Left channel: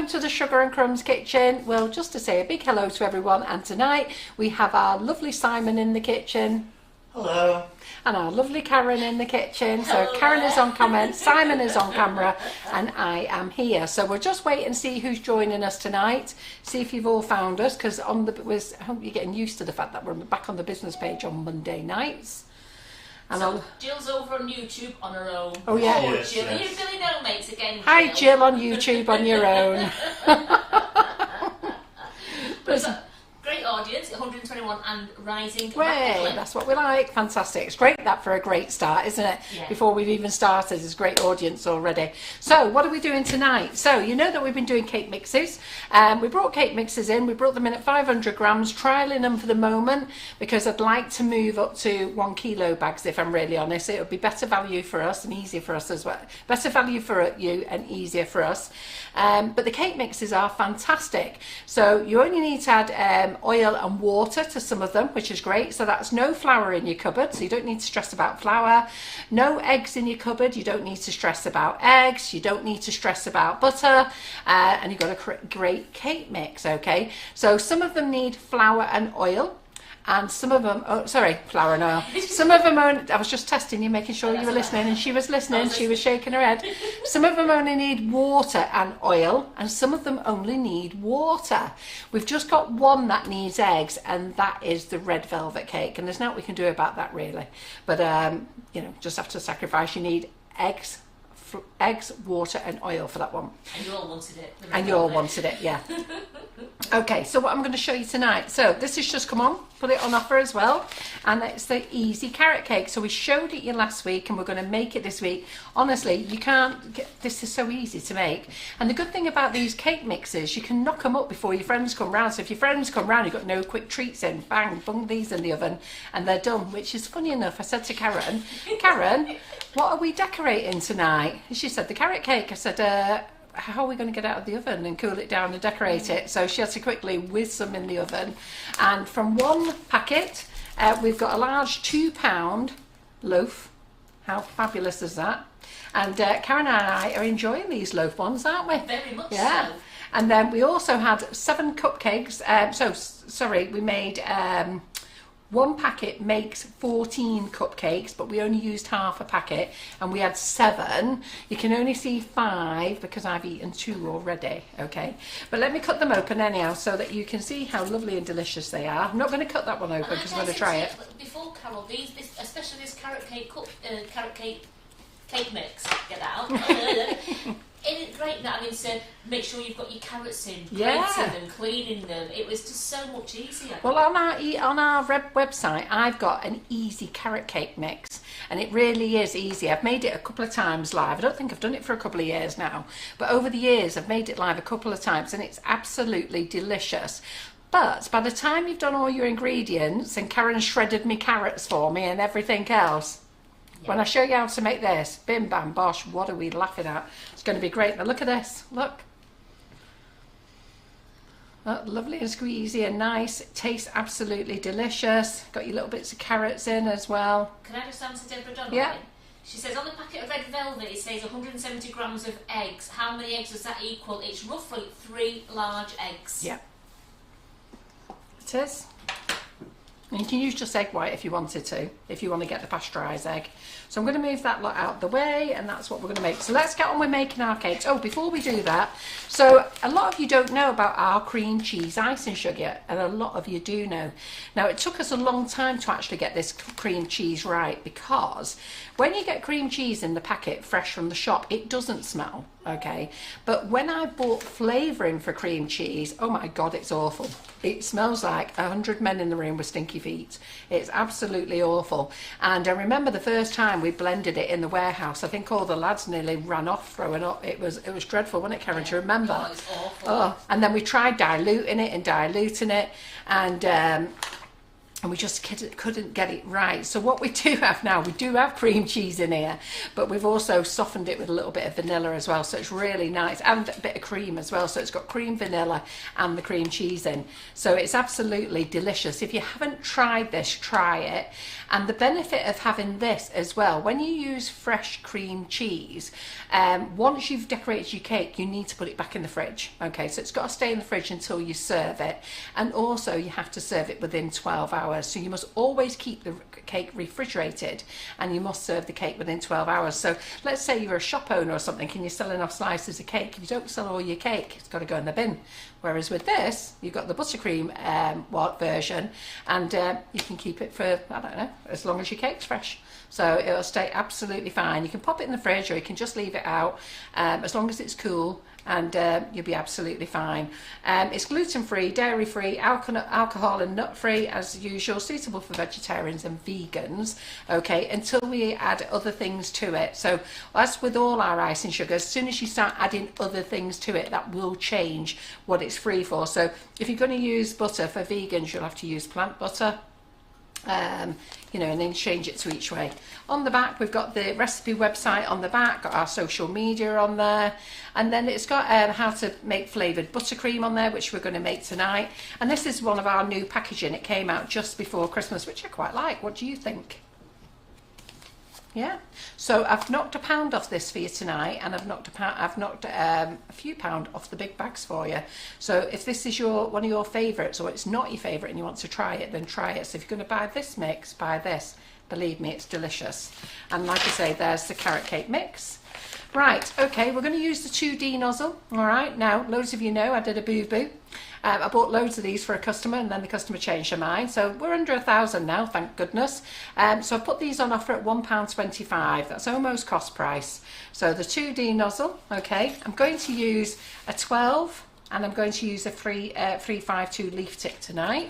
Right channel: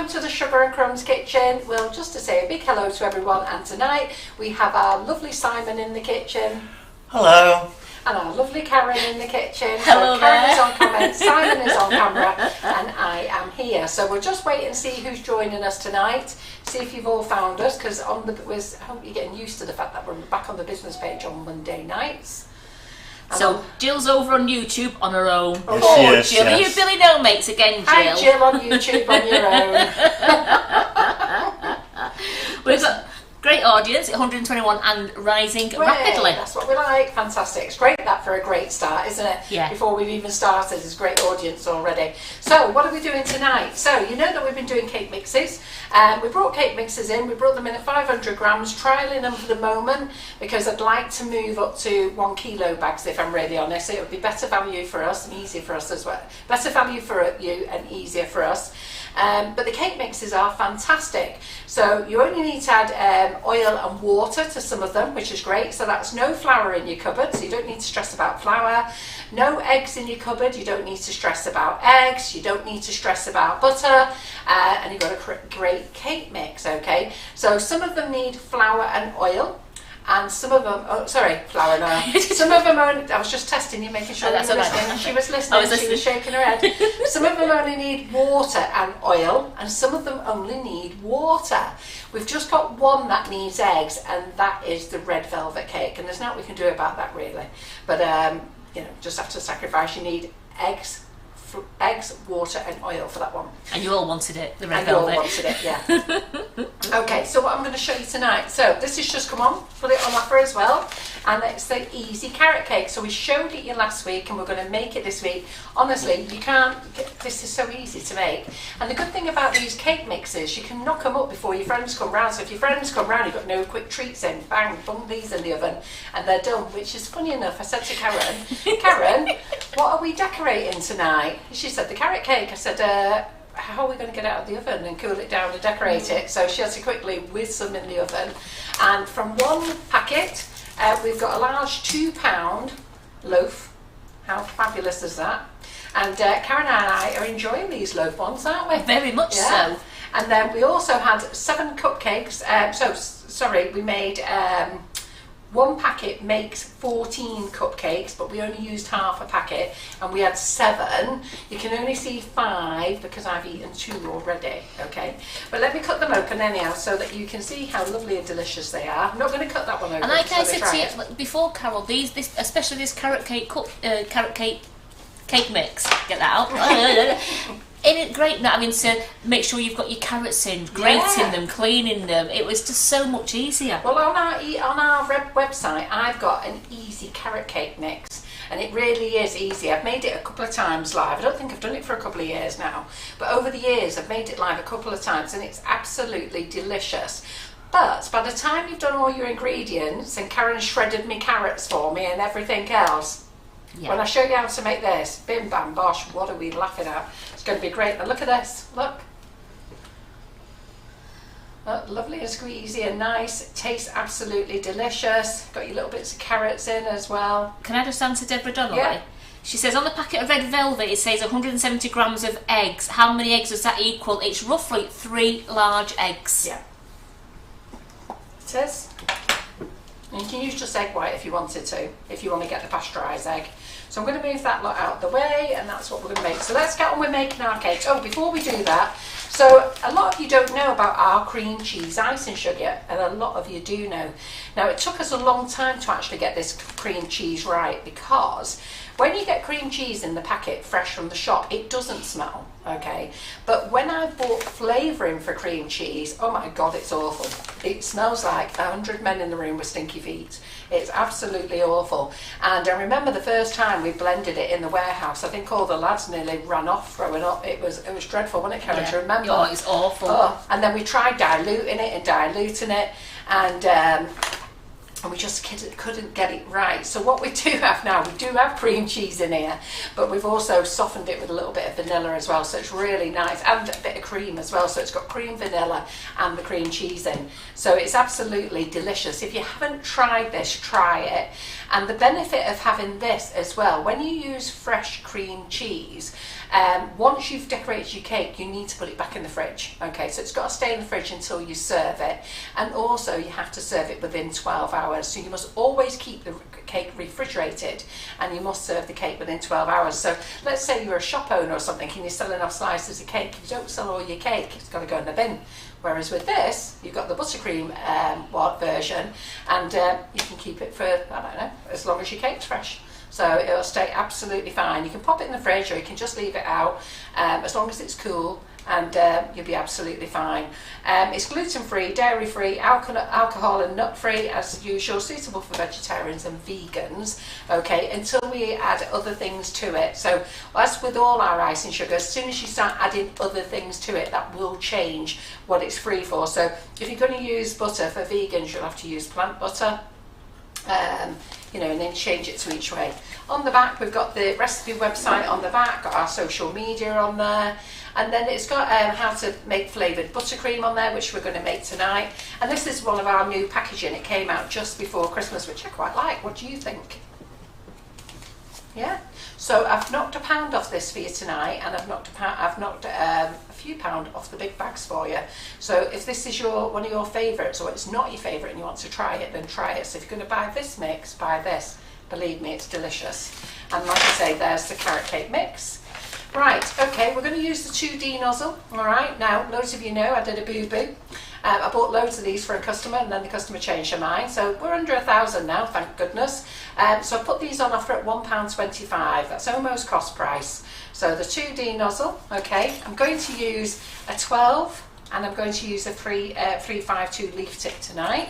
welcome to the Sugar and Crumbs kitchen. Well, just to say a big hello to everyone, and tonight we have our lovely Simon in the kitchen. Hello. And our lovely Karen in the kitchen. Hello so Karen there. is on comment, Simon is on camera, and I am here. So we'll just wait and see who's joining us tonight. See if you've all found us, because I hope you're getting used to the fact that we're back on the business page on Monday nights. And So Jill's over on YouTube on her own. Oh, yes, Jill, yes. are you Billy No Mates again, Jill? hi Jill on YouTube on your own. We've got a great audience, 121 and rising rapidly. That's what we like. Fantastic. It's great that for a great start, isn't it? Yeah. Before we've even started, there's a great audience already. So what are we doing tonight? So you know that we've been doing cake mixes. We brought cake mixes in. We brought them in at 500 grams, trialling them for the moment because I'd like to move up to 1 kilo bags, if I'm really honest. It would be better value for us and easier for us as well. Better value for you and easier for us. But the cake mixes are fantastic. So you only need to add oil and water to some of them, which is great. So that's no flour in your cupboard, so you don't need to stress about flour. No eggs in your cupboard, you don't need to stress about eggs. You don't need to stress about butter. And you've got a great cake mix, okay? So some of them need flour and oil. And some of them, flour now. Some of them only, I was just testing you, making sure you were listening, and she was listening, she was shaking her head. Some of them only need water and oil, and some of them only need water. We've just got one that needs eggs, and that is the red velvet cake, and there's nothing we can do about that really. But, you know, just after sacrifice, you need eggs, water and oil for that one. And you all wanted it, the red and velvet. you all wanted it, yeah. Okay, so what I'm going to show you tonight. So this has just come on, put it on offer as well. And it's the easy carrot cake. So we showed it you last week and we're going to make it this week. Honestly, you can't get, this is so easy to make. And the good thing about these cake mixes, you can knock them up before your friends come round. So if your friends come round, you've got no quick treats in, bang, bung these in the oven and they're done. Which is funny enough, I said to Karen, Karen, what are we decorating tonight? She said the carrot cake. I said, how are we going to get out of the oven and cool it down and decorate it? So she had to quickly whiz some in the oven. And from one packet, we've got a large £2 loaf. How fabulous is that? And Karen and I are enjoying these loaf ones, aren't we? Very much so. And then we also had 7 cupcakes. We made... one packet makes 14 cupcakes, but we only used half a packet, and we had 7. You can only see 5 because I've eaten 2 already, okay? But let me cut them open anyhow so that you can see how lovely and delicious they are. I'm not going to cut that one open. And like I said try to it. you before, Carol, especially this carrot cake cake mix, get that out. Isn't it great that having to make sure you've got your carrots in, grating them, cleaning them? It was just so much easier. Well, on our website, I've got an easy carrot cake mix, and it really is easy. I've made it a couple of times live. I don't think I've done it for a couple of years now, but over the years I've made it live a couple of times, and it's absolutely delicious. But by the time you've done all your ingredients, and Karen shredded me carrots for me and everything else, when I show you how to make this, bim bam bosh, what are we laughing at? It's going to be great. Now look at this, look. Look, lovely and squeezy and nice. It tastes absolutely delicious. Got your little bits of carrots in as well. Can I just answer Deborah Donnelly? Yeah. She says on the packet of red velvet it says 170 grams of eggs. How many eggs does that equal? It's roughly 3 large eggs. Yeah. It is. And you can use just egg white if you wanted to, if you want to get the pasteurised egg. So I'm going to move that lot out of the way, and that's what we're going to make. So let's get on with making our cakes. Oh, before we do that, so a lot of you don't know about our cream cheese icing sugar, and a lot of you do know. Now, it took us a long time to actually get this cream cheese right, because when you get cream cheese in the packet fresh from the shop, it doesn't smell, okay? But when I bought flavouring for cream cheese, oh my God, it's awful. It smells like 100 men in the room with stinky feet. It's absolutely awful. And I remember the first time we blended it in the warehouse, I think all the lads nearly ran off throwing up. It was dreadful, wasn't it, Karen, to remember? Oh, it's awful. Oh, and then we tried diluting it, and and we just couldn't get it right. So what we do have now, we do have cream cheese in here, but we've also softened it with a little bit of vanilla as well, so it's really nice, and a bit of cream as well, so it's got cream, vanilla and the cream cheese in, so it's absolutely delicious. If you haven't tried this, try it. And the benefit of having this as well, when you use fresh cream cheese, once you've decorated your cake, you need to put it back in the fridge. Okay, so it's got to stay in the fridge until you serve it, and also you have to serve it within 12 hours. So you must always keep the cake refrigerated, and you must serve the cake within 12 hours. So let's say you're a shop owner or something and you're selling off slices of cake, you don't sell all your cake, it's got to go in the bin. Whereas with this, you've got the buttercream version, and you can keep it for, I don't know, as long as your cake's fresh. So it'll stay absolutely fine. You can pop it in the fridge, or you can just leave it out, as long as it's cool, and you'll be absolutely fine. It's gluten-free, dairy-free, alcohol and nut-free as usual, suitable for vegetarians and vegans, okay, until we add other things to it. So as with all our icing sugar, as soon as you start adding other things to it, that will change what it's free for. So if you're going to use butter for vegans, you'll have to use plant butter. You know, and then change it to each way. On the back, we've got the recipe website on the back, got our social media on there, and then it's got how to make flavoured buttercream on there, which we're going to make tonight. And this is one of our new packaging. It came out just before Christmas, which I quite like. What do you think? Yeah, so I've knocked £1 off this for you tonight, and I've knocked a few pound off the big bags for you. So if this is one of your favourites, or it's not your favourite and you want to try it, then try it. So if you're going to buy this mix, buy this. Believe me, it's delicious. And like I say, there's the carrot cake mix. Right, okay, we're going to use the 2D nozzle. All right, now loads of you know I did a boo-boo. I bought loads of these for a customer, and then the customer changed her mind. So we're under 1,000 now, thank goodness. So I put these on offer at £1.25. That's almost cost price. So the 2D nozzle, okay. I'm going to use a 12, and I'm going to use a 352 leaf tip tonight.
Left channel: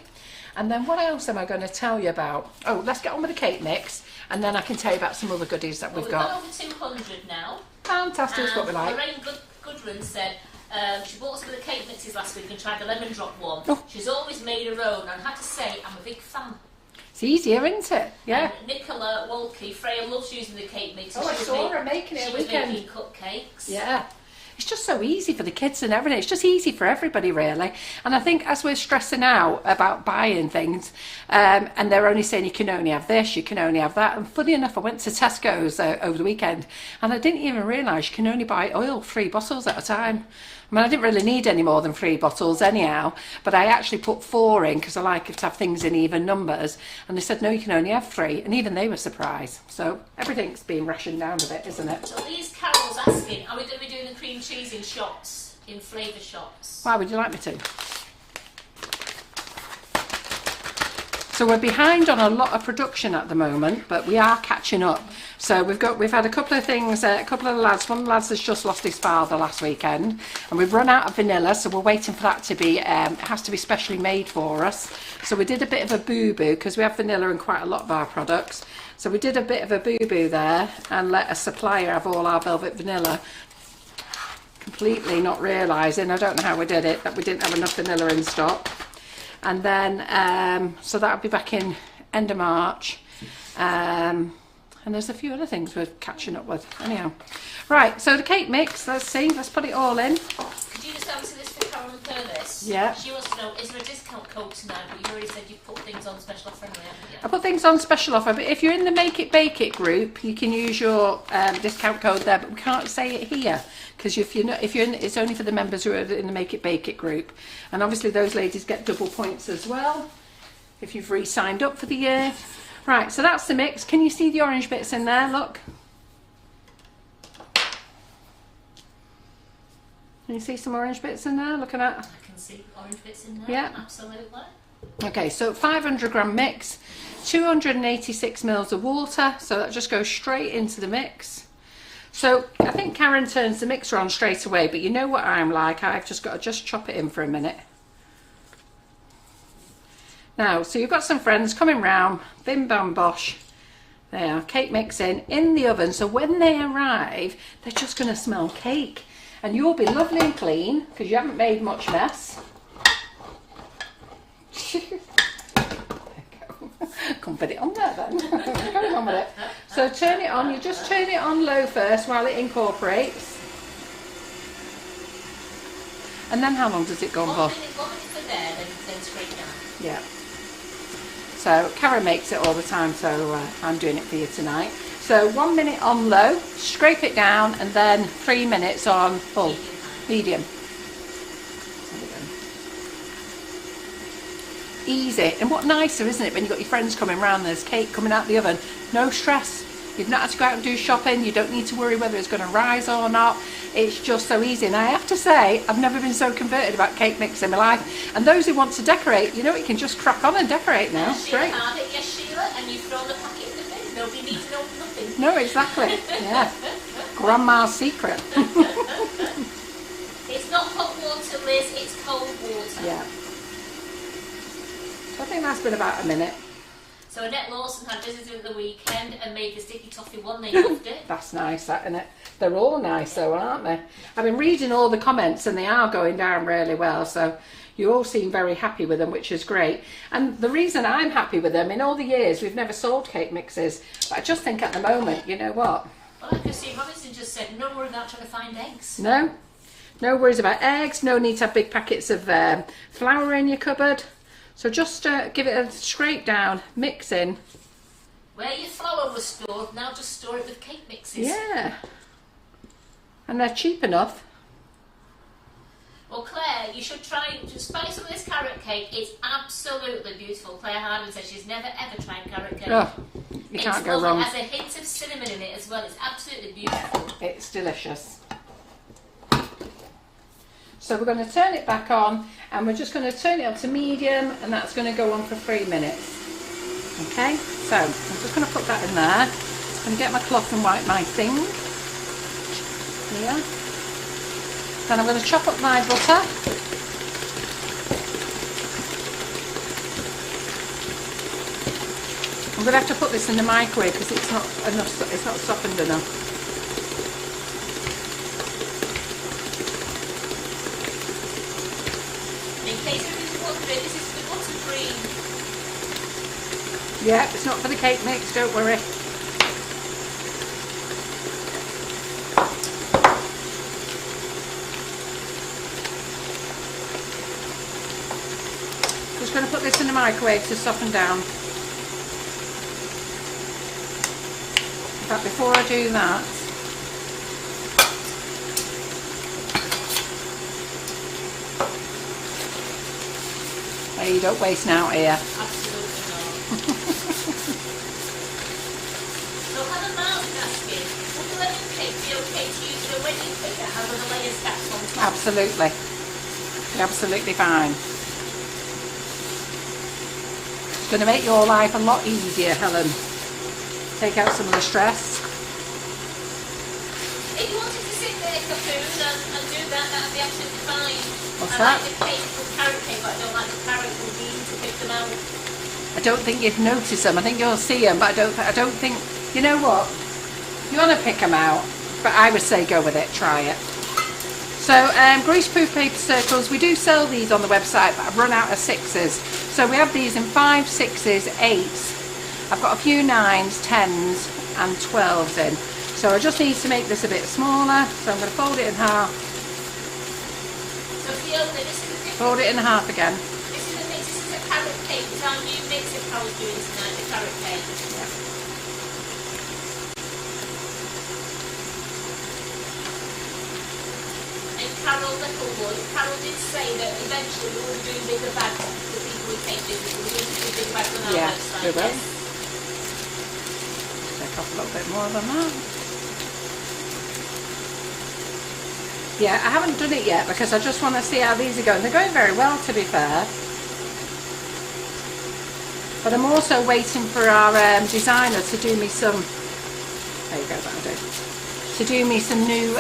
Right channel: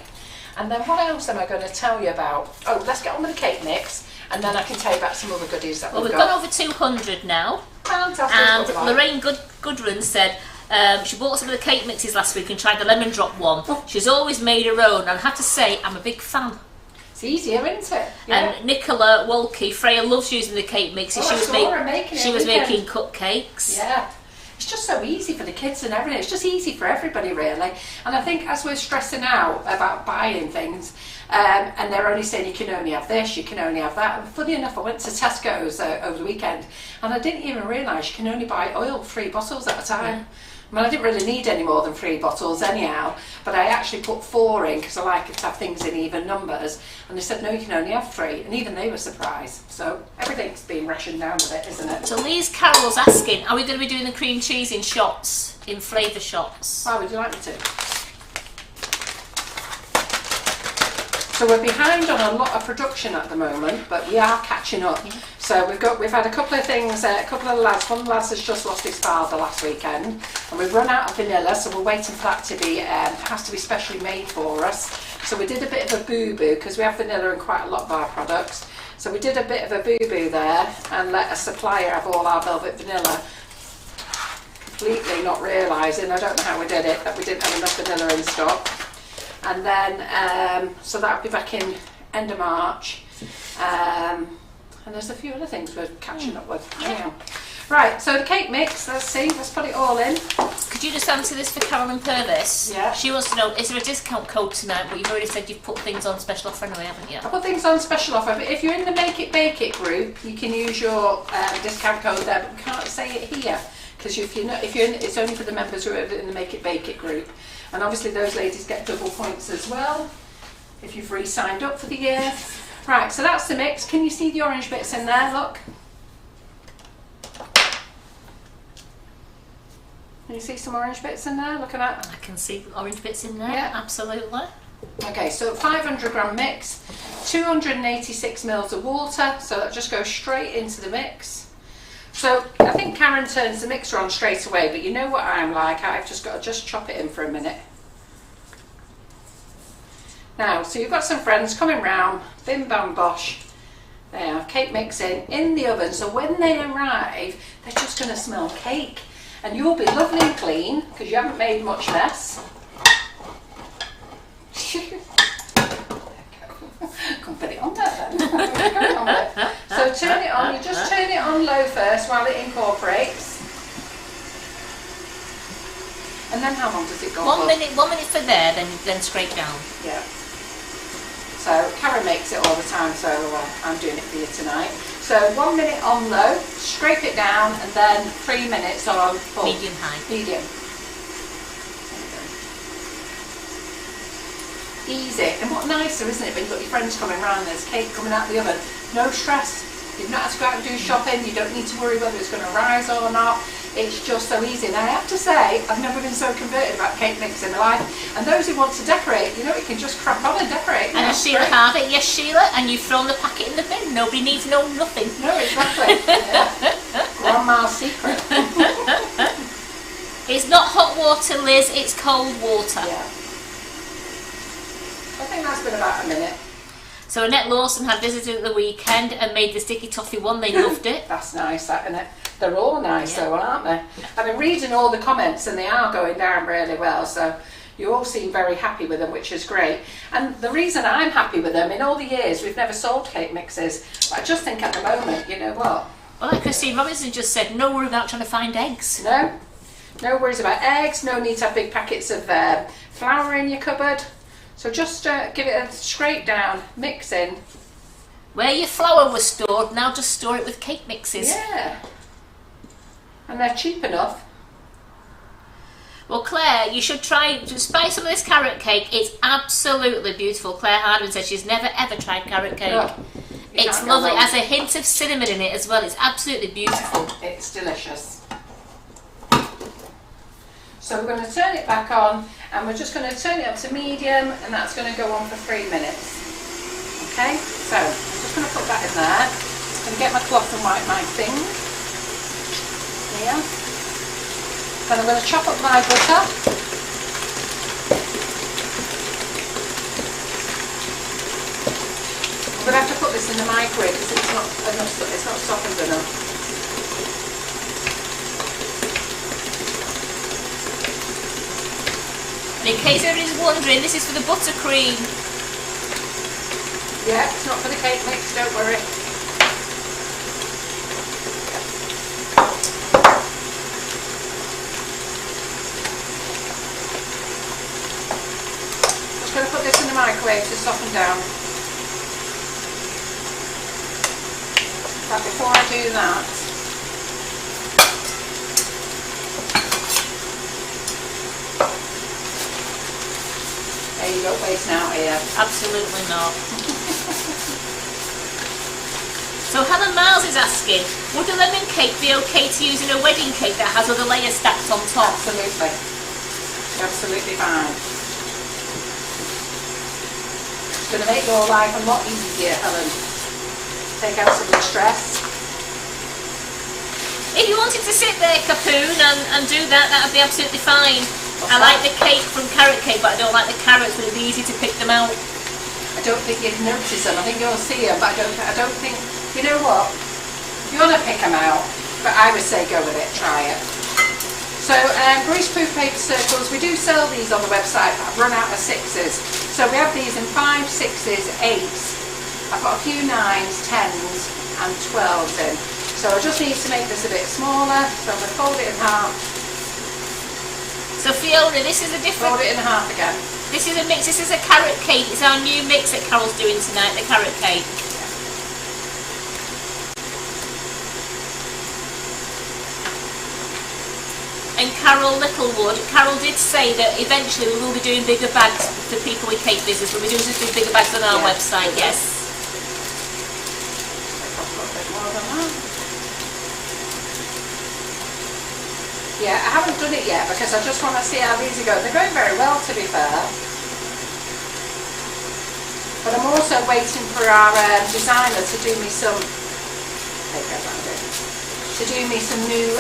And then what else am I going to tell you about? Oh, let's get on with the cake mix, and then I can tell you about some other goodies that we've got. We've gone over 200 now. Fantastic. And Lorraine Goodrun said she bought some of the cake mixes last week and tried the lemon drop one. Oh. She's always made her own, and I have to say, I'm a big fan. It's easier, isn't it? Yeah. And Nicola Wolke, Freya loves using the cake mixes. She was making cupcakes. Yeah. It's just so easy for the kids and everything. It's just easy for everybody, really. And I think as we're stressing out about buying things, and they're only saying you can only have this, you can only have that. And funny enough, I went to Tesco's over the weekend, and I didn't even realise you can only buy oil 3 bottles at a time. Yeah. I mean, I didn't really need any more than 3 bottles anyhow, but I actually put 4 in because I like to have things in even numbers. And they said, no, you can only have 3. And even they were surprised. So everything's being rationed down a bit, isn't it? So Lee's Carol's asking, are we going to be doing the cream cheese in shots, in flavour shots? Why would you like me to? So we're behind on a lot of production at the moment, but we are catching up. Yeah. So we've had a couple of things, a couple of lads. One of the lads has just lost his father last weekend, and we've run out of vanilla, so we're waiting for that to be. It has to be specially made for us. So we did a bit of a boo-boo because we have vanilla in quite a lot of our products. So we did a bit of a boo-boo there and let a supplier have all our velvet vanilla. Completely not realising, I don't know how we did it, that we didn't have enough vanilla in stock. And then, so that'll be back in end of March. And there's a few other things we're catching up with. Anyhow. Right, so the cake mix, let's put it all in. Could you just answer this for Carolyn Purvis? Yeah. She wants to know, is there a discount code tonight? But you've already said you've put things on special offer anyway, haven't you? I put things on special offer, but if you're in the Make It Bake It group, you can use your discount code there, but we can't say it here. Because it's only for the members who are in the Make It Bake It group. And obviously those ladies get double points as well, if you've re-signed up for the year. Right, so that's the mix. Can you see the orange bits in there? Look. Can you see some orange bits in there? Look at that. I can see orange bits in there, yeah. Absolutely. Okay, so 500 gram mix, 286 mils of water, so that just goes straight into the mix. So I think Karen turns the mixer on straight away, but you know what I'm like, I've just got to chop it in for a minute. Now, so you've got some friends coming round, bim bam bosh, there, cake mix in the oven, so when they arrive, they're just going to smell cake. And you'll be lovely and clean, because you haven't made much mess. There we go. put it on there then. What's going on with it? So turn it on, you just turn it on low first while it incorporates. And then how long does it go on? 1 minute for there, then scrape down. Yeah. So Karen makes it all the time, so I'm doing it for you tonight. So 1 minute on low, scrape it down, and then 3 minutes on full. Medium high. Medium. Easy. And what nicer, isn't it, when you've got your friends coming around and there's cake coming out the oven. No stress. You've not had to go out and do shopping. You don't need to worry whether it's going to rise or not. It's just so easy. And I have to say, I've never been so converted about cake mix in my life. And those who want to decorate, you know, you can just crack on and decorate now. And as Sheila have it, yes Sheila, and you've thrown the packet in the bin. Nobody needs to know nothing. No, exactly. Yeah. Grandma's secret. It's not hot water, Liz, it's cold water. Yeah. I think that's been about a minute. So Annette Lawson had visitors at the weekend and made the sticky toffee one. They loved it. That's nice, that, isn't it? They're all nice though, aren't they? I've been reading all the comments and they are going down really well, so you all seem very happy with them, which is great. And the reason I'm happy with them, in all the years we've never sold cake mixes, but I just think at the moment, you know what? Well, like Christine Robinson just said, no worry about trying to find eggs. No worries about eggs, no need to have big packets of flour in your cupboard. So just give it a scrape down, mix in. Where your flour was stored, now just store it with cake mixes. Yeah. And they're cheap enough. Well, Claire, you should try to spice some of this carrot cake. It's absolutely beautiful. Claire Hardman says she's never ever tried carrot cake. Oh, it's lovely. It has a hint of cinnamon in it as well. It's absolutely beautiful. It's delicious. So we're going to turn it back on and we're just going to turn it up to medium, and that's going to go on for 3 minutes. Okay, so I'm just going to put that in there. I'm going to get my cloth and wipe my thing. Here. Then I'm going to chop up my butter. I'm going to have to put this in the microwave because it's not softened enough. In case everybody's wondering, this is for the buttercream. Yeah, it's not for the cake mix, don't worry. Just going to put this in the microwave to soften down. But before I do that, you don't waste now here. Absolutely not. So Helen Miles is asking, would a lemon cake be okay to use in a wedding cake that has other layers stacked on top? Absolutely. Absolutely fine. It's going to make your life a lot easier, Helen. Take out some of the stress. If you wanted to sit there, Capoon, and do that, that would be absolutely fine. What's I that? like the cake from Carrot Cake, but I don't like the carrots, but it'd be easy to pick them out. I don't think you'd notice them. I think you'll see them, but I don't think, you know what? You want to pick them out, but I would say go with it, try it. So greaseproof paper circles, we do sell these on the website, but I've run out of 6s. So we have these in 5, 6s, 8s. I've got a few 9s, 10s and 12s in. So I just need to make this a bit smaller, so I'm going to fold it in half. So Fiona, this is a different... Fold it in half again. This is a mix, this is a carrot cake. It's our new mix that Carol's doing tonight, the carrot cake. And Carol Littlewood, Carol did say that eventually we will be doing bigger bags for people with cake business. We'll be doing some bigger bags on our website, yes. A little bit more than that. Yeah, I haven't done it yet because I just want to see how these are going. They're going very well, to be fair. But I'm also waiting for our designer to do me some... There you go, that'll do. To do me some new...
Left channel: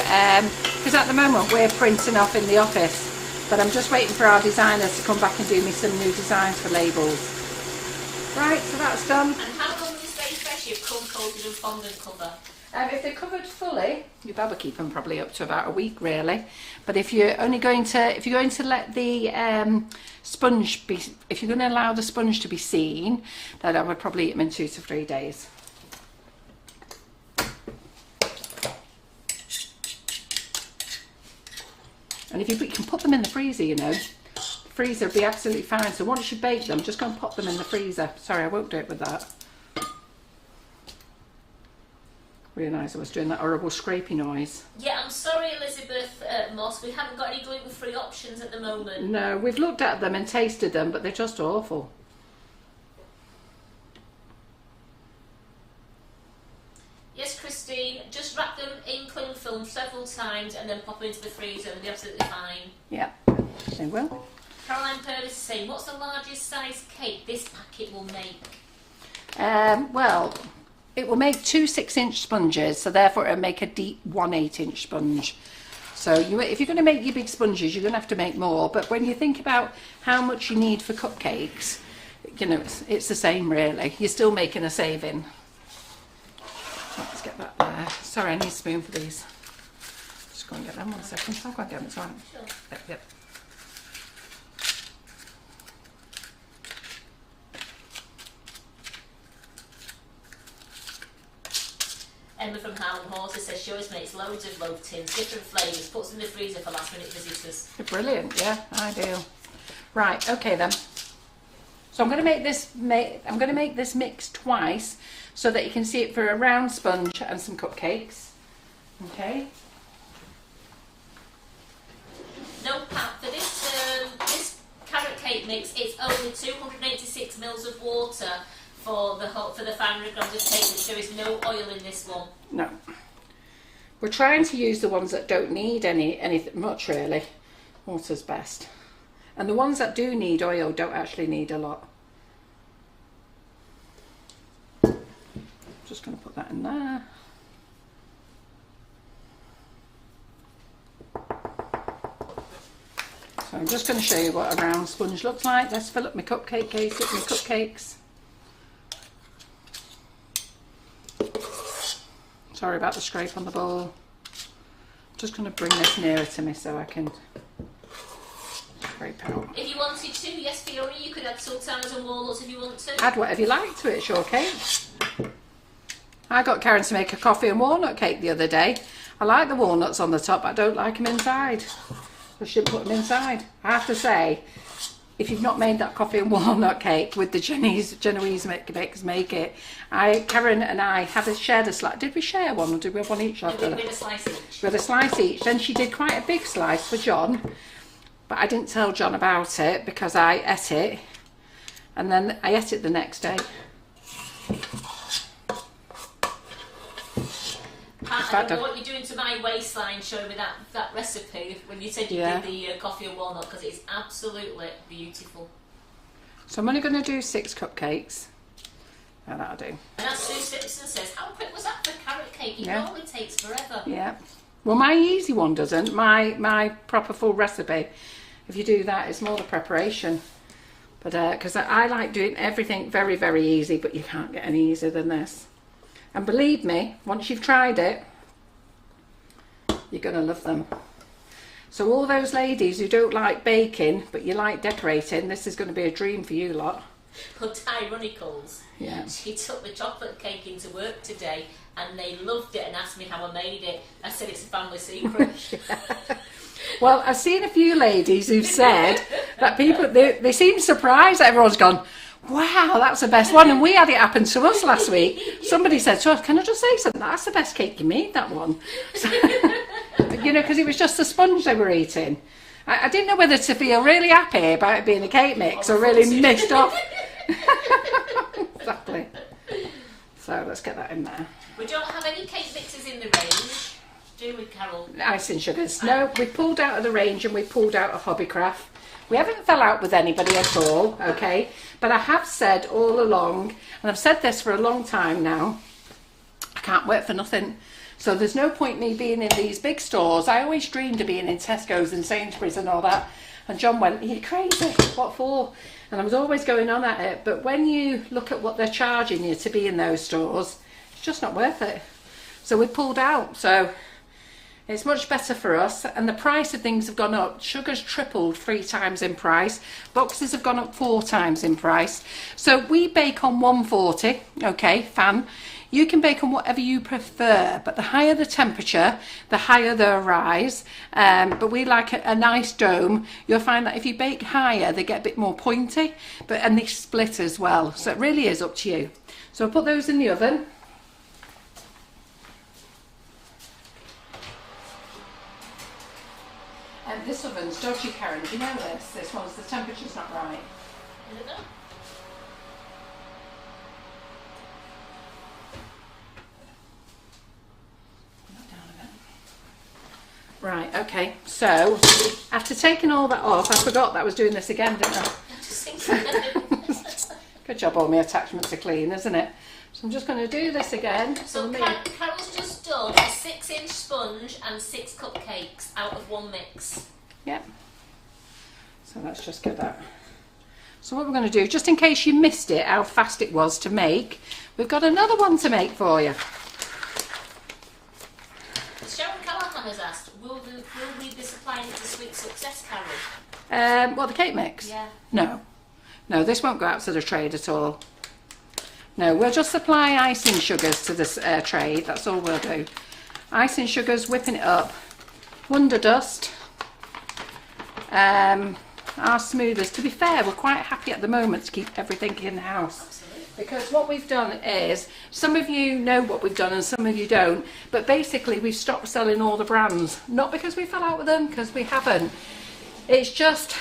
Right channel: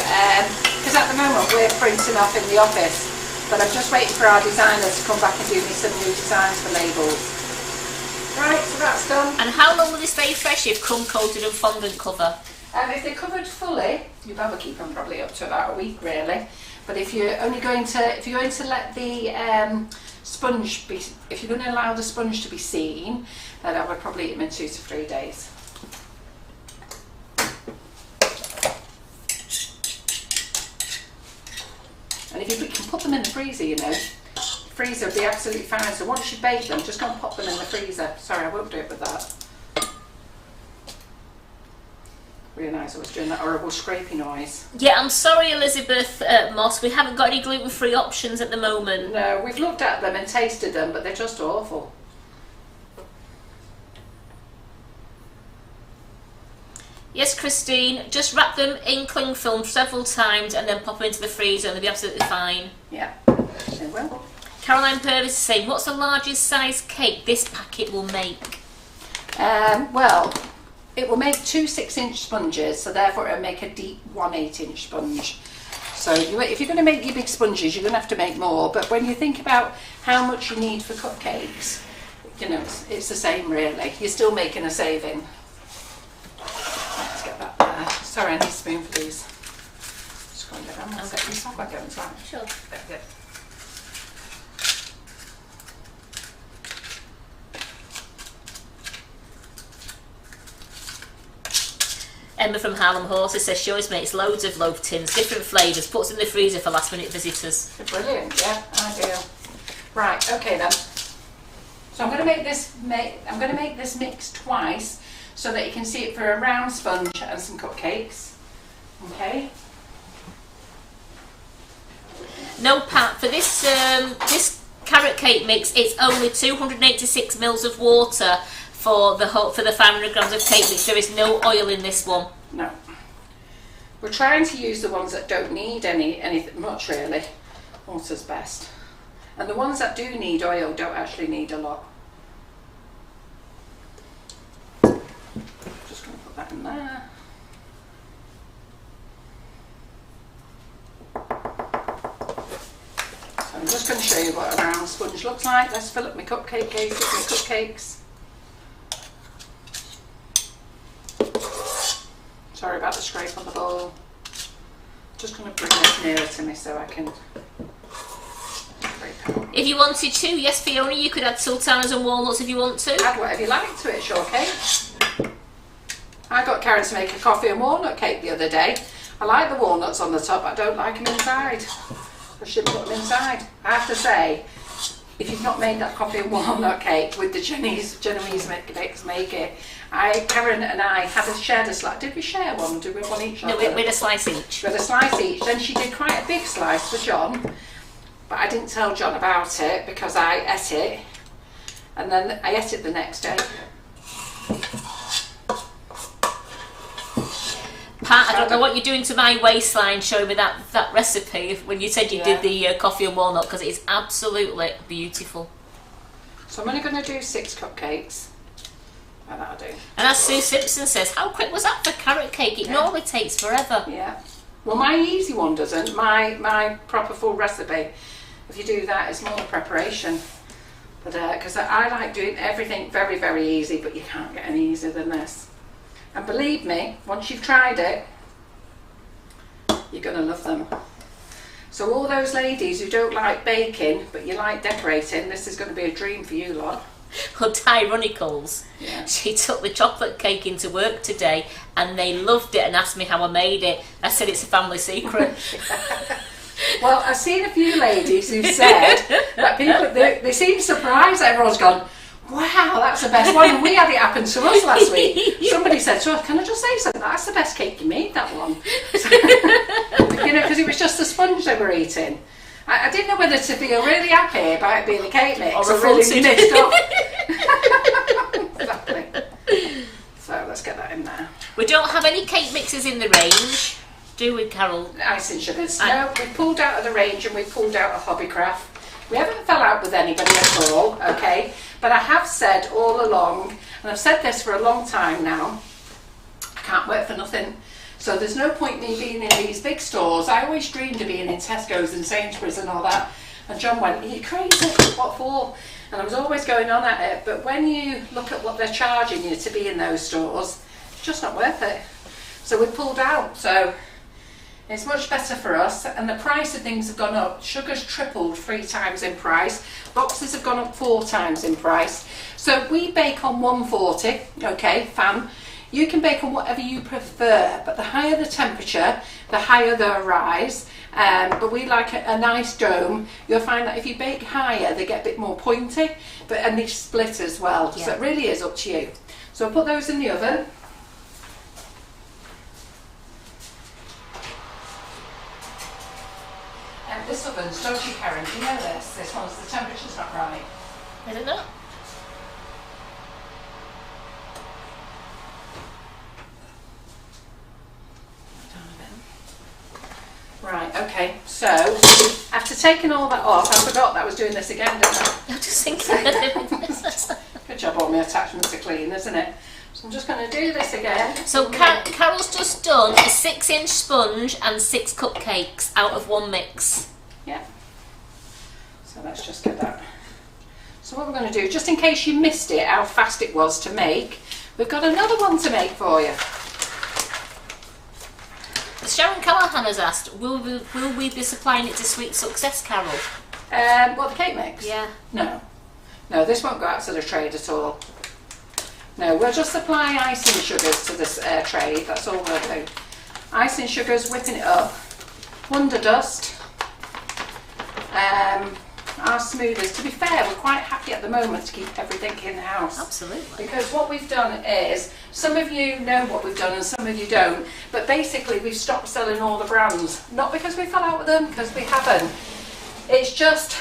because at the moment we're printing off in the office. But I'm just waiting for our designer to come back and do me some new designs for labels. Right, so that's done. And how long will they stay fresh if crumb coated and fondant cover? If they're covered fully, you'd better keep them probably up to about a week, really. But if you're only going to, if you're going to let the sponge be, if you're going to allow the sponge to be seen, then I would probably eat them in 2 to 3 days. And if you can put them in the freezer, you know, the freezer will be absolutely fine. So once you bake them, just go and pop them in the freezer. Sorry, I won't do it with that. Realise I was doing that horrible scrapey noise. Yeah, I'm sorry, Elizabeth Moss. We haven't got any gluten-free options at the moment. No, we've looked at them and tasted them, but they're just awful. Yes, Christine, just wrap them in cling film several times and then pop them into the freezer and they'll be absolutely fine. Yeah, they will. Caroline Purvis is saying, what's the largest size cake this packet will make? Well, it will make 2 6-inch sponges, so therefore it'll make a deep 1 8-inch sponge. So if you're going to make your big sponges, you're going to have to make more. But when you think about how much you need for cupcakes, you know, it's the same really. You're still making a saving. Let's get that there. Sorry, I need a spoon for these. Just go and get them 1 second. So I've got to get them. Sure. Yep. Emma from Harlem Horses says she always makes loads of loaf tins, different flavours, puts them in the freezer for last minute visitors. Brilliant, yeah, ideal. Right, okay then. So I'm going to make this. I'm going to make this mix twice, so that you can see it for a round sponge and some cupcakes. Okay. No, Pat, for this this carrot cake mix, it's only 286 mils of water for the 500 grams of cake mix. There is no oil in this one. No. We're trying to use the ones that don't need anything much really. Water's best. And the ones that do need oil don't actually need a lot. Just going to put that in there. So I'm just going to show you what a round sponge looks like. Let's fill up my cupcake case with my cupcakes. Sorry about the scrape on the bowl. Just going to bring this nearer to me so I can scrape out. If you wanted to, yes, Fiona, you could add sultanas and walnuts if you want to. Add whatever you like to it, sure cake. I got Karen to make a coffee and walnut cake the other day. I like the walnuts on the top, but I don't like them inside. I should put them inside. I have to say, if you've not made that coffee and walnut cake with the Genoese bakers make it, Karen and I shared a slice. Did we share one, or did we have one each? No, we had a slice each. We had a slice each. Then she did quite a big slice for John, but I didn't tell John about it because I ate it, and then I ate it the next day. Pat, I don't know what you're doing to my waistline showing me that recipe when you said you did the coffee and walnut, because it's absolutely beautiful. So I'm only going to do 6 cupcakes. Well, that'll do. And as Sue Simpson says, how quick was that for carrot cake? It normally takes forever. Yeah. Well, my easy one doesn't. My proper full recipe, if you do that, it's more the preparation. But because I like doing everything very, very easy, but you can't get any easier than this. And believe me, once you've tried it, you're going to love them. So all those ladies who don't like baking, but you like decorating, this is going to be a dream for you lot. Well, Tyronicals, she took the chocolate cake into work today and they loved it and asked me how I made it. I said it's a family secret. Well, I've seen a few ladies who've said that people, they seem surprised that everyone's gone, wow, that's the best one. And we had it happen to us last week. Somebody said to us, can I just say something? That's the best cake you made, that one. You know, because it was just the sponge they were eating. I didn't know whether to feel really happy about it being a cake mix or really missed off. Exactly. So let's get that in there. We don't have any cake mixes in the range, do we, Carol? Icing sugars. No, we've pulled out of the range and we've pulled out of Hobbycraft. We haven't fell out with anybody at all, okay? But I have said all along, and I've said this for a long time now, I can't wait for nothing. So there's no point me being in these big stores. I always dreamed of being in Tesco's and Sainsbury's and all that. And John went, are you crazy? What for? And I was always going on at it. But when you look at what they're charging you to be in those stores, it's just not worth it. So we pulled out. So It's much better for us, and the price of things have gone up. Sugar's tripled 3 times in price. Boxes have gone up 4 times in price. So we bake on 140, okay, fan. You can bake on whatever you prefer, but the higher the temperature, the higher the rise. But we like a nice dome. You'll find that if you bake higher, they get a bit more pointy, and they split as well. Yeah. So it really is up to you. So I'll put those in the oven. This oven's dodgy, Karen. Do you know this? This one's, the temperature's not right. I don't know. Right, okay, so after taking all that off, I forgot that I was doing this again, didn't I? I'm just thinking. Good job, all my attachments are clean, isn't it? So I'm just going to do this again. So Carol's just done a 6-inch sponge and 6 cupcakes out of one mix. Yeah. So let's just get that. So what we're going to do, just in case you missed it, how fast it was to make, we've got another one to make for you. Sharon Callahan has asked, will we be supplying it to Sweet Success, Carol? What, the cake mix? Yeah. No, this won't go out to the trade at all. No, we'll just supply icing sugars to this trade, that's all we'll do. Icing sugars, whipping it up, Wonder Dust, our smoothies. To be fair, we're quite happy at the moment to keep everything in the house. Absolutely. Because what we've done is, some of you know what we've done and some of you don't, but basically we've stopped selling all the brands. Not because we fell out with them, because we haven't. It's just,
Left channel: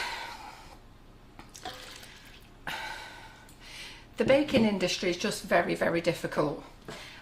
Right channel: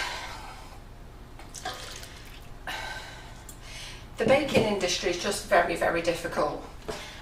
the baking industry is just very, very difficult.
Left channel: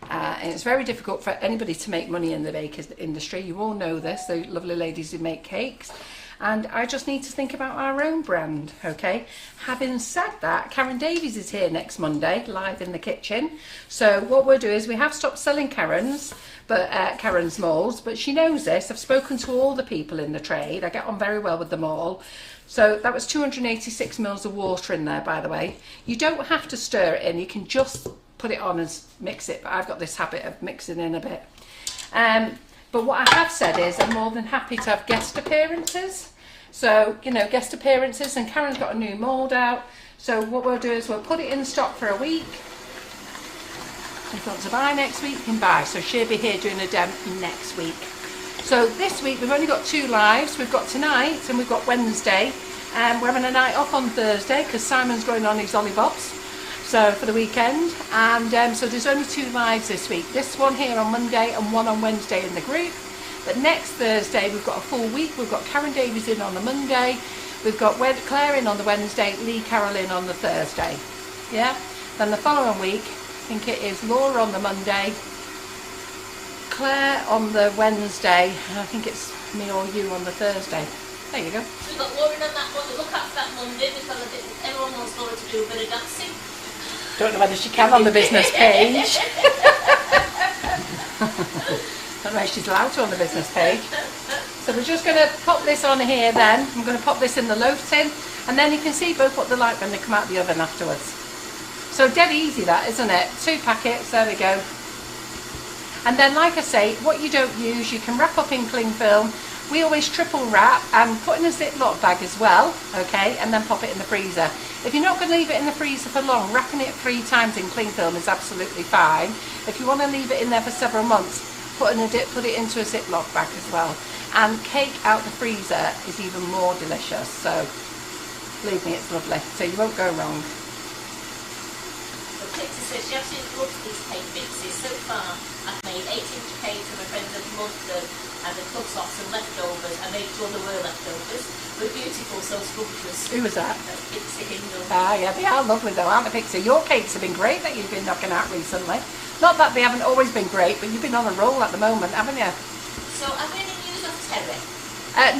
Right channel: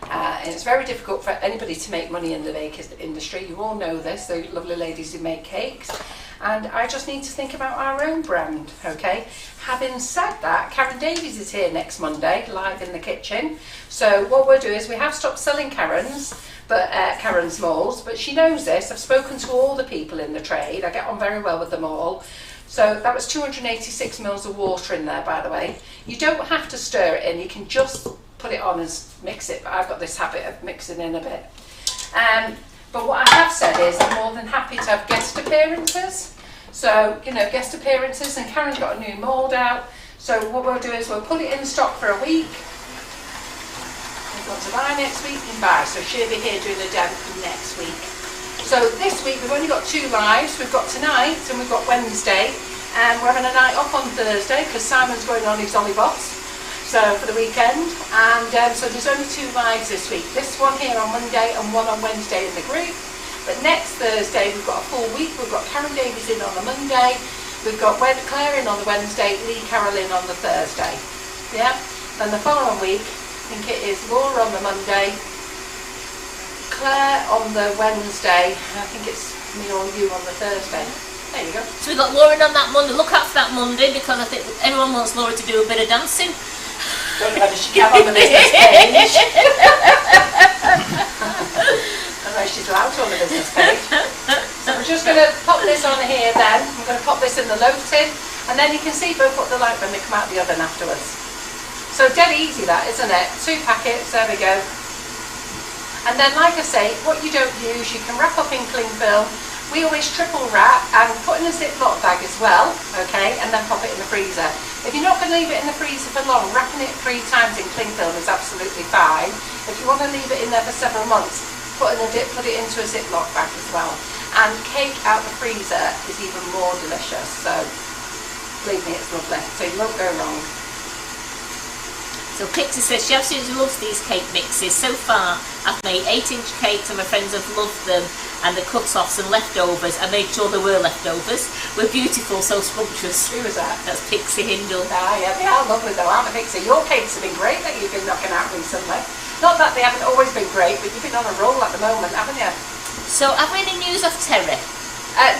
And it's very difficult for anybody to make money in the baking industry. You all know this, the lovely ladies who make cakes. And I just need to think about our own brand, okay? Having said that, Karen Davies is here next Monday, live in the kitchen. So what we'll do is we have stopped selling Karen's molds, but she knows this. I've spoken to all the people in the trade. I get on very well with them all. So that was 286 mils of water in there, by the way. You don't have to stir it in. You can just put it on and mix it. But I've got this habit of mixing in a bit. But what I have said is I'm more than happy to have guest appearances. So, you know, guest appearances, and Karen's got a new mould out. So what we'll do is we'll put it in stock for a week. If you want to buy next week, you can buy. So she'll be here doing a demo next week. So this week we've only got 2 lives. We've got tonight and we've got Wednesday. And we're having a night off on Thursday because Simon's going on his Ollie-Boss. So for the weekend, and so there's only 2 lives this week. This one here on Monday and one on Wednesday in the group. But next Thursday we've got a full week. We've got Karen Davies in on the Monday. We've got Claire in on the Wednesday, Lee Carroll in on the Thursday. Yeah. Then the following week, I think it is Laura on the Monday, Claire on the Wednesday, and I think it's me or you on the Thursday. There you go. So we've got Lauren on that Monday. Look out for that Monday because I think anyone wants Laura to do a bit of dancing. Don't know whether she can on the business page. Don't know if she's allowed to on the business page. So we're just going to pop this on here then. I'm going to pop this in the loaf tin, and then you can see both what they're like when they come out of the oven afterwards. So dead easy that, isn't it? 2 packets, there we go. And then, like I say, what you don't use, you can wrap up in cling film. We always triple wrap and put in a Ziploc bag as well, okay, and then pop it in the freezer. If you're not going to leave it in the freezer for long, wrapping it 3 times in cling film is absolutely fine. If you want to leave it in there for several months, put it into a Ziploc bag as well. And cake out the freezer is even more delicious, so believe me, it's lovely, so you won't go wrong. So Pixie says she absolutely loves these cake mixes. So far, I've made 8-inch cakes and my friends have loved them, and the cut-offs and leftovers. I made sure there were leftovers. Were beautiful, so scrumptious. Who was that? That's Pixie Hindle. Ah, yeah, they are lovely though, aren't they, Pixie? Your cakes have been great that you've been knocking out recently. Not that they haven't always been great, but you've been on a roll at the moment, haven't you? So, have we any news of Terry?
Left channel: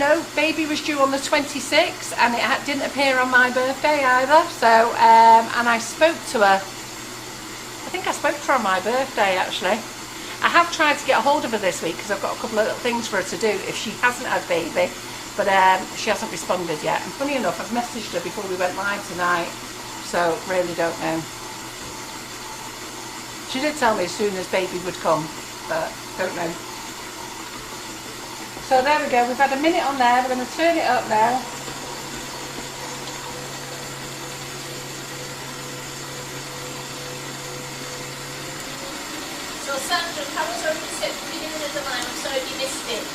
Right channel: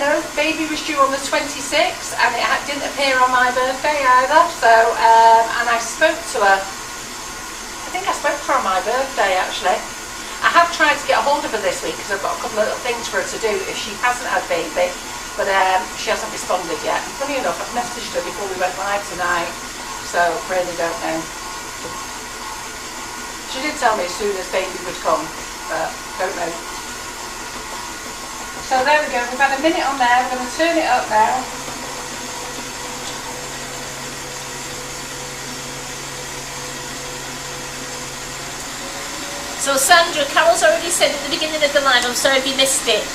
No, baby was due on the 26th, and it didn't appear on my birthday either. So, and I spoke to her. I think I spoke to her on my birthday actually. I have tried to get a hold of her this week because I've got a couple of little things for her to do if she hasn't had baby, but she hasn't responded yet. And funny enough, I've messaged her before we went live tonight, so really don't know. She did tell me as soon as baby would come, but don't know. So there we go, we've had a minute on there, we're going to turn it up now. So Sandra, Carol's already said at the beginning of the live, I'm sorry if you missed it,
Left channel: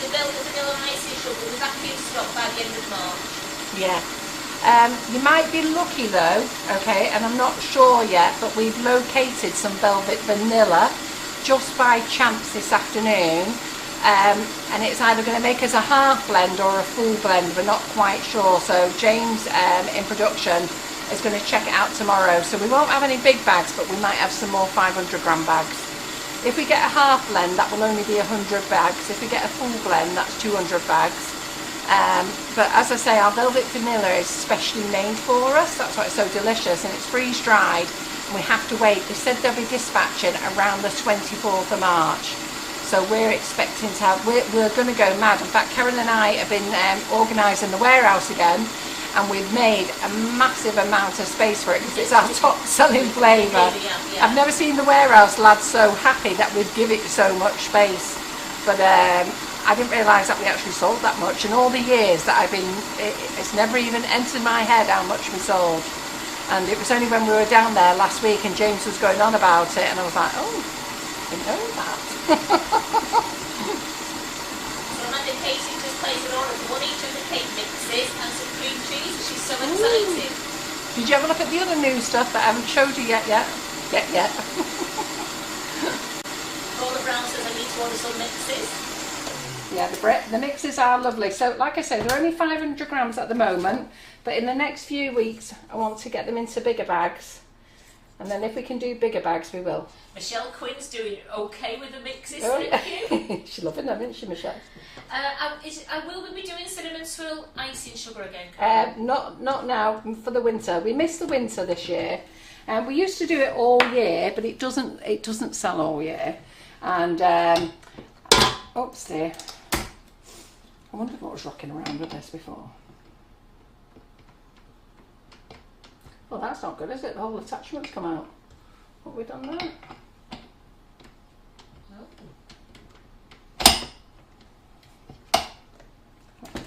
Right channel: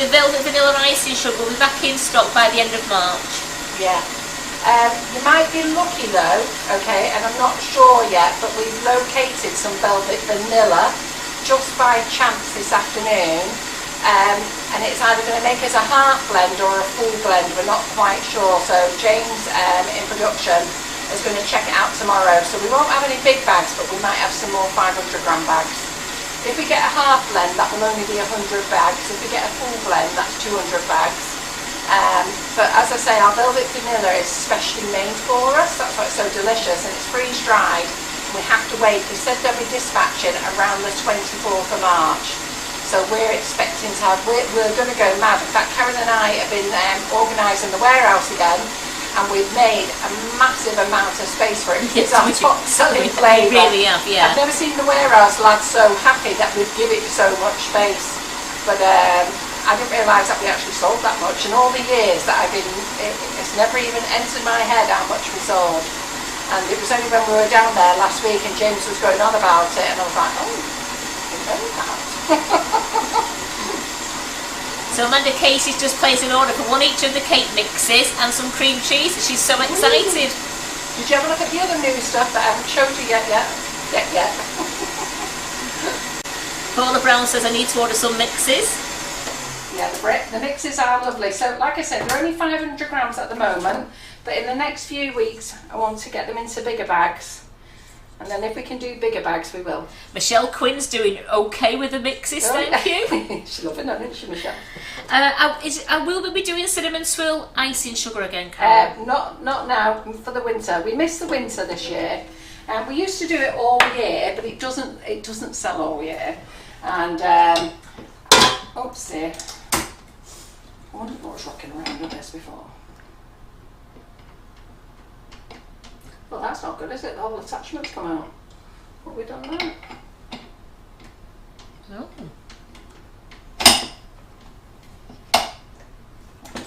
the Velvet Vanilla Icing Sugar will be back in stock by the end of March. Yeah. You might be lucky though, okay, and I'm not sure yet, but we've located some Velvet Vanilla just by chance this afternoon, and it's either going to make us a half blend or a full blend, we're not quite sure. So James in production is going to check it out tomorrow. So we won't have any big bags, but we might have some more 500 gram bags. If we get a half blend, that will only be 100 bags. If we get a full blend, that's 200 bags. But as I say, our Velvet Vanilla is specially made for us. That's why it's so delicious, and it's freeze dried. And we have to wait. They said they'll be dispatching around the 24th of March. So we're expecting to have, we're going to go mad. In fact, Karen and I have been organising the warehouse again. And we've made a massive amount of space for it. It's our top selling flavour. Really have, yeah. I've never seen the warehouse lads so happy that we've given it so much space. But I didn't realise that we actually sold that much. In all the years that I've been, it's never even entered my head how much we sold. And it was only when we were down there last week and James was going on about it, and I was like, oh, I didn't know that. So Amanda Casey's just placed an order for one each of the cake mixes and some cream cheese. She's so excited. Did you ever look at the other new stuff that I haven't showed you yet? Paula Brown says I need to order some mixes. Yeah, the mixes are lovely. So like I said, they're only 500 grams at the moment, but in the next few weeks I want to get them into bigger bags. And then if we can do bigger bags, we will. Michelle Quinn's doing okay with the mixes, thank you. She's loving them, isn't she, Michelle? Will we be doing cinnamon swirl icing sugar again, Carol? Not now, for the winter. We missed the winter this year. We used to do it all year, but it doesn't sell all year. And, oops dear. I wondered what was rocking around with this before. Well, that's not good, is it? The whole attachment's come out. What have we done there? No.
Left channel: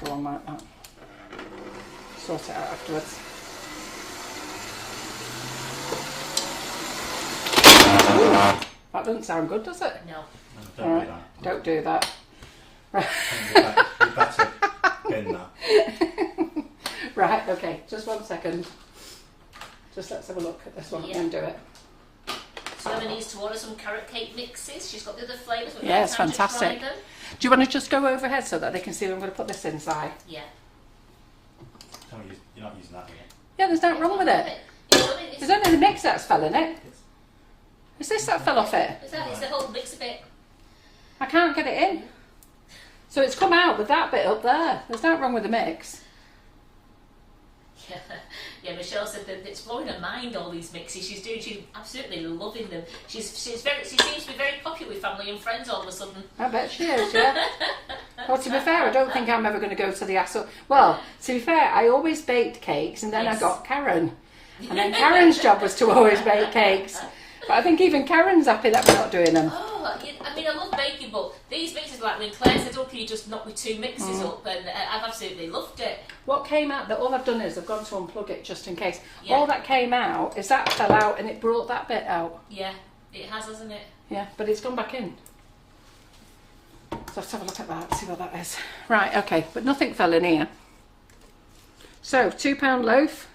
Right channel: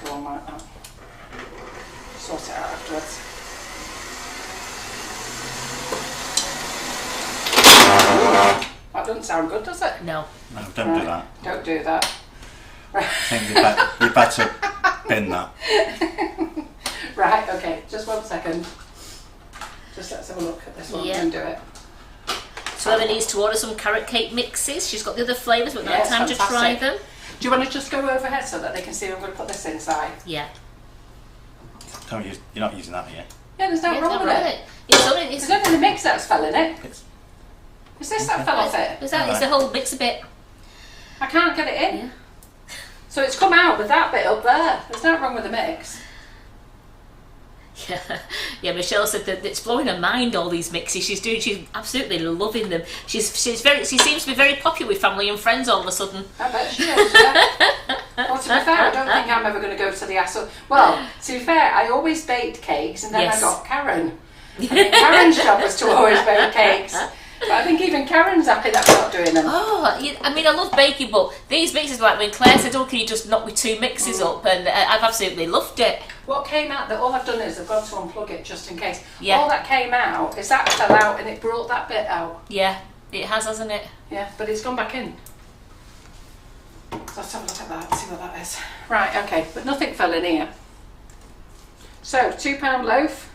Go on like that. Sort it out afterwards. That doesn't sound good, does it? No. No, don't do that. Don't do that. I think you better bin that. Right, okay, just 1 second. Just let's have a look at this one and do it. So Eva needs to order some carrot cake mixes. She's got the other flavours, but Yeah, not time to try fantastic. them. Do you want to just go overhead so that they can see I'm going to put this inside? Yeah. Don't use, you're not using that, are you? Yeah, there's nothing wrong with it. There's only the mix that's fell in it. Is this that fell off it? It's the whole mix a bit. I can't get it in. Yeah. So it's come out with that bit up there. There's nothing wrong with the mix. Yeah, Michelle said that it's blowing her mind, all these mixes she's doing. She's absolutely loving them. She seems to be very popular with family and friends all of a sudden. I bet she is, yeah. Well, to be fair, I don't think I'm ever going to go to the hassle. Well, to be fair, I always baked cakes and then Yes. I got Karen. I mean, Karen's job was to always bake cakes. But I think even Karen's happy that we're not doing them. Oh, I mean, I love baking, but these mixes, like when Claire said, oh, can you just knock me 2 mixes up? And I've absolutely loved it. What came out, all I've done is I've got to unplug it just in case. Yeah. All that came out is that fell out and it brought that bit out. Yeah, it has, hasn't it? Yeah, but it's gone back in. So let's have a look at that, see what that is. Right, okay, but nothing fell in here. So, £2 loaf.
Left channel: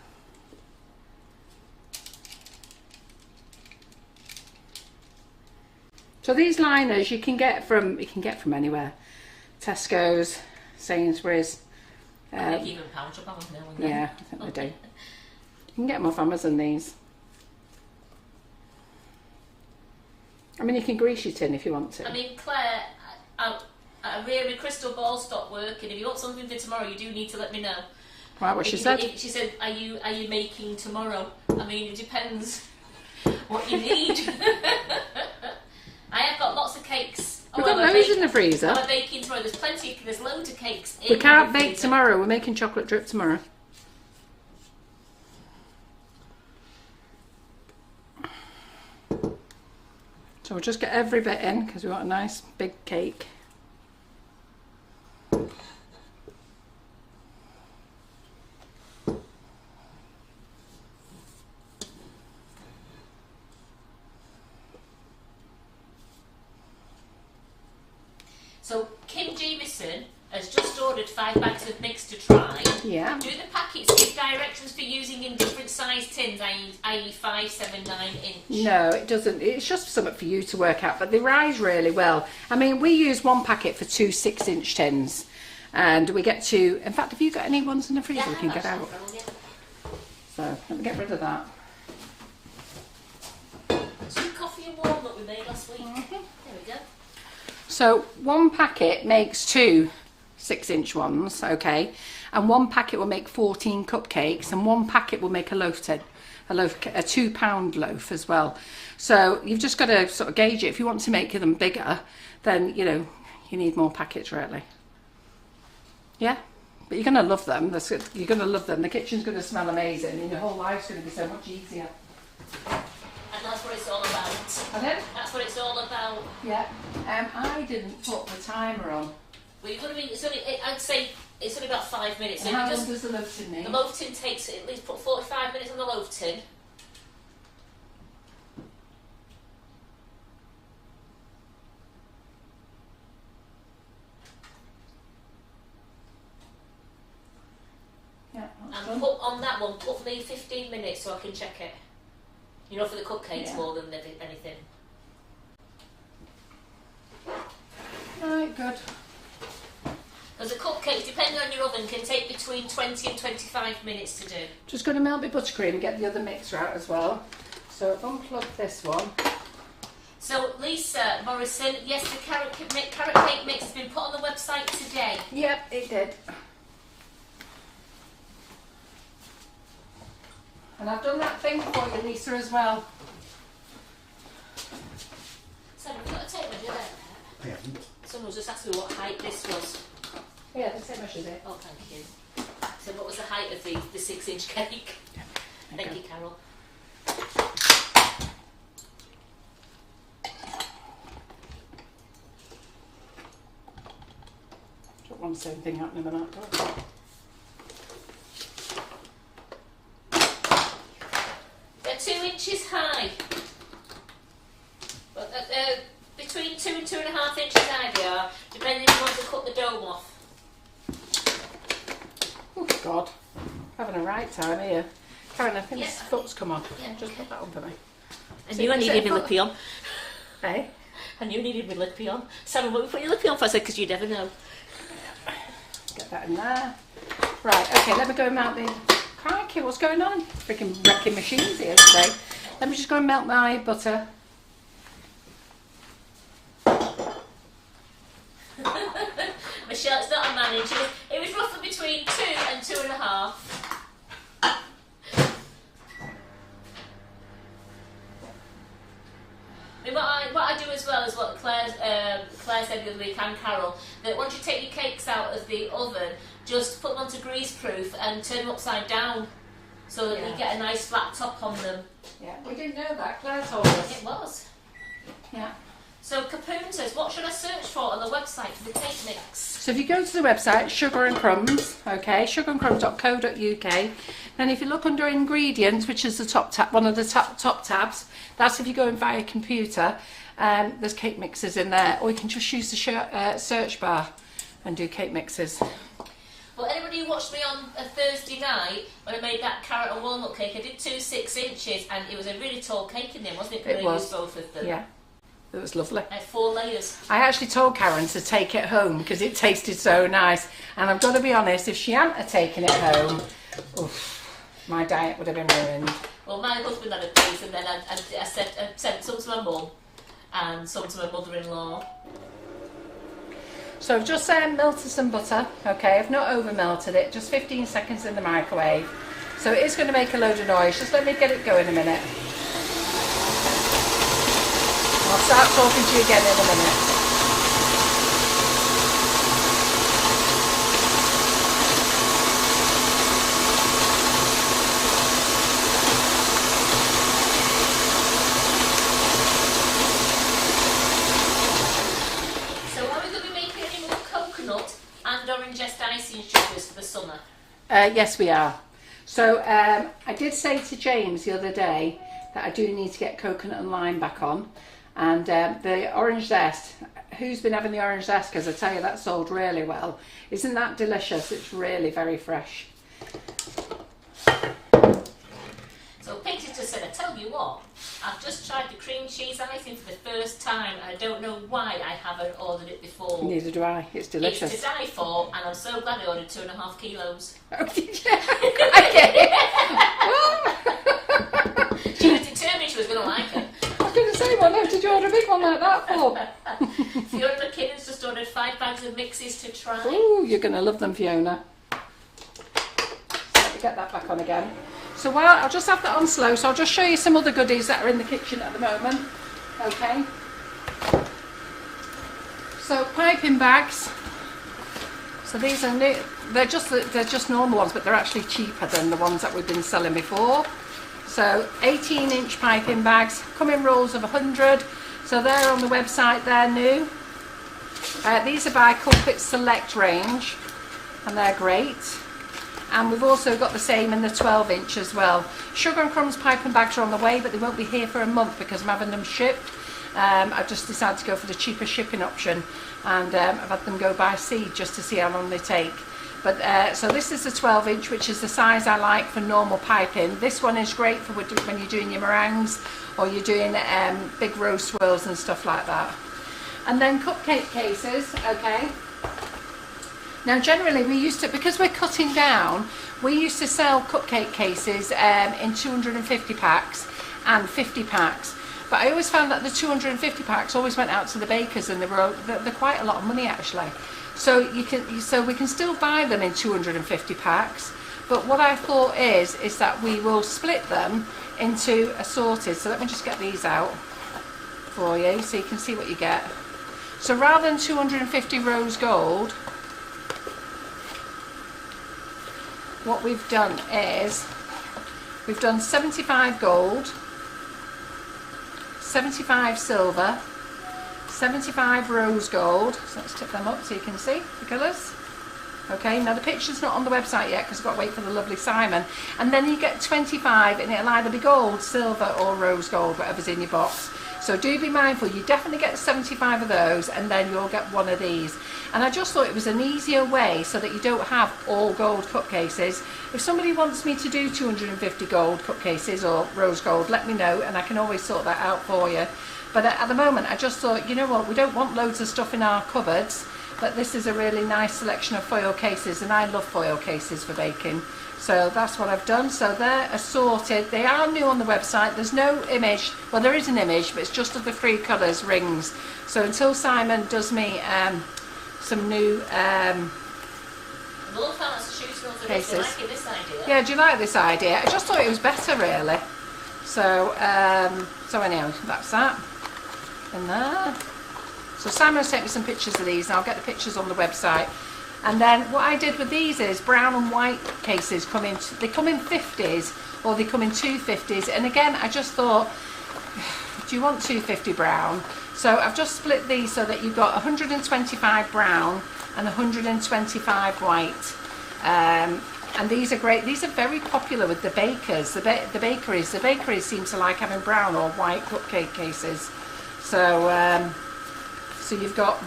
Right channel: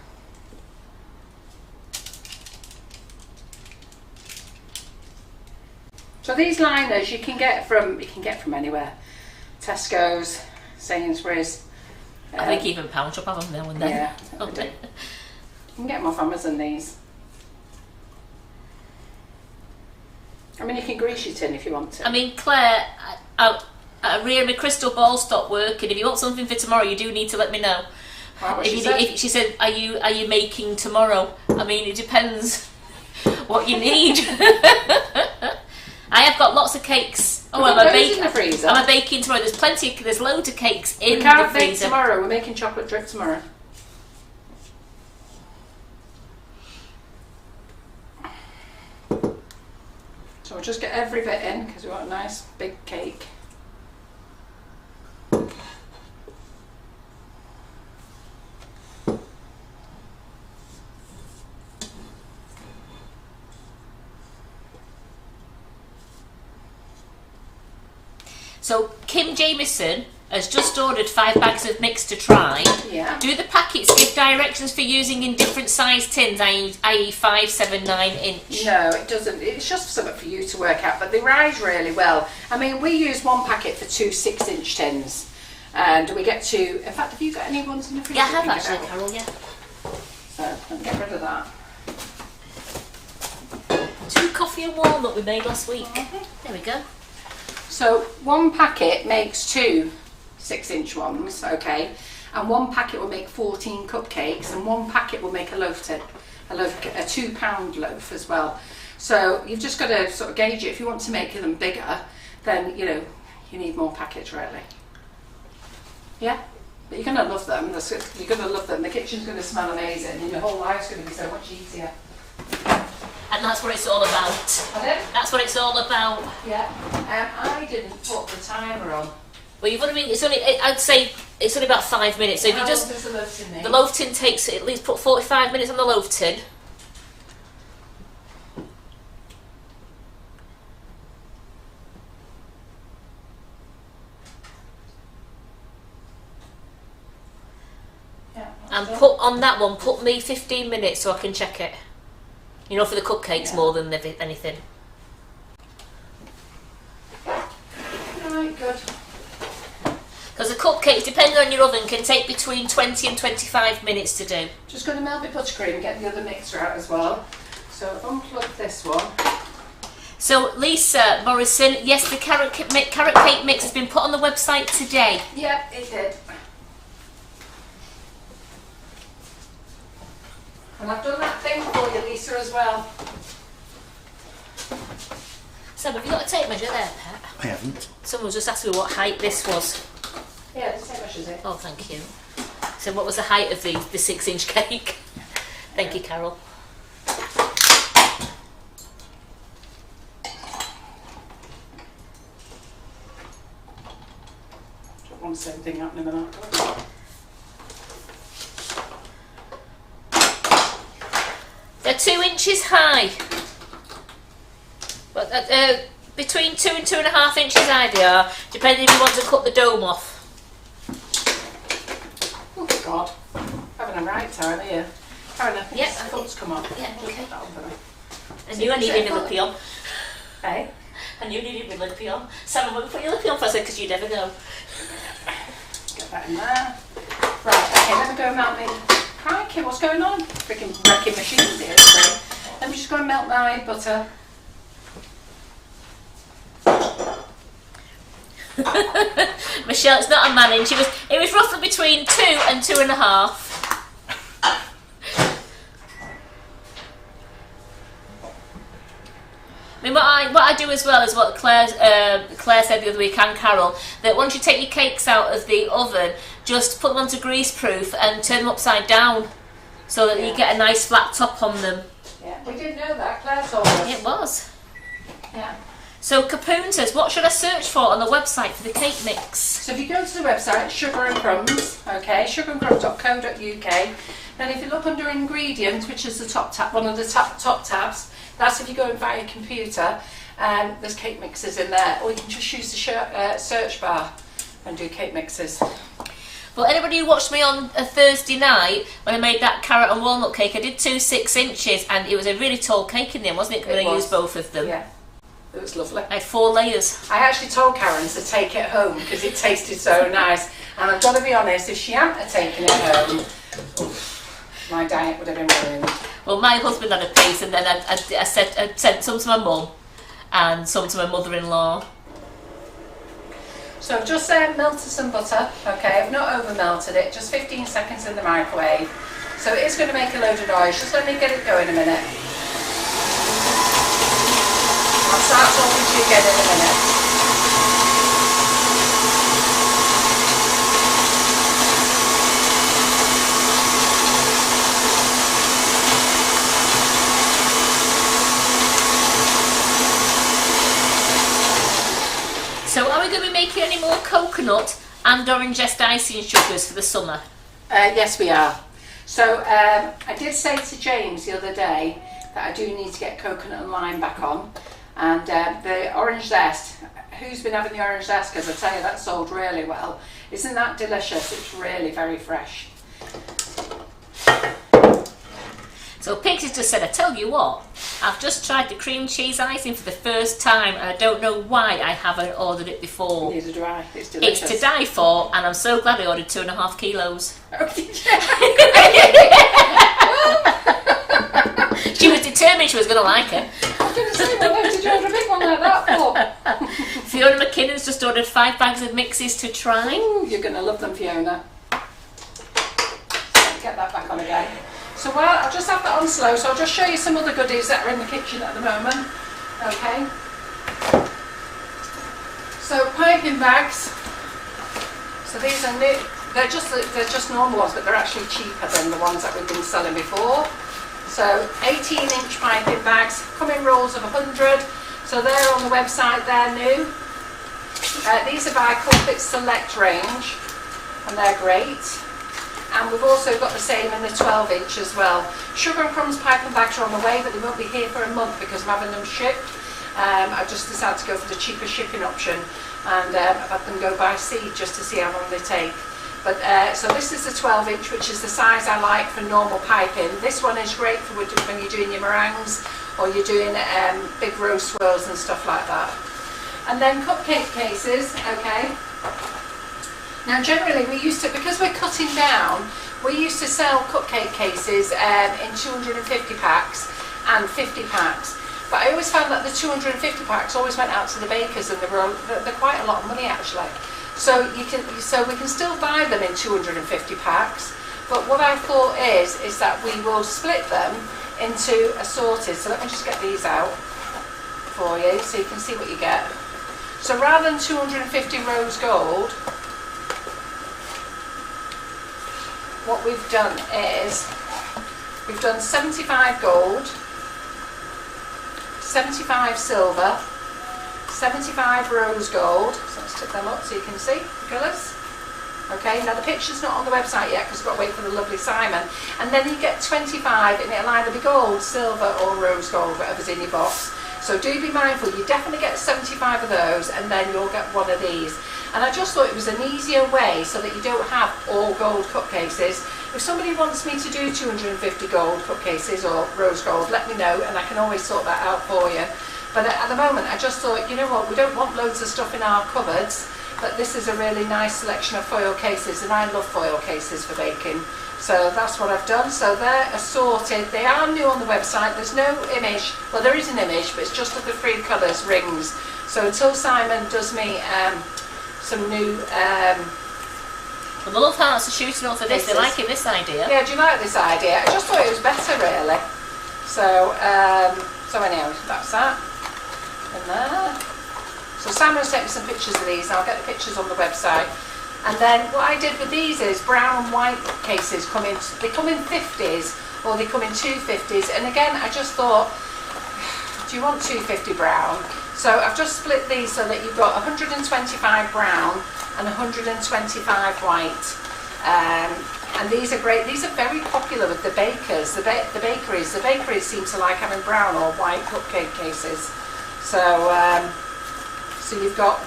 So these liners you can get from anywhere. Tesco's, Sainsbury's. I think even Pound Shop have them now and then. Yeah, I do. You can get them off Amazon, these. I mean, you can grease your tin if you want to. I mean, Claire, Rhea, my crystal ball stopped working. If you want something for tomorrow, you do need to let me know. Right, what She said, are you making tomorrow? I mean, it depends what you need. I have got lots of cakes. Oh, I'm in the freezer. I'm baking tomorrow. There's loads of cakes in the freezer. We can't bake tomorrow. We're making chocolate drip tomorrow. So we'll just get every bit in because we want a nice big cake. So Kim Jamieson has just ordered 5 bags of mix to try. Yeah. Do the packets give directions for using in different size tins, i.e. 5, 7, 9 inch? No, it doesn't. It's just something for you to work out, but they rise really well. I mean, we use one packet for 2 6-inch tins, and we get to. In fact, have you got any ones in the freezer? Yeah, I have you can get actually, out? Carol, yeah. So let me get rid of that. 2 coffee and walnut we made last week. There we go. So one packet makes 2 6-inch ones, okay, and one packet will make 14 cupcakes, and one packet will make a 2-pound loaf as well. So you've just got to sort of gauge it. If you want to make them bigger, then you need more packets, really. Yeah, but you're going to love them. You're going to love them. The kitchen's going to smell amazing, and your whole life's going to be so much easier. And that's what it's all about. Pardon? That's what it's all about. Yeah. I didn't put the timer on. Well, you've only, it's only, I'd say it's only about 5 minutes. So if How you long just, does the loaf tin make? the loaf tin takes at least put 45 minutes on the loaf tin. Yeah, And done. put on that one, put me 15 minutes so I can check it. You know, for the cupcakes Yeah. more than anything. Right, good. Because the cupcakes, depending on your oven, can take between 20 and 25 minutes to do. Just going to melt my buttercream and get the other mixer out as well. So unplug this one. So Lisa Morrison, yes, the carrot cake mix has been put on the website today. Yep, it did. And I've done that thing for you, Lisa, as well. Sam, have you got a tape measure there, Pet? I haven't. Someone just asked me what height this was. Yeah, the same measures it. Oh, thank you. So what was the height of the 6-inch cake? Thank you, Carol. Don't want the same thing happening when I've got it. They're 2 inches high. But between 2 and 2.5 inches high they are, depending if you want to cut the dome off. Oh God, having a right time here. Karen, I think Yeah, his I foot's come on. yeah, Just okay. put that on for me. I knew I needed my lippy on. Hey? I knew I needed my lippy on. Sam, what put your lippy on for? I said, because you never know. Get that in there. Right, okay, let me go and melt me. Crikey, what's going on? Freaking wrecking machines here today. Let me just go and melt my butter. Michelle, it's not a manning. It was roughly between 2 and 2.5. I mean, what I do as well is what Claire said the other week, and Carol, that once you take your cakes out of the oven, just put them onto greaseproof and turn them upside down, so that you get a nice flat top on them. Yeah, we didn't know that. Claire told us. It was. Yeah. So Capoon says, what should I search for on the website for the cake mix? So if you go to the website, Sugar and Crumbs, okay, sugarandcrumbs.co.uk, then if you look under ingredients, which is the top tab, one of the top tabs, that's if you go in via computer, there's cake mixes in there, or you can just use the search bar and do cake mixes. Well, anybody who watched me on a Thursday night when I made that carrot and walnut cake, I did 2 6 inches, and it was a really tall cake in there, wasn't it? Because I used both of them. Yeah, it was lovely. I had 4 layers. I actually told Karen to take it home because it tasted so nice, and I've got to be honest, if she hadn't have taken it home, oof, my diet would have been ruined. Well, my husband had a piece, and then I sent some to my mum and some to my mother-in-law. So I've just melted some butter, okay, I've not over melted it, just 15 seconds in the microwave. So it is going to make a load of noise, just let me get it going a minute. I'll start talking to you again in a minute. So are we going to be making any more coconut and orange zest icing sugars for the summer? Yes, we are. So I did say to James the other day that I do need to get coconut and lime back on, and the orange zest, Who's Been Having the Orange Zest? Because I tell you, that sold really well. Isn't that delicious? It's really very fresh. So Pigs has just said, I tell you what, I've just tried the cream cheese icing for the first time and I don't know why I haven't ordered it before. Neither do I. It's delicious. It's to die for, and I'm so glad I ordered 2.5 kilos. Oh, did you? She was determined she was going to like it. I was going to say, well, did you order a big one like that for? Fiona McKinnon's just ordered 5 bags of mixes to try. Ooh, you're going to love them, Fiona. Let me get that back on again. So I'll just have that on slow, so I'll just show you some other goodies that are in the kitchen at the moment. Okay. So piping bags. So these are new. They're just normal ones, but they're actually cheaper than the ones that we've been selling before. So 18-inch piping bags, come in rolls of 100. So they're on the website, they're new. These are by Culpit Select range, and they're great. And we've also got the same in the 12-inch as well. Sugar and Crumbs piping bags are on the way, but they won't be here for a month because I'm having them shipped. I've just decided to go for the cheaper shipping option, and I've had them go by sea just to see how long they take. But so this is the 12-inch, which is the size I like for normal piping. This one is great for when you're doing your meringues or you're doing big roast swirls and stuff like that. And then cupcake cases, okay. Now generally we used to, because we're cutting down, we used to sell cupcake cases in 250 packs and 50 packs. But I always found that the 250 packs always went out to the bakers, and they're quite a lot of money actually. So we can still buy them in 250 packs. But what I thought is that we will split them into assorted. So let me just get these out for you so you can see what you get. So rather than 250 rose gold, what we've done is we've done 75 gold, 75 silver, 75 rose gold. So let's tip them up so you can see the colours. Okay, now the picture's not on the website yet because I've got to wait for the lovely Simon. And then you get 25, and it'll either be gold, silver or rose gold, whatever's in your box. So do be mindful, you definitely get 75 of those, and then you'll get one of these. And I just thought it was an easier way so that you don't have all gold cupcases. If somebody wants me to do 250 gold cupcases or rose gold, let me know and I can always sort that out for you. But at the moment I just thought, you know what, we don't want loads of stuff in our cupboards, but this is a really nice selection of foil cases, and I love foil cases for baking. So that's what I've done. So they're assorted. They are new on the website. There's no image. Well, there is an image, but it's just of the 3 colours rings. So until Simon does me some new Well, the love hearts are shooting off for this. They're liking this idea. Yeah, do you like this idea? I just thought it was better, really. So so anyhow, that's that. And there. So Simon sent me some pictures of these, and I'll get the pictures on the website. And then what I did with these is brown and white cases come in 50s, or they come in 250s. And again, I just thought, do you want 250 brown? So I've just split these so that you've got 125 brown and 125 white. And these are great. These are very popular with the bakers, the bakeries. The bakeries seem to like having brown or white cupcake cases. So so you've got,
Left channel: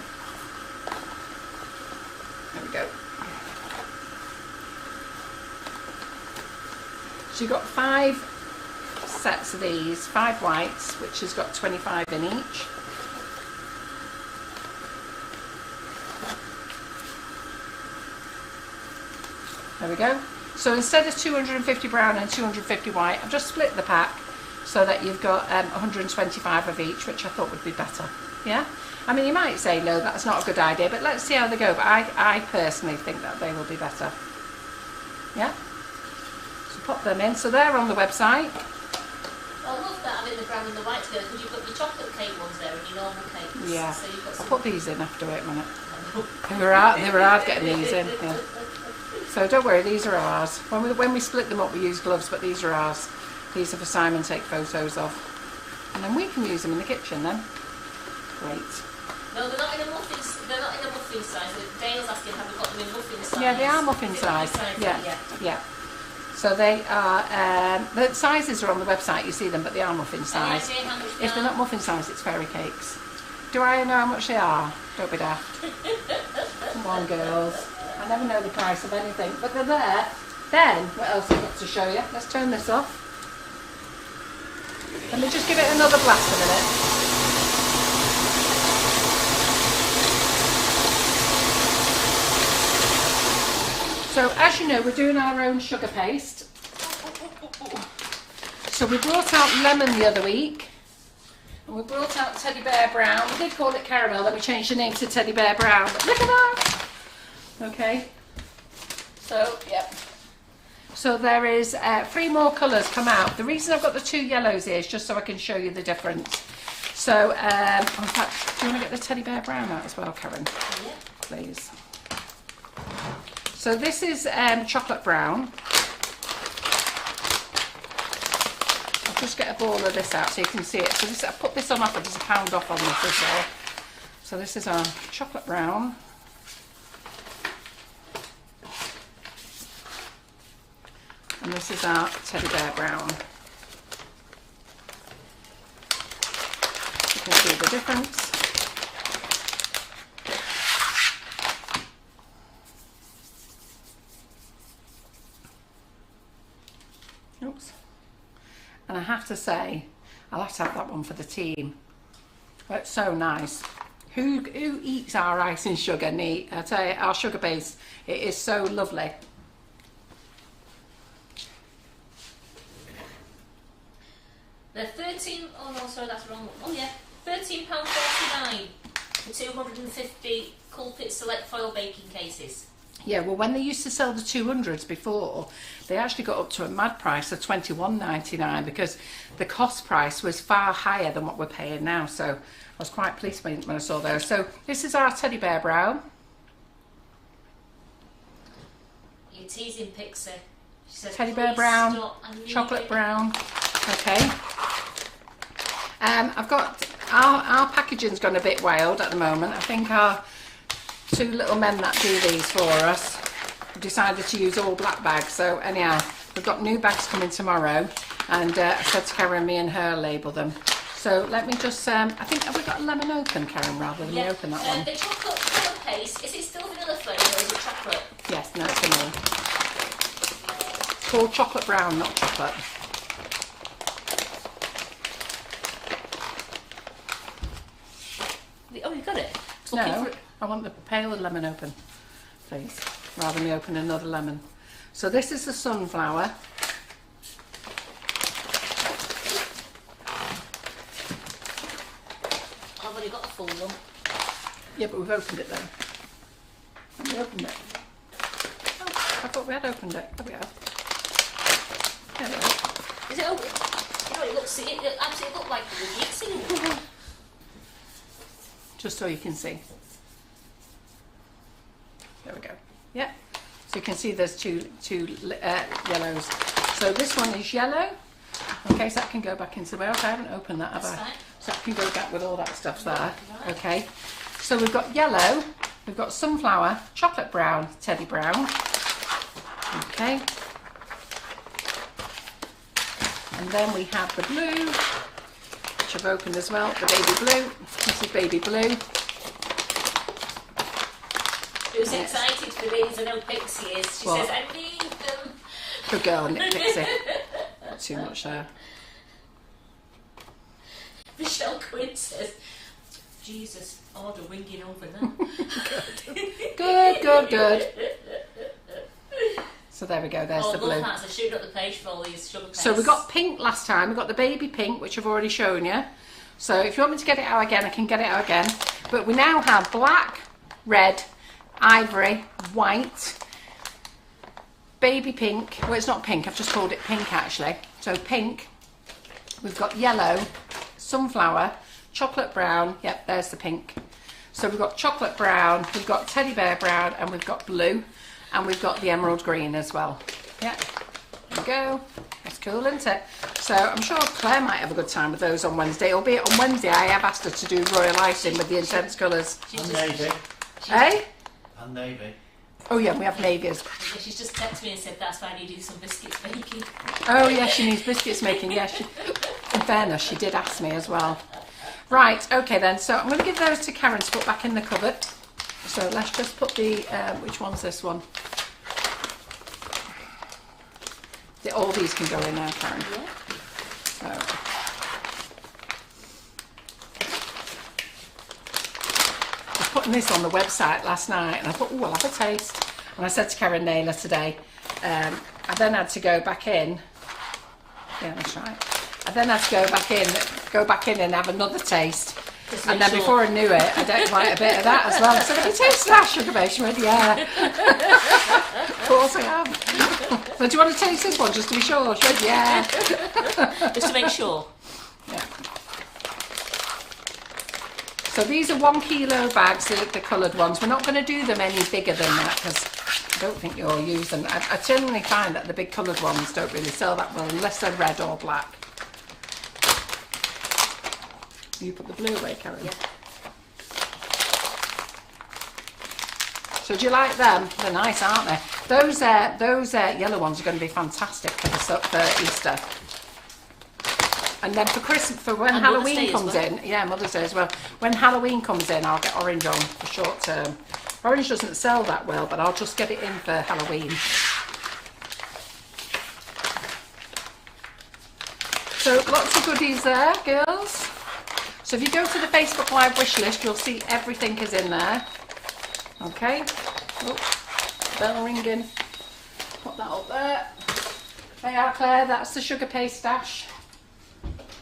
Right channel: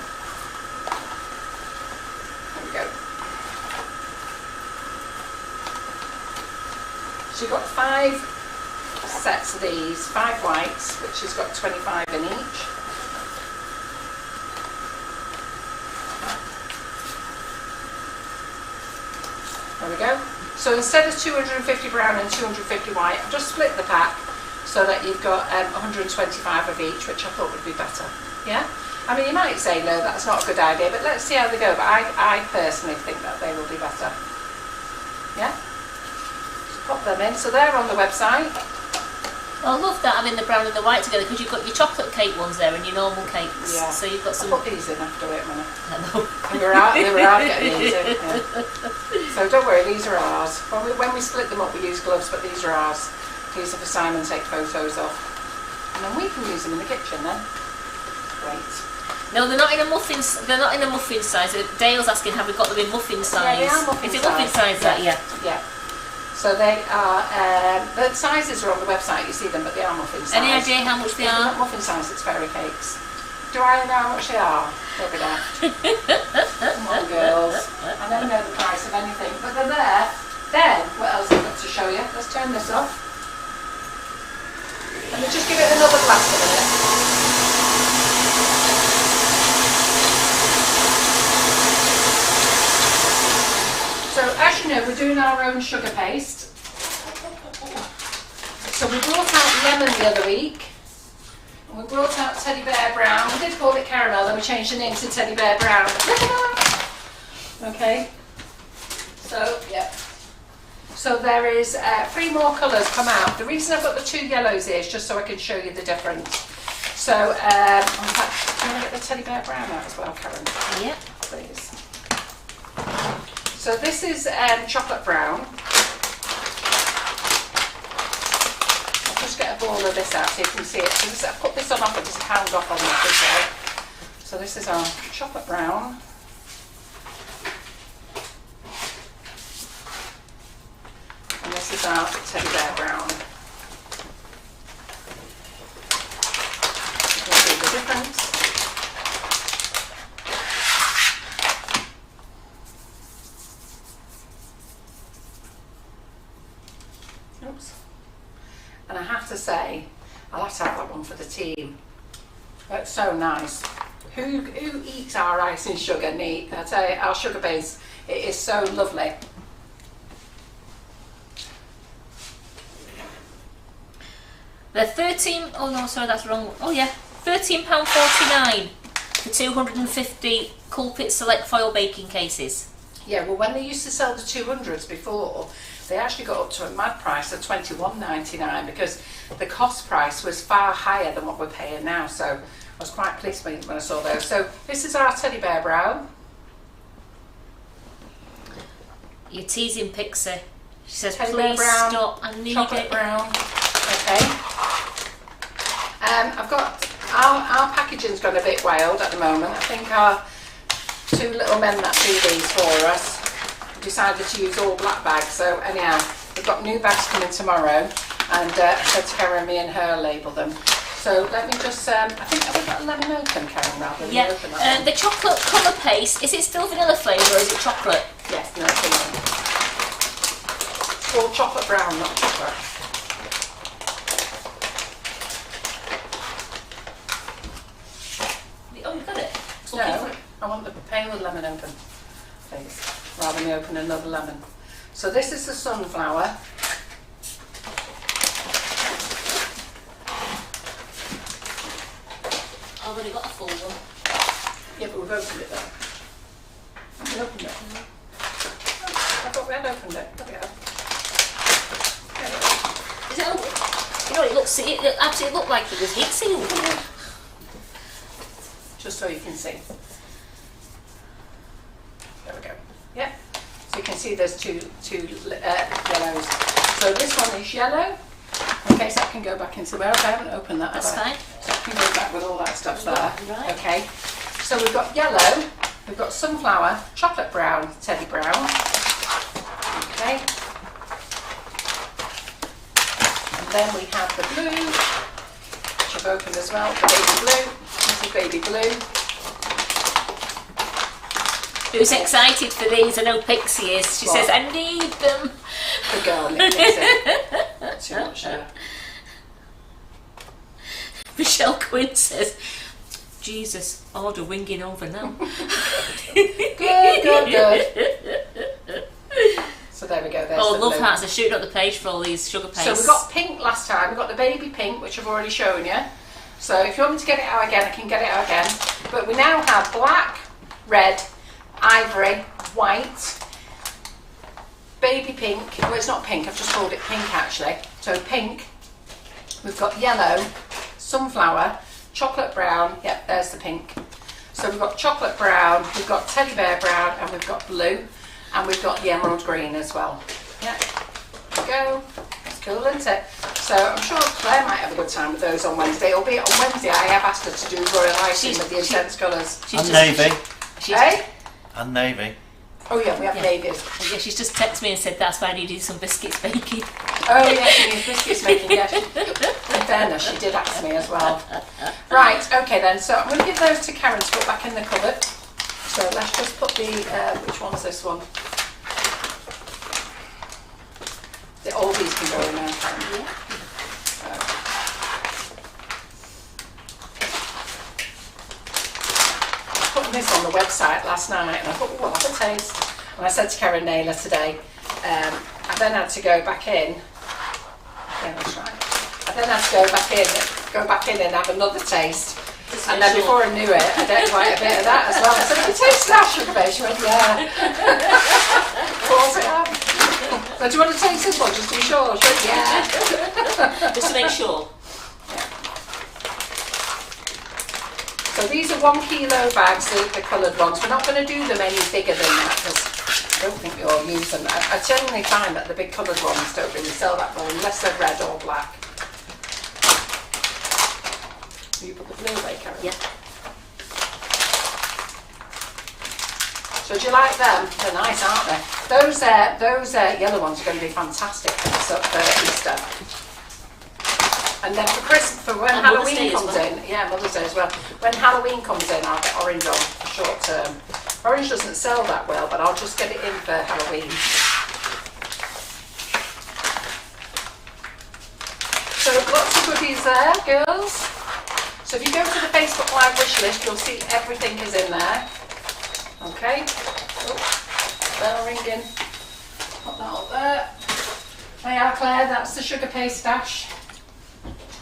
there we go. So you've got 5 sets of these, 5 whites, which has got 25 in each. There we go. So instead of 250 brown and 250 white, I've just split the pack so that you've got 125 of each, which I thought would be better. Yeah? I mean, you might say, no, that's not a good idea, but let's see how they go. But I personally think that they will be better. Yeah? So pop them in. So they're on the website. I love that having the brown and the white together, because you've got your chocolate cake ones there and your normal cakes. Yeah. So you've got some. I'll put these in after it a minute. Hello. And they were out getting these in. Yeah. So don't worry, these are ours. When we split them up, we use gloves, but these are ours. These are for Simon to take photos of. And then we can use them in the kitchen then. Great. No, they're not in a muffin. They're not in a muffin size. Dale's asking, have we got them in muffin size? Yeah, they are muffin Is it size. muffin size? Yeah. Yeah. Yeah. So they are. The sizes are on the website. You see them, but they are muffin size. Any idea how much they If they're are? not muffin size, it's fairy cakes. Do I know how much they are? Don't be daft. Come on, girls. I never know the price of anything, but they're there. Then, what else have I got to show you? Let's turn this off. Let me just give it another blast a minute. So, as you know, we're doing our own sugar paste. So we brought out lemon the other week. And we brought out Teddy Bear Brown. We did call it caramel, then we changed the name to Teddy Bear Brown. Look at that! Okay. So, yep. So there is 3 more colours come out. The reason I've got the 2 yellows here is just so I can show you the difference. So, in fact, do you want to get the Teddy Bear Brown out as well, Karen? Yep. Please. So this is chocolate brown. I'll just get a ball of this out so you can see it. So this, I put this on offer, there's £1 off on this as well. So this is our chocolate brown. And this is our Teddy Bear Brown. You can see the difference. Oops. And I have to say, I'll have to have that one for the team. It's so nice. Who eats our ice and sugar neat? I tell you, our sugar base, it is so lovely. They're oh no, sorry, that's wrong. Oh yeah, £13.49 for 250 Culpit Select foil baking cases. Yeah, well, when they used to sell the 200s before, they actually got up to a mad price of £21.99 because the cost price was far higher than what we're paying now. So I was quite pleased when I saw those. So this is our Teddy Bear Brown. You're teasing Pixie. She says, Teddy please Bear Brown, stop, I need chocolate it. brown. Okay. I've got our packaging's gone a bit wild at the moment. I think our 2 little men that do these for us decided to use all black bags. So anyhow, we've got new bags coming tomorrow, and I said to Karen, me and her label them. So let me just, I think, have we got a lemon open, Karen, rather than open that one? The chocolate colour paste, is it still vanilla flavour or is it chocolate? Yes, no, it's vanilla. It's called chocolate brown, not chocolate. Oh, you've got it? No, I want the pale lemon open, please, rather than me open another lemon. So this is the sunflower. I've already got a full one. Yeah, but we've opened it then. Have we opened it? Oh, I thought we had opened it. There we are. There we are. Is it open? You know, it absolutely looked like it was heat sealed. Just so you can see. There we go. Yep. So you can see there's two yellows. So this one is yellow. Okay, so that can go back into where I haven't opened that. That's fine. So that can go back with all that stuff there. Right. Okay. So we've got yellow, we've got sunflower, chocolate brown, Teddy Brown. Okay. And then we have the blue, which I've opened as well, the baby blue. This is baby blue. Who's excited for these? I know Pixie is. She says, I need them. Good girl, Nick Pixie. Too much there. Michelle Quinn says, Jesus, order winging over now. Good. So there we go, there's Oh, the love blue. hearts are shooting up the page for all these sugar pastes. So we got pink last time, we got the baby pink, which I've already shown you. So if you want me to get it out again, I can get it out again. But we now have black, red, ivory, white, baby pink. Well, it's not pink, I've just called it pink actually. So pink, we've got yellow, sunflower, chocolate brown. Yep, there's the pink. So we've got chocolate brown, we've got Teddy Bear Brown, and we've got blue, and we've got the emerald green as well. Yep, there we go. That's cool, isn't it? So I'm sure Claire might have a good time with those on Wednesday, albeit on Wednesday I have asked her to do royal icing with the intense colours. And navy. Hey? And navy. Oh yeah, we have neighbours. Yeah, she's just texted me and said that's why I needed some biscuits baking. Oh yeah, she needs biscuits making. Yeah, in fairness, she did ask me as well. Right, okay then. So I'm going to give those to Karen to put back in the cupboard. So let's just put the which one's this one? All these can go in now, Karen. Yeah. Putting this on the website last night and I thought, oh, I'll have a taste. And I said to Karen Naylor today, I then had to go back in. Yeah, that's right. I then had to go back in and have another taste. And then before I knew it, I did quite a bit of that as well. I said, have you tasted that sugar base? She went, yeah. Of course I have. Well, do you want to taste this one just to be sure? She went, yeah. Just to make sure. So these are 1 kilo bags, the coloured ones. We're not going to do them any bigger than that because I don't think you'll use them. I generally find that the big coloured ones don't really sell that well unless they're red or black. You put the blue away, Karen? Yeah. So do you like them? They're nice, aren't they? Those yellow ones are going to be fantastic for Easter. And then for when and Halloween comes in, yeah, Mother's Day as well. When Halloween comes in, I'll get orange on for short term. Orange doesn't sell that well, but I'll just get it in for Halloween. So lots of goodies there, girls. So if you go to the Facebook Live wish list, you'll see everything is in there. Okay. Oh, bell ringing. Put that up there. There you are, Claire. That's the sugar paste stash.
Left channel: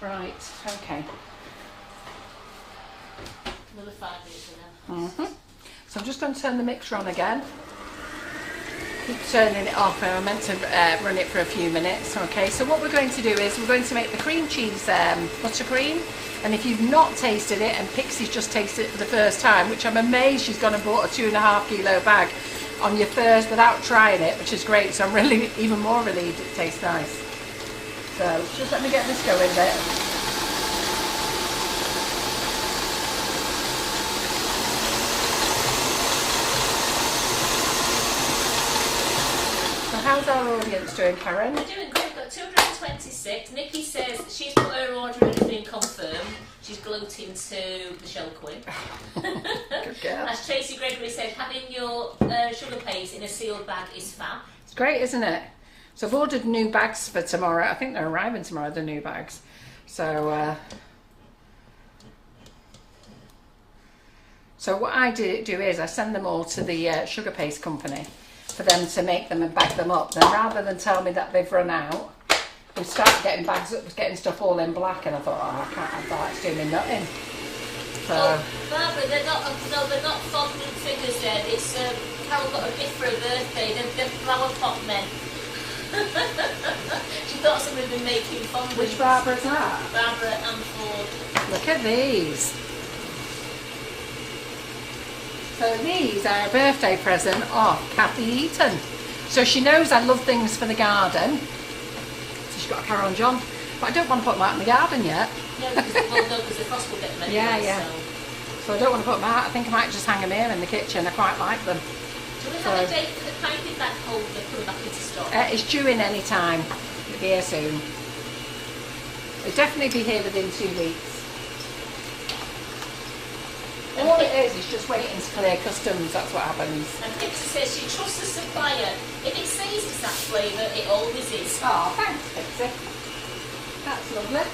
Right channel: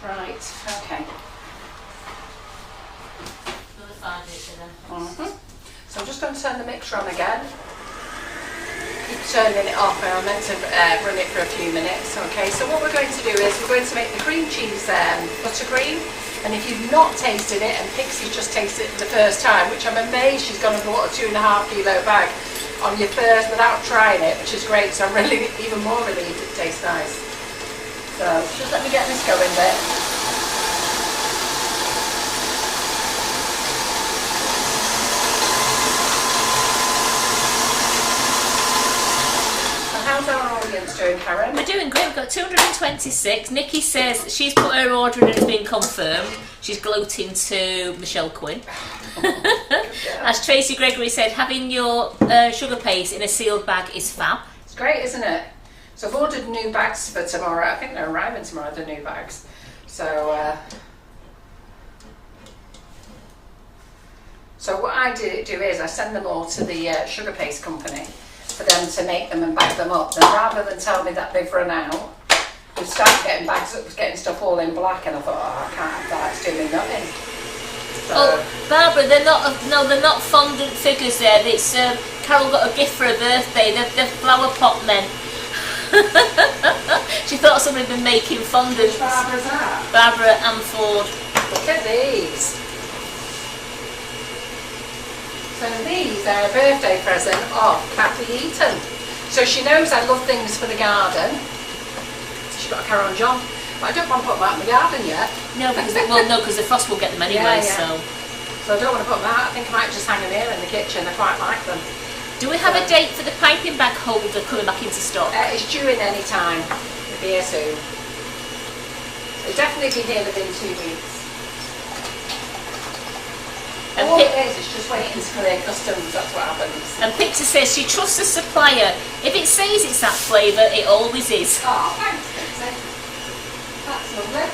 Right, okay. Another 5 litre then. So I'm just going to turn the mixer on again. Keep turning it off, and I meant to run it for a few minutes. Okay, so what we're going to do is we're going to make the cream cheese buttercream. And if you've not tasted it, and Pixie's just tasted it for the first time, which I'm amazed she's gone and bought a 2.5 kilo bag on your first without trying it, which is great. So I'm really even more relieved it tastes nice. So just let me get this going there. So how's our audience doing, Karen? We're doing great. We've got 226. Nikki says she's put her order in and it's been confirmed. She's gloating to Michelle Quinn. Yeah. As Tracy Gregory said, having your sugar paste in a sealed bag is fab. It's great, isn't it? So I've ordered new bags for tomorrow. I think they're arriving tomorrow, the new bags. So what I do is I send them all to the sugar paste company for them to make them and bag them up. Then rather than tell me that they've run out, we started getting bags up, getting stuff all in black, and I thought, oh, I can't have that. It's doing nothing. So, oh, Barbara, they're not fondant figures there. It's Carol got a gift for her birthday. They're flower pot men. She thought somebody had been making fondants. which Barbara's that? Barbara and Ford. Look at these. So these are a birthday present of Kathy Eaton. So she knows I love things for the garden. So she's got a Caron John. But I don't want to put them out in the garden yet. No, because the frost will get them anyway. Yeah. So I don't want to put them out. I think I might just hang them here in the kitchen. I quite like them. Do we have a date for the piping bag holder coming back into stock? It's due in any time. It'll be here soon. It'll definitely be here within 2 weeks. And all it is just waiting to clear customs. That's what happens. And Pixie says she trusts the supplier. If it says it's that flavour, it always is. Oh, thanks, Pixie. That's lovely.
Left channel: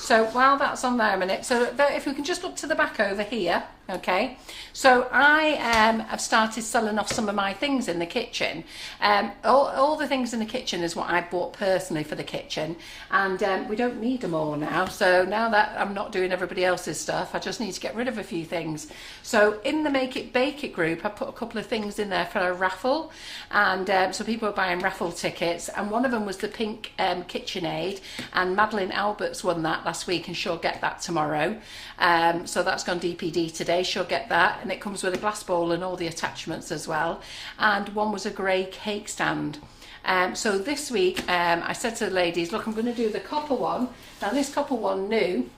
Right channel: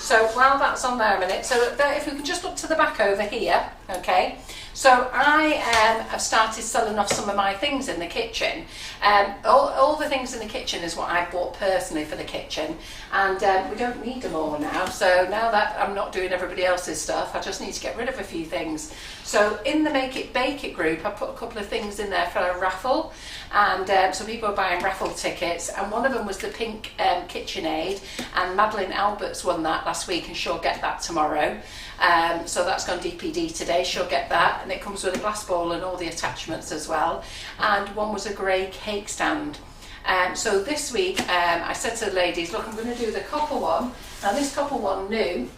So while that's on there a minute, so if we can just look to the back over here, okay. So I have started selling off some of my things in the kitchen. All the things in the kitchen is what I bought personally for the kitchen, and we don't need them all now. So now that I'm not doing everybody else's stuff, I just need to get rid of a few things. So in the Make It Bake It group, I put a couple of things in there for a raffle, and so people are buying raffle tickets, and one of them was the pink KitchenAid, and Madeline Alberts won that last week, and she'll get that tomorrow. So that's gone DPD today. She'll get that, and it comes with a glass bowl and all the attachments as well. And one was a grey cake stand. So this week I said to the ladies, look, I'm going to do the copper one. Now this copper one new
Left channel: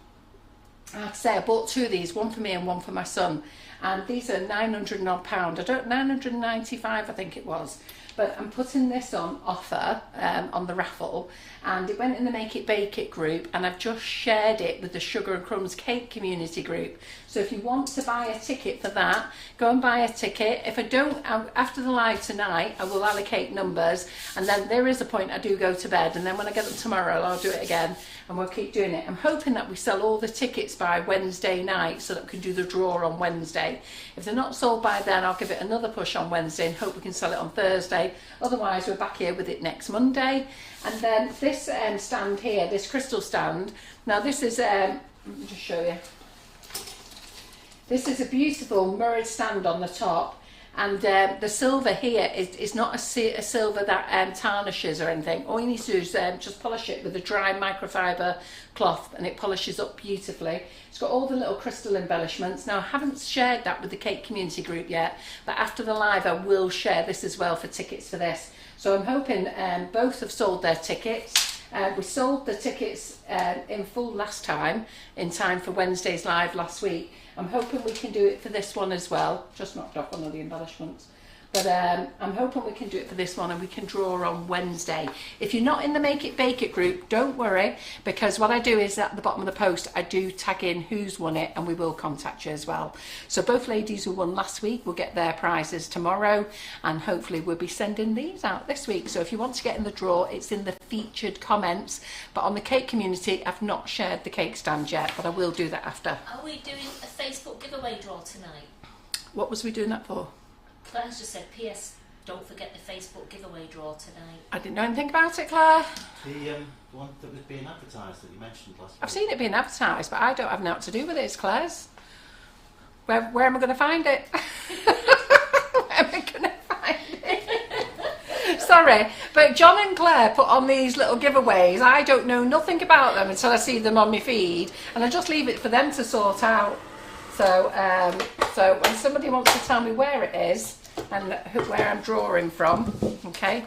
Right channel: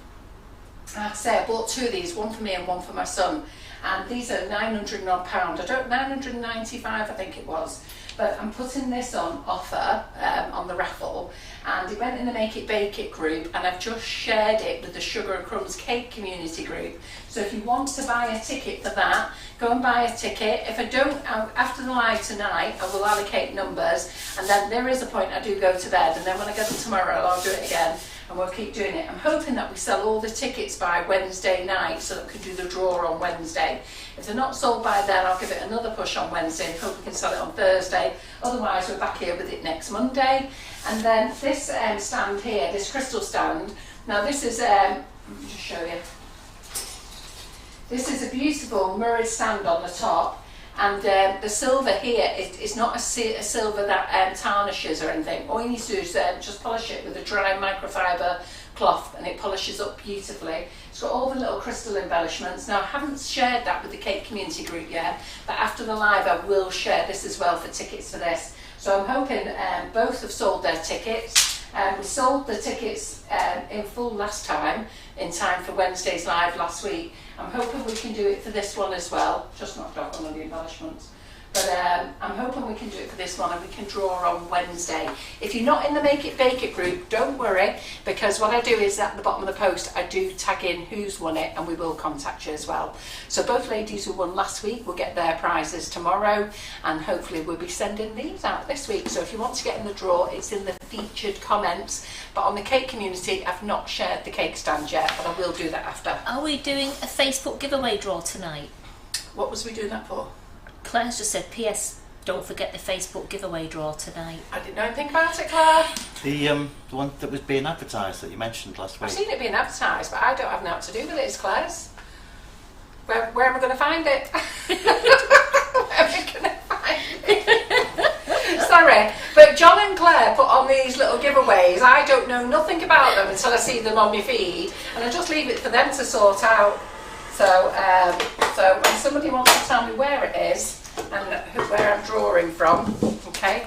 I have to say I bought 2 of these, one for me and one for my son, and these are 900 and odd pound. 995 I think it was. But I'm putting this on offer on the raffle, and it went in the Make It Bake It group, and I've just shared it with the Sugar and Crumbs cake community group. So if you want to buy a ticket for that, go and buy a ticket. If I don't, after the live tonight, I will allocate numbers, and then there is a point I do go to bed, and then when I get up tomorrow, I'll do it again, and we'll keep doing it. I'm hoping that we sell all the tickets by Wednesday night so that we can do the draw on Wednesday. If they're not sold by then, I'll give it another push on Wednesday and hope we can sell it on Thursday. Otherwise, we're back here with it next Monday. And then this stand here, this crystal stand, now this is, let me just show you. This is a beautiful mirrored stand on the top, and the silver here is not a silver that tarnishes or anything. All you need to do is just polish it with a dry microfiber cloth, and it polishes up beautifully. It's got all the little crystal embellishments. Now I haven't shared that with the cake community group yet, but after the live I will share this as well for tickets for this. So I'm hoping both have sold their tickets. We sold the tickets in full last time, in time for Wednesday's live last week. I'm hoping we can do it for this one as well. Just knocked off on all the embellishments. But I'm hoping we can do it for this one, and we can draw on Wednesday. If you're not in the Make It Bake It group, don't worry, because what I do is at the bottom of the post, I do tag in who's won it, and we will contact you as well. So both ladies who won last week will get their prizes tomorrow, and hopefully we'll be sending these out this week. So if you want to get in the draw, it's in the featured comments. But on the cake community, I've not shared the cake stand yet, but I will do that after. Are we doing a Facebook giveaway draw tonight? What was we doing that for? Claire's just said, P.S. don't forget the Facebook giveaway draw tonight. I didn't know anything about it, Claire. The one that was being advertised that you mentioned last week. I've seen it being advertised, but I don't have nothing to do with it. It's Claire's. Where am I going to find it? Where am I going to find it? Sorry, but John and Claire put on these little giveaways. I don't know nothing about them until I see them on my feed, and I just leave it for them to sort out. So, so when somebody wants to tell me where it is and where I'm drawing from, okay.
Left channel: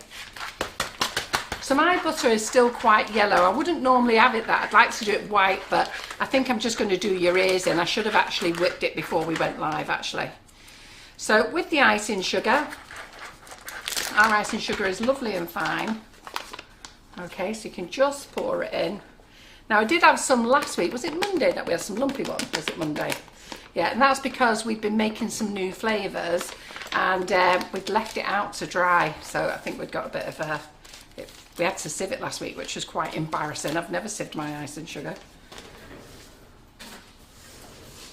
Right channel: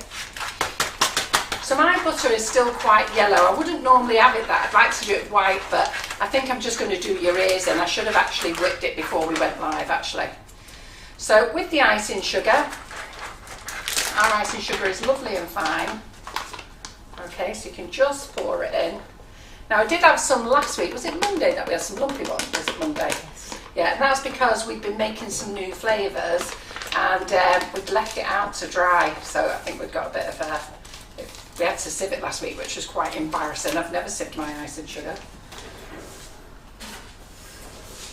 So my butter is still quite yellow. I wouldn't normally have it that. I'd like to do it white, but I think I'm just going to do your ears in. I should have actually whipped it before we went live, actually. So with the icing sugar, our icing sugar is lovely and fine. Okay, so you can just pour it in. Now I did have some last week. Was it Monday that we had some lumpy ones? Was it Monday? Yeah, and that's because we've been making some new flavours, and we'd left it out to dry. So I think we've got a bit of a... We had to sieve it last week, which was quite embarrassing. I've never sieved my icing sugar.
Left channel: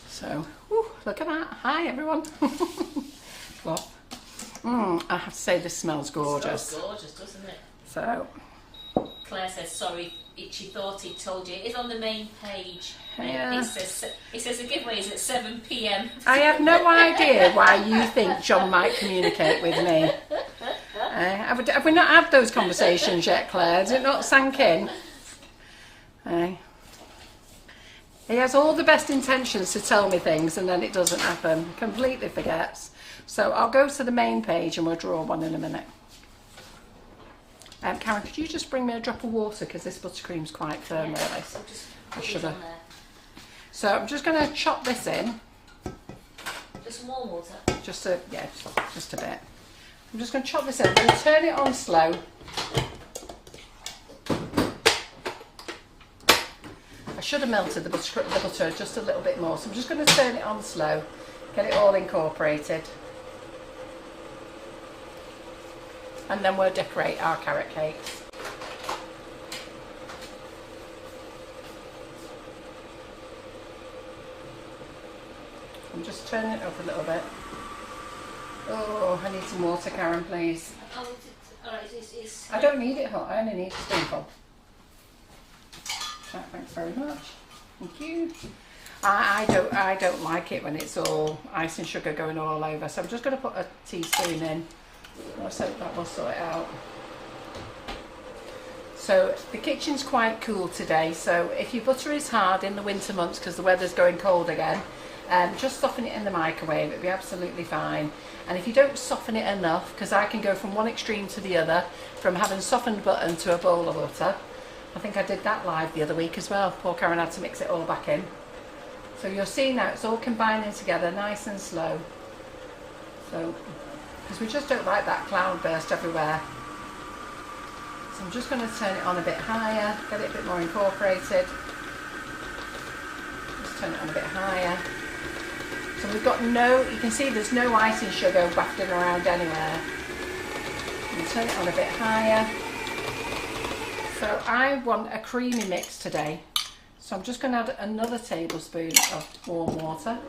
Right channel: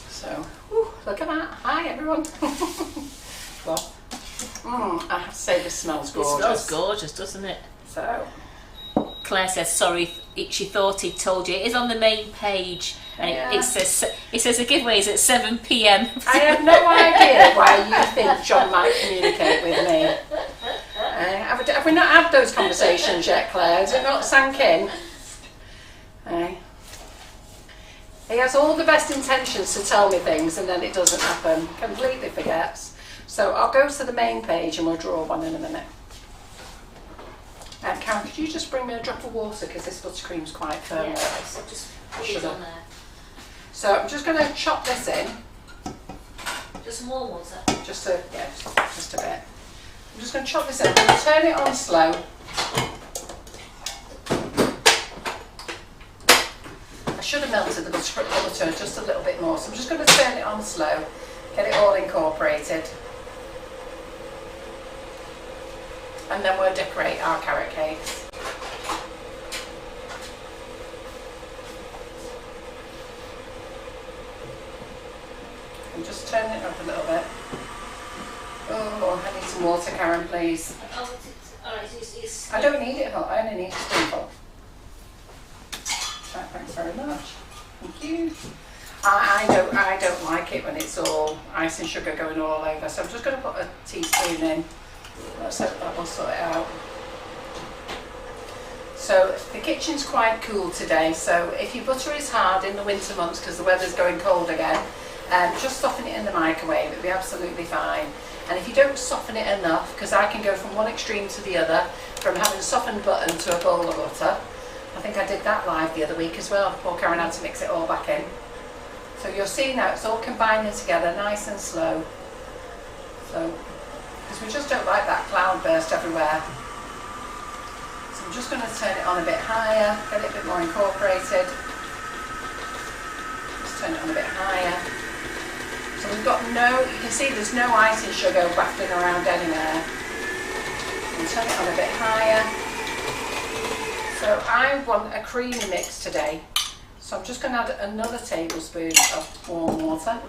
So, whew, look at that. Hi, everyone. What? I have to say, this smells gorgeous. It smells gorgeous, doesn't it? So... Claire says, sorry, she thought he'd told you. It is on the main page. Yeah. It says the giveaway is at 7 p.m. I have no idea why you think John might communicate with me. Have we not had those conversations yet, Claire? Has it not sank in? He has all the best intentions to tell me things, and then it doesn't happen. Completely forgets. So I'll go to the main page and we'll draw one in a minute. Karen, could you just bring me a drop of water, because this buttercream's quite firm. Yeah, so just put it on there. So I'm just going to chop this in. Just more water? Just a bit. I'm just going to chop this in. I'm going to turn it on slow. I should have melted the butter just a little bit more, so I'm just going to turn it on slow, get it all incorporated. And then we'll decorate our carrot cakes. I'm just turning it up a little bit. Oh, I need some water, Karen, please. Oh, alright, it's... I don't need it hot, I only need a spoonful. Right, thanks very much. Thank you. I don't like it when it's all ice and sugar going all over, so I'm just going to put a teaspoon in. Let's hope that will sort it out. So the kitchen's quite cool today, so if your butter is hard in the winter months because the weather's going cold again, just soften it in the microwave, it'll be absolutely fine. And if you don't soften it enough, because I can go from one extreme to the other, from having softened button to a bowl of butter. I think I did that live the other week as well. Poor Karen had to mix it all back in. So you'll see now it's all combining together nice and slow. So, because we just don't like that cloud burst everywhere. So I'm just going to turn it on a bit higher, get it a bit more incorporated. Just turn it on a bit higher. So we've got you can see there's no icing sugar wafting around anywhere. And turn it on a bit higher. So I want a creamy mix today. So I'm just going to add another tablespoon of warm water.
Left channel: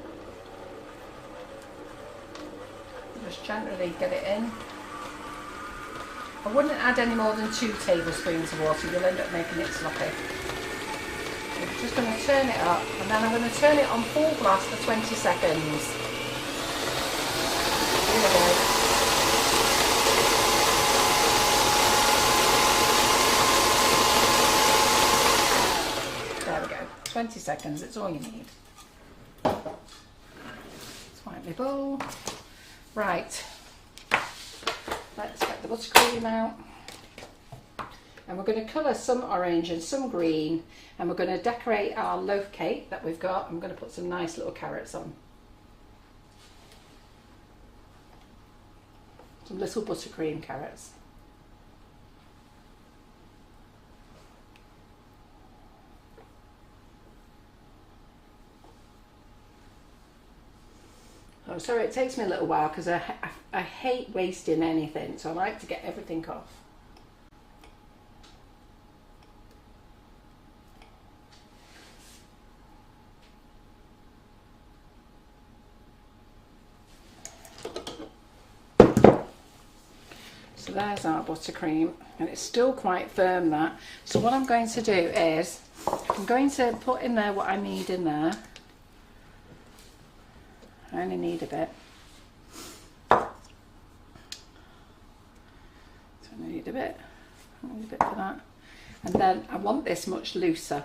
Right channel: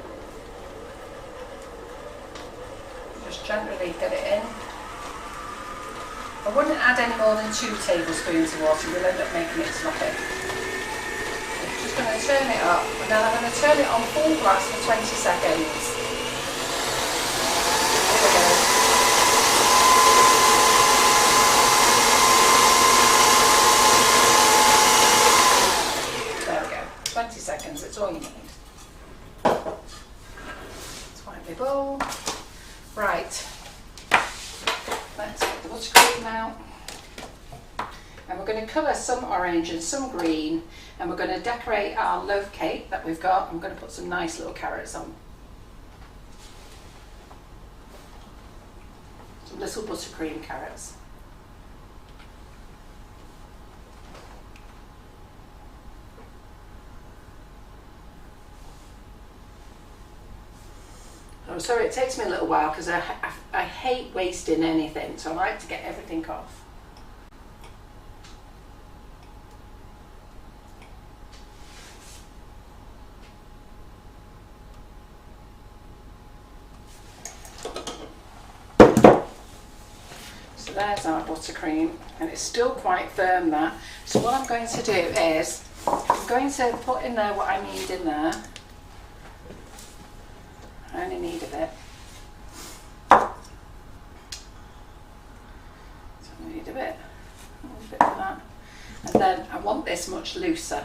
Just gently get it in. I wouldn't add any more than 2 tablespoons of water, you'll end up making it sloppy. I'm just going to turn it up, and then I'm going to turn it on full blast for 20 seconds. Here we go. There we go, 20 seconds, it's all you need. Let's wipe my bowl. Right, let's get the buttercream out. And we're going to colour some orange and some green, and we're going to decorate our loaf cake that we've got. I'm going to put some nice little carrots on. Some little buttercream carrots. Oh, sorry, it takes me a little while because I hate wasting anything, so I like to get everything off. So there's our buttercream, and it's still quite firm, that. So what I'm going to do is, I'm going to put in there what I need in there. I only need a bit. So I need a bit for that. And then I want this much looser.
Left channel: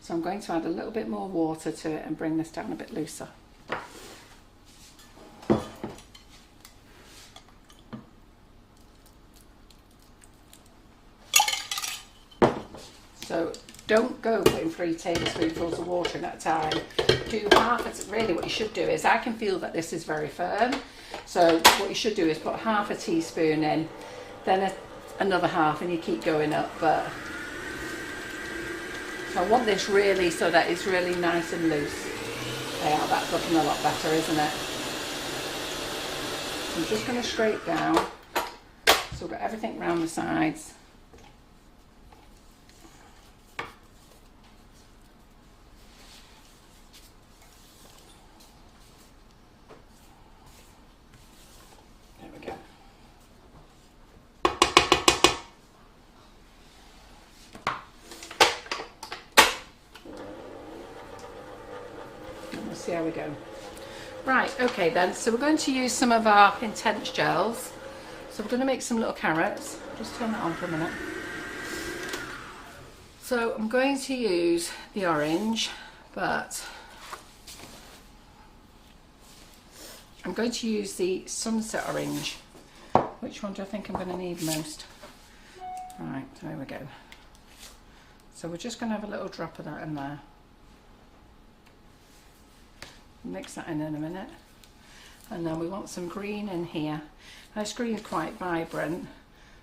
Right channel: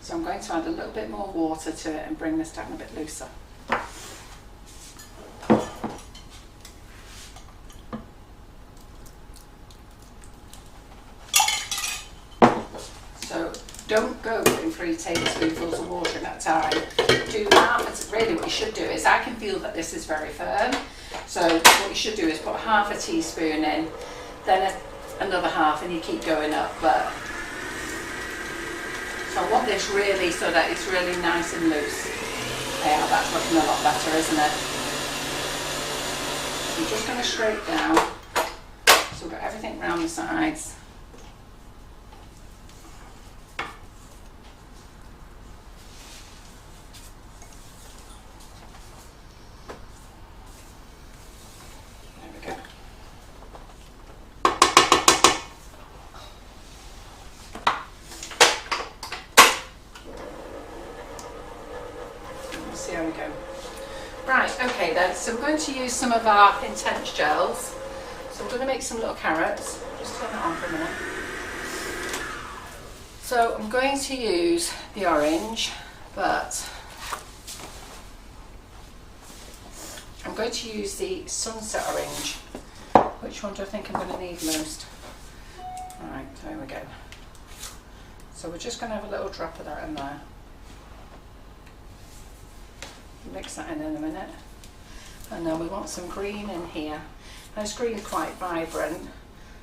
So I'm going to add a little bit more water to it and bring this down a bit looser. So don't go putting 3 tablespoonfuls of water in at a time. Do half. Really what you should do is, I can feel that this is very firm, so what you should do is put half a teaspoon in, then another half, and you keep going up. But so I want this really so that it's really nice and loose. Yeah, that's looking a lot better, isn't it? So I'm just going to scrape down, so we've got everything round the sides. See how we go. Right, okay then, so we're going to use some of our intense gels. So we're going to make some little carrots. Just turn that on for a minute. So I'm going to use the orange, but I'm going to use the sunset orange. Which one do I think I'm going to need most? Right, there we go. So we're just going to have a little drop of that in there. Mix that in a minute. And then we want some green in here. Now this green is quite vibrant,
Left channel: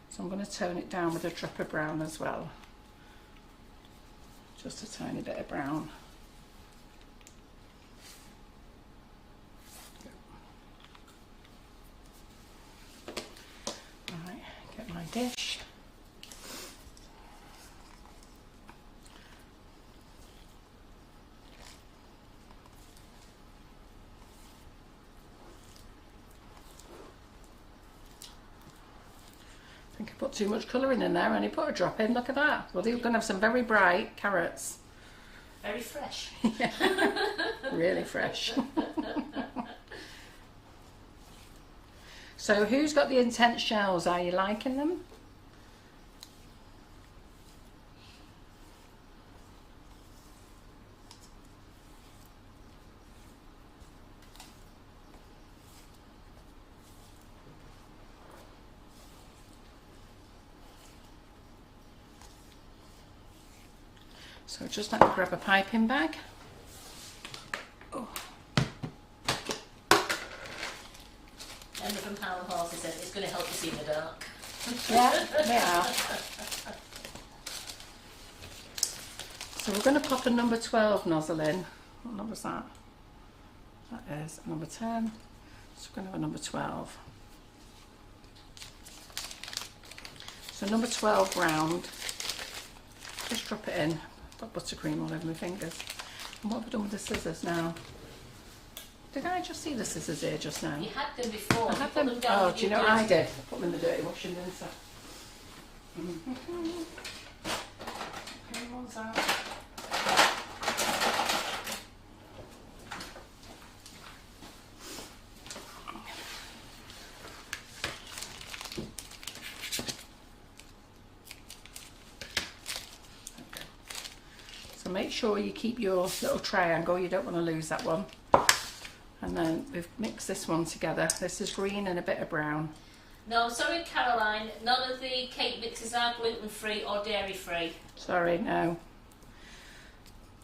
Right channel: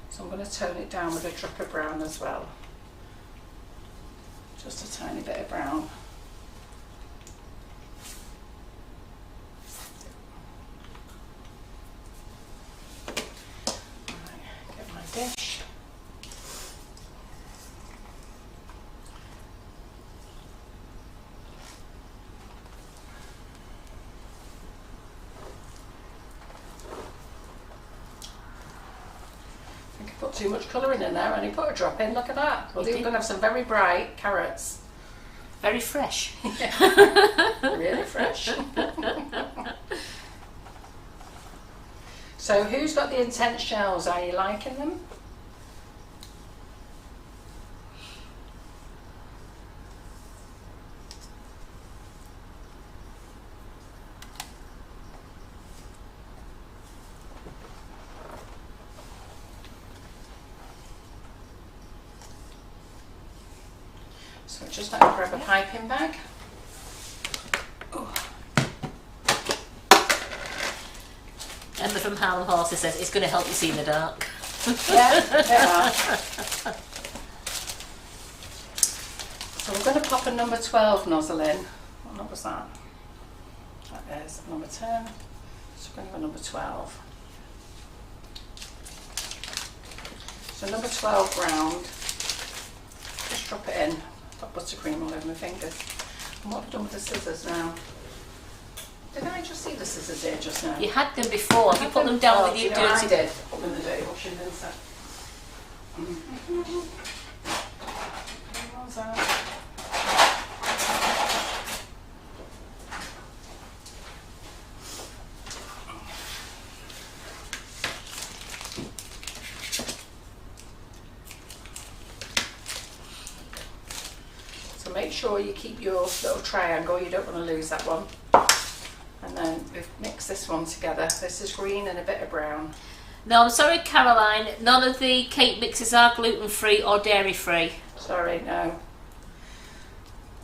so I'm going to tone it down with a drop of brown as well. Just a tiny bit of brown. Right, get my dish. I put too much colouring in there, and I put a drop in. Look at that. Well, these are going to have some very bright carrots. Very fresh. Really fresh. So who's got the intense shells? Are you liking them? So just let me grab a piping bag. Emma from Harlem Horses says it's going to help you see in the dark. Yeah, they are. So we're going to pop a number 12 nozzle in. What number's that? That is number 10. So we're going to go number 12. So number 12 round. Just drop it in. I've got buttercream all over my fingers. And what have I done with the scissors now? Did I just see the scissors here just now? You had them before. You put them down with you your know, I dirty. did. Put them in the dirty washing bin set. So make sure you keep your little triangle, you don't want to lose that one. And then we've mixed this one together. This is green and a bit of brown. No, I'm sorry, Caroline. None of the cake mixes are gluten-free or dairy-free. Sorry, no.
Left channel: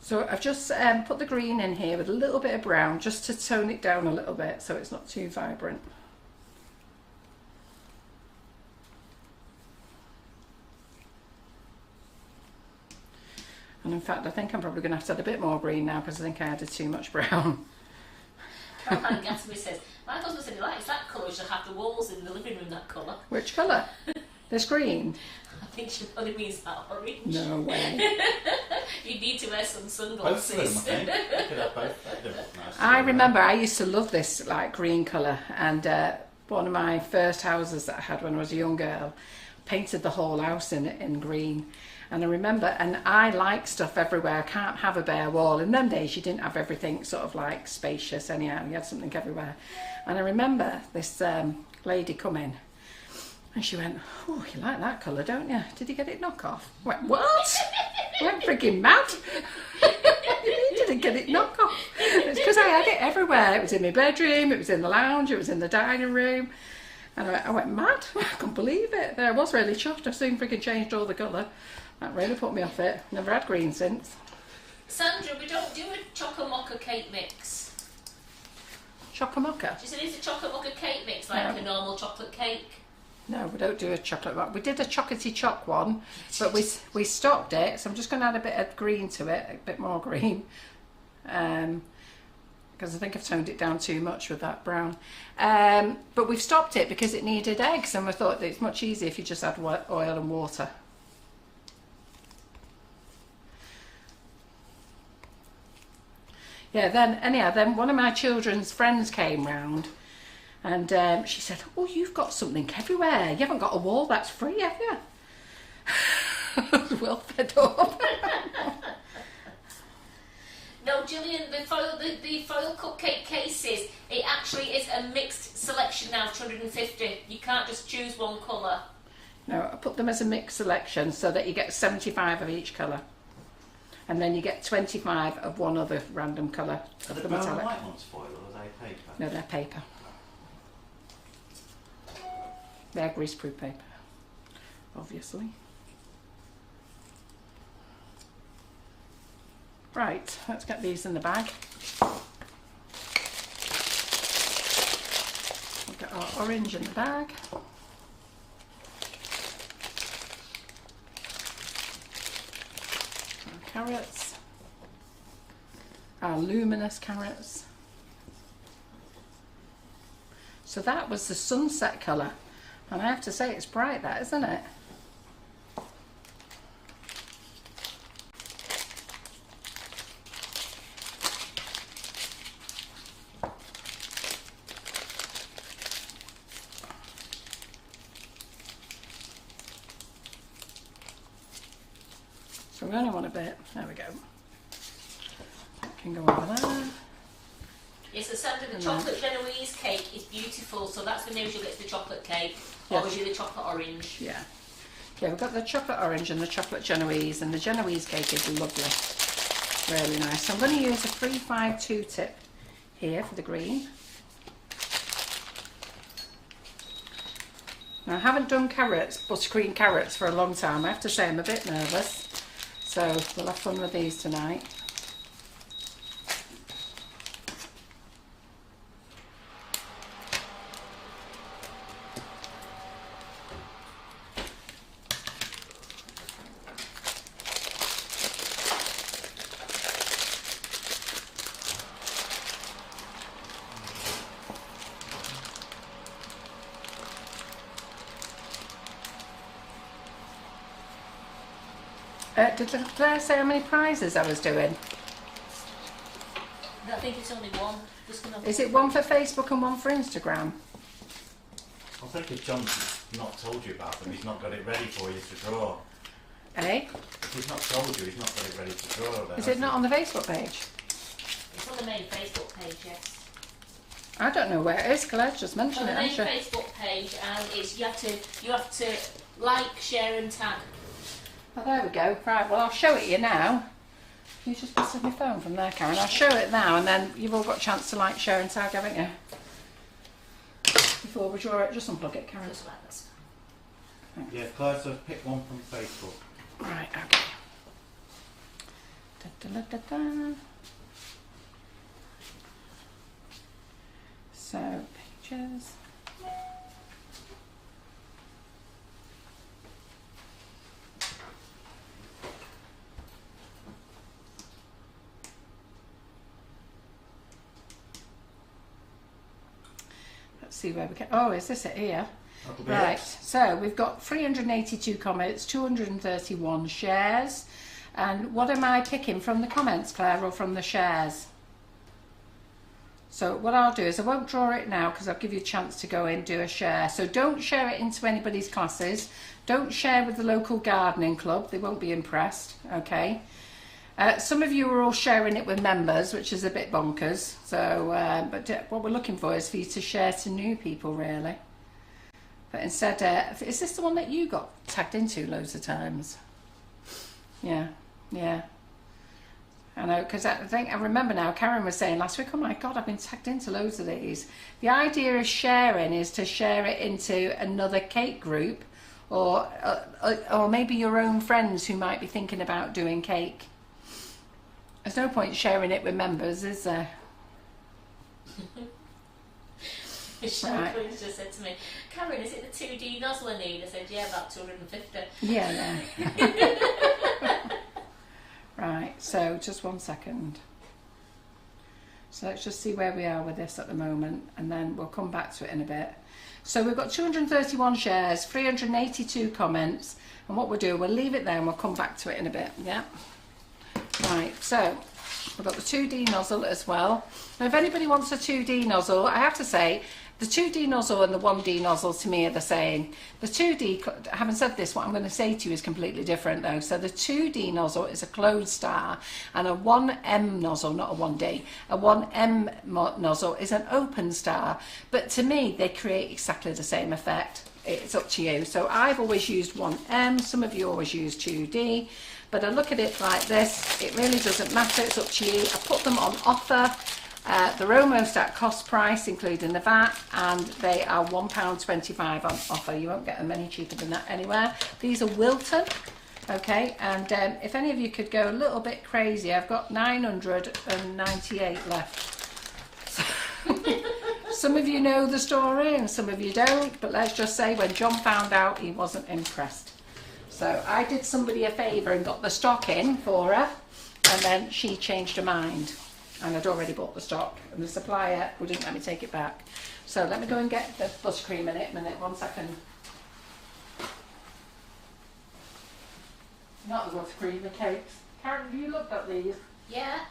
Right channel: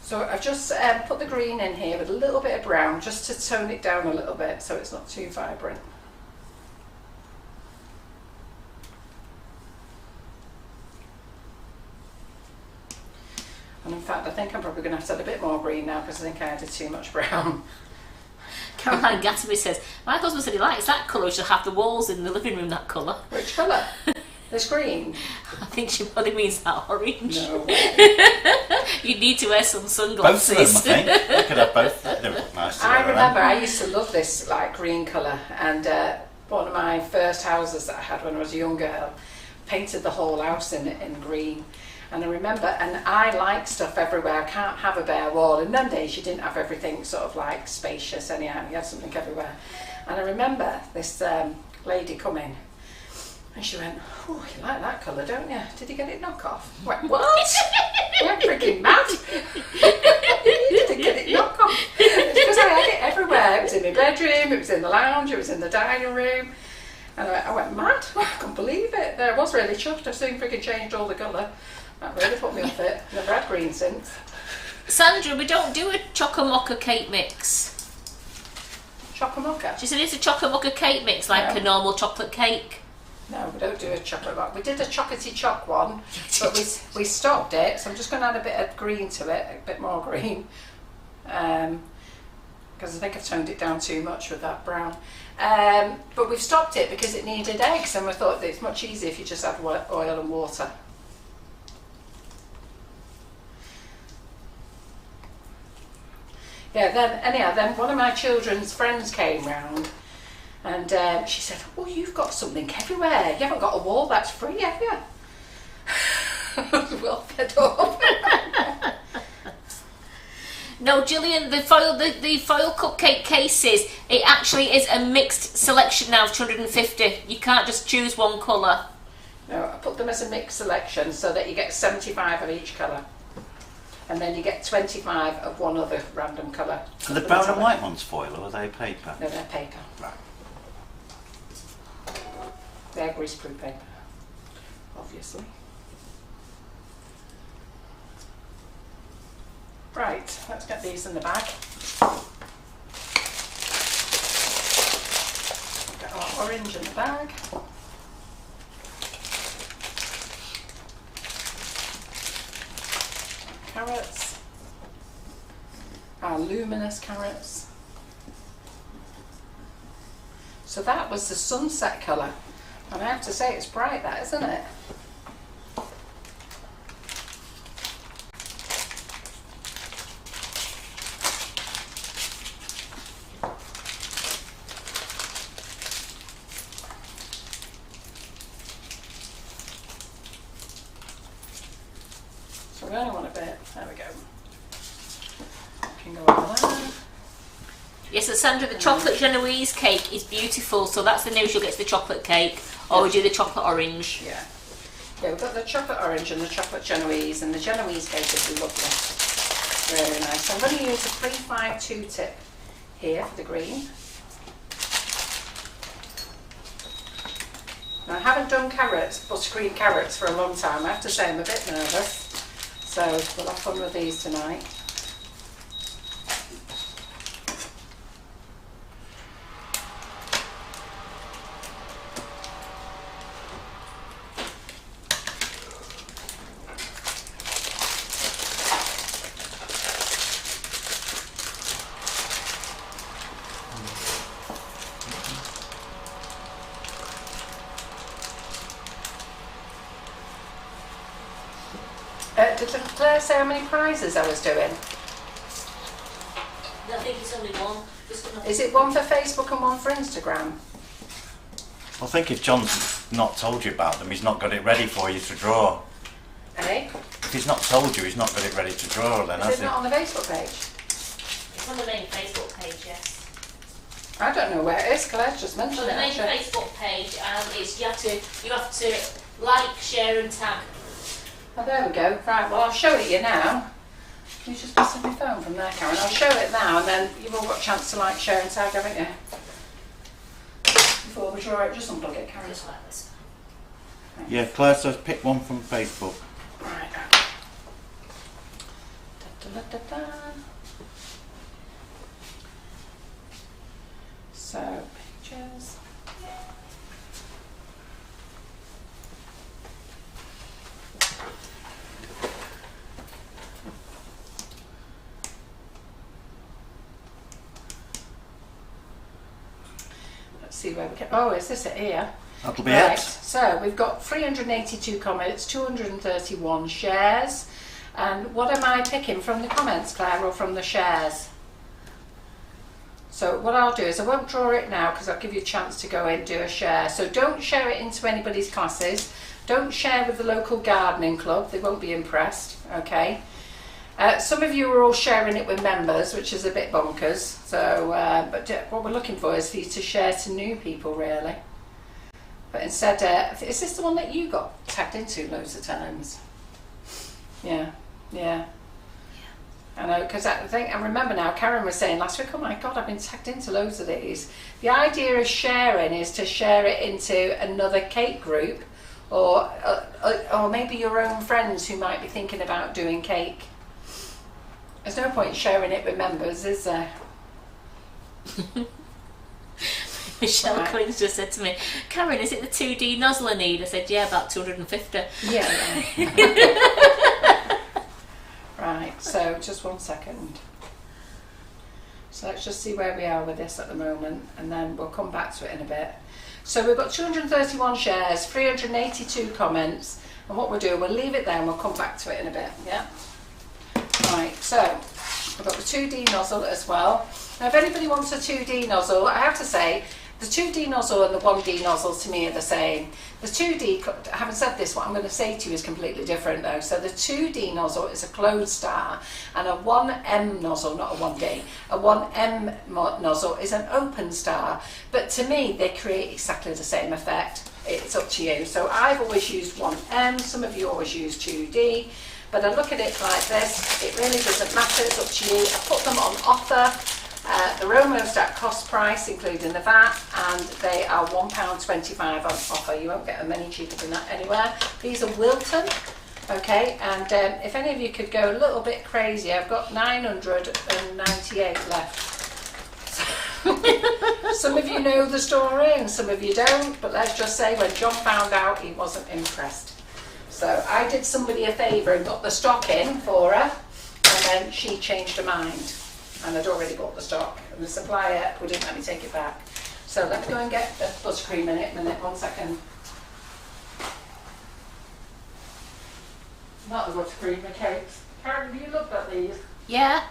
So I've just put the green in here with a little bit of brown just to tone it down a little bit so it's not too vibrant. And in fact, I think I'm probably going to have to add a bit more green now because I think I added too much brown. Caroline Gatterby says, my husband said he likes that colour, we should have the walls in the living room that colour. Which colour? This green? I think she probably means that orange. No way. You need to wear some Both sunglasses. of them, I think. You could have both. They look nice. I remember I used to love this like green colour, and one of my first houses that I had when I was a young girl painted the whole house in green. And I remember, and I like stuff everywhere. I can't have a bare wall. In them days, you didn't have everything sort of like spacious anyhow. You had something everywhere. And I remember this lady coming, and she went, "Oh, you like that colour, don't you? Did you get it knock off?" I went, "What?" I went freaking mad. You didn't get it knock off. It's because I had it everywhere. It was in my bedroom, it was in the lounge, it was in the dining room. And I went mad. I couldn't believe it. I was really chuffed. I soon freaking changed all the colour. That really put me off it. Never had green since. Sandra, we don't do a chocolate cake mix. Chocolate? She said it's a chocolate cake mix, like a normal chocolate cake. No, we don't do a chocolate mocha. We did a chocolatey choc one, but we stopped it. So I'm just going to add a bit of green to it, a bit more green, because I think I've toned it down too much with that brown. But we've stopped it because it needed eggs, and we thought that it's much easier if you just add oil and water. Yeah, then one of my children's friends came round, and she said, "Oh, you've got something everywhere. You haven't got a wall that's free, have you?" Well fed up. No, Gillian, the foil cupcake cases, it actually is a mixed selection now of 250. You can't just choose one colour. No, I put them as a mixed selection so that you get 75 of each colour. And then you get 25 of one other random colour. Are the brown and white ones foil, or are they paper? No, they're paper. Right. They're greaseproof paper, obviously. Right, let's get these in the bag. We'll get our orange in the bag. Carrots, our luminous carrots. So that was the sunset colour, and I have to say it's bright, that, isn't it? So we only want a bit. There we go. Can go over there. Yes, so Sandra, the chocolate Genoese cake is beautiful, so that's the news you'll get to the chocolate cake, or we do the chocolate orange. Yeah. Yeah, we've got the chocolate orange and the chocolate Genoese, and the Genoese cake is lovely. Really nice. So I'm going to use a 352 tip here for the green. Now I haven't done carrots, buttercream carrots, for a long time. I have to say I'm a bit nervous. So we'll have fun with these tonight. Did Claire say how many prizes I was doing? I think it's only one. Is it one for Facebook and one for Instagram? I think if John's not told you about them, he's not got it ready for you to draw. Eh? If he's not told you, he's not got it ready to draw then, Is has it he? not on the Facebook page? It's on the main Facebook page, yes. I don't know where it is. Claire's just On mentioned the it, main hasn't she? Facebook page, and it's you have to like, share, and tag. Oh, there we go. Right, well, I'll show it you now. Can you just pass my phone from there, Karen? I'll show it now, and then you've all got a chance to like, share, and tag, haven't you? Before we draw it, just unplug it, Karen. Just like this. Yeah, Claire says pick one from Facebook. Right, okay. Da, da, da, da, da. So, pictures. Let's see where we get. Oh, is this it here? That'll be Right, it. so we've got 382 comments, 231 shares. And what am I picking from the comments, Claire, or from the shares? So what I'll do is I won't draw it now because I'll give you a chance to go in and do a share. So don't share it into anybody's classes. Don't share with the local gardening club. They won't be impressed, okay? Some of you are all sharing it with members, which is a bit bonkers. So, but what we're looking for is for you to share to new people, really. But instead, is this the one that you got tagged into loads of times? Yeah, yeah. I know, because I remember now, Karen was saying last week, oh my God, I've been tagged into loads of these. The idea of sharing is to share it into another cake group or maybe your own friends who might be thinking about doing cake. There's no point sharing it with members, is there? Michelle Quinn just said to me, Karen, is it the 2D nozzle I need? I said, yeah, about 250. Yeah. Right, so just 1 second. So let's just see where we are with this at the moment, and then we'll come back to it in a bit. So we've got 231 shares, 382 comments, and what we'll do, we'll leave it there and we'll come back to it in a bit, yeah? Right, so we've got the 2D nozzle as well. Now if anybody wants a 2D nozzle, I have to say, the 2D nozzle and the 1D nozzle to me are the same. The 2D, having said this, what I'm going to say to you is completely different though. So the 2D nozzle is a closed star, and a 1M nozzle, not a 1D, a 1M nozzle is an open star. But to me, they create exactly the same effect. It's up to you. So I've always used 1M, some of you always use 2D. But I look at it like this, it really doesn't matter, it's up to you. I put them on offer. They're almost at cost price, including the VAT, and they are £1.25 on offer. You won't get them any cheaper than that anywhere. These are Wilton, okay, and if any of you could go a little bit crazy, I've got 998 left. Some of you know the story and some of you don't, but let's just say when John found out, he wasn't impressed. So I did somebody a favour and got the stock in for her, and then she changed her mind. And I'd already bought the stock, and the supplier wouldn't let me take it back. So let me go and get the buttercream in it. 1 second. Not the buttercream, the cakes. Karen, have you looked at these? Yeah.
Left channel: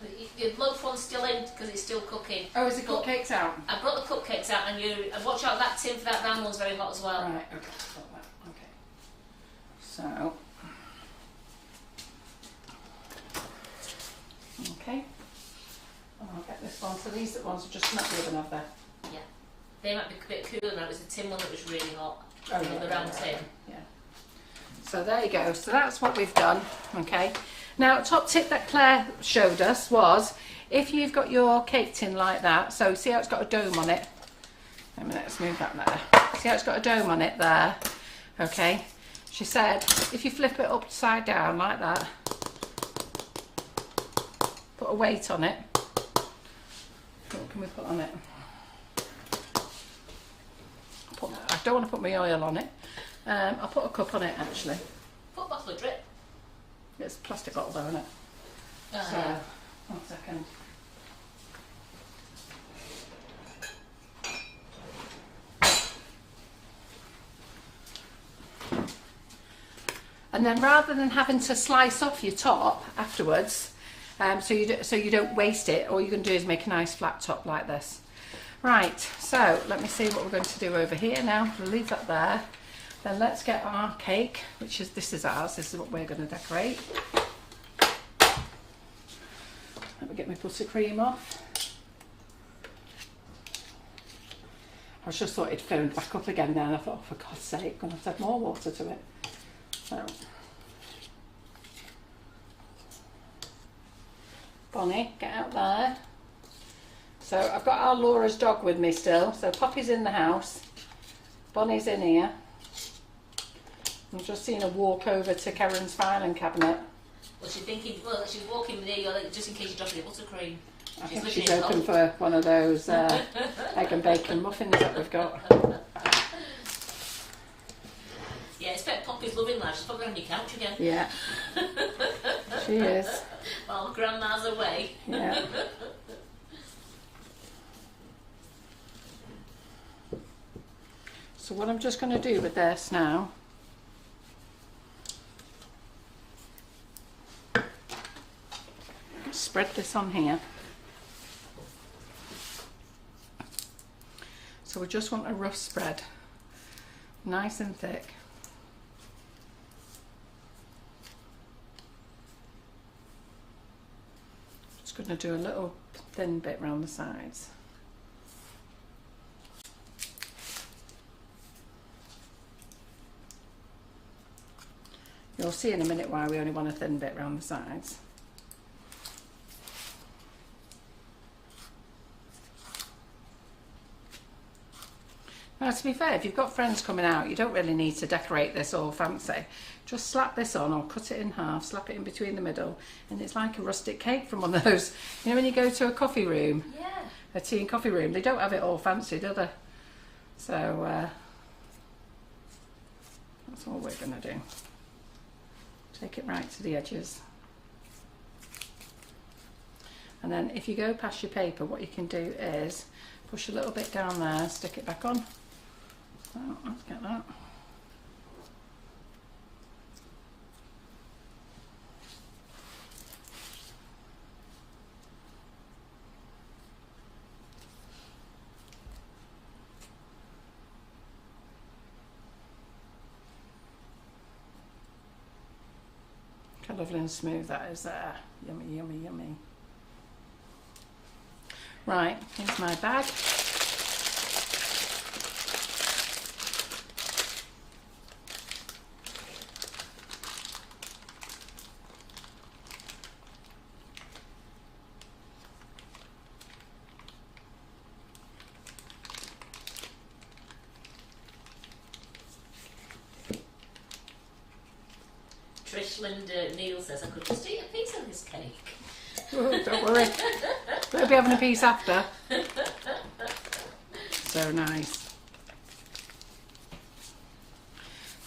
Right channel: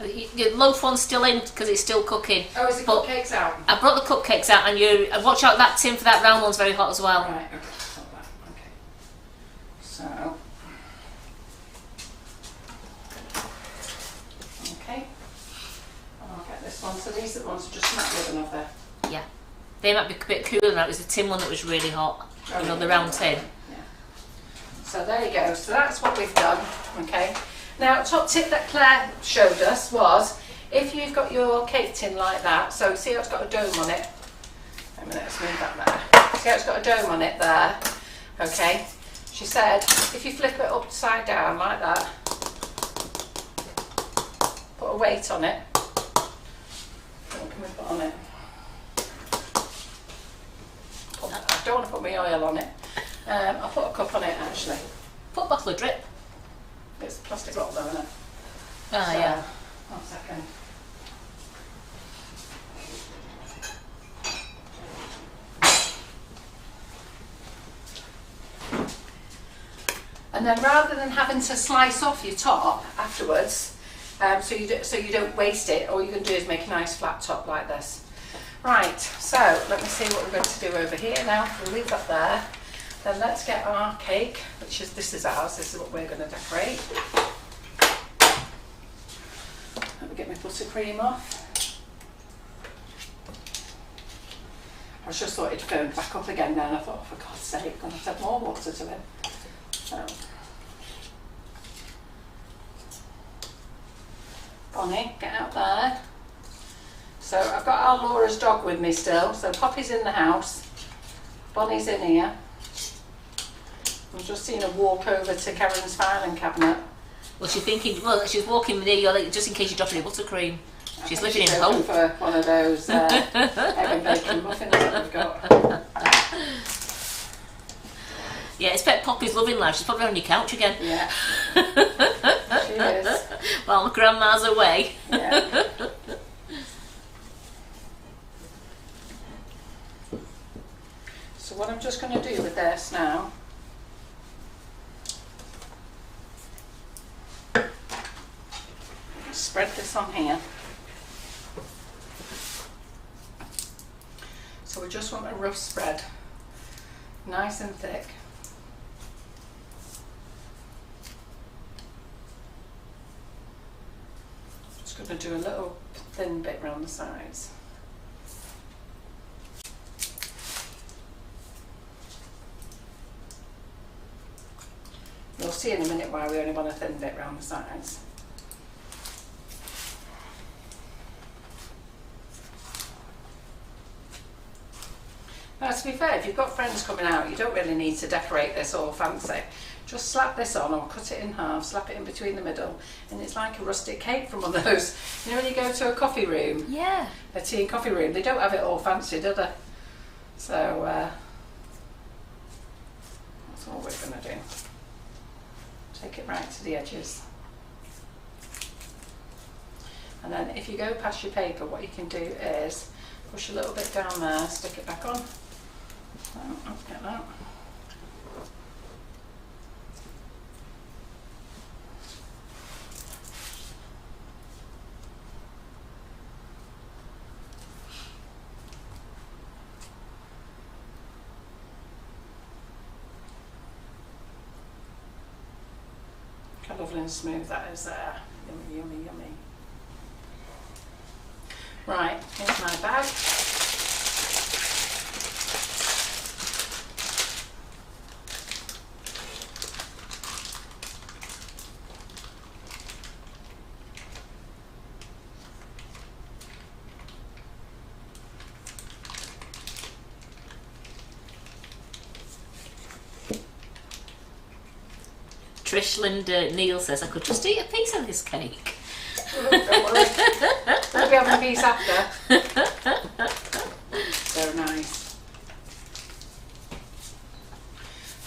The loaf one's still in because it's still cooking. Oh, is it cupcakes out? I brought the cupcakes out, and watch out that tin for that round one's very hot as well. Right, okay. Stop that. Okay. So. Okay. I'll get this one. So these are the ones that just smack the oven off there. Yeah. They might be a bit cooler now. It was the tin one that was really hot. Oh, you know, yeah, the round yeah, tin. Yeah. So there you go. So that's what we've done. Okay. Now, top tip that Claire showed us was if you've got your cake tin like that. So see how it's got a dome on it. Wait a minute. Let's move that there. See how it's got a dome on it there. Okay. She said if you flip it upside down like that, put a weight on it. What can we put on it? I don't want to put my oil on it. I'll put a cup on it actually. Put a bottle of drip. It's a plastic bottle though, isn't it? Ah, So, yeah. 1 second. And then rather than having to slice off your top afterwards, so you don't waste it, all you're going to do is make a nice flat top like this. Right, so let me see what we're going to do over here now. We'll leave that there. Then let's get our cake, this is ours, this is what we're going to decorate. Let me get my buttercream off. I just thought it'd phoned back up again then. I thought, oh, for God's sake, I'm going to have to add more water to it. So, Bonnie, get out there. So I've got our Laura's dog with me still. So Poppy's in the house. Bonnie's in here. I've just seen her walk over to Karen's filing cabinet. Well, she's thinking, well, she's walking with you, like, just in case you drop any buttercream. She's living she's in home hope. for one of those egg and bacon muffins that we've got. Yeah, expect Poppy's loving life. She's probably on your couch again. Yeah, she is. While Grandma's away. Yeah. So what I'm just going to do with this now, spread this on here. So we just want a rough spread, nice and thick. Just going to do a little thin bit around the sides. You'll see in a minute why we only want a thin bit around the sides. Now, to be fair, if you've got friends coming out, you don't really need to decorate this all fancy. Just slap this on or cut it in half, slap it in between the middle, and it's like a rustic cake from one of those. You know when you go to a coffee room? Yeah. A tea and coffee room, they don't have it all fancy, do they? So, that's all we're going to do. Take it right to the edges. And then if you go past your paper, what you can do is push a little bit down there, stick it back on. Oh, let's get that. How lovely and smooth that is there. Yummy, yummy, yummy. Right, here's my bag. Trish Linda Neil says, I could just eat a piece of this cake. Don't worry. We'll be having a piece after. So nice.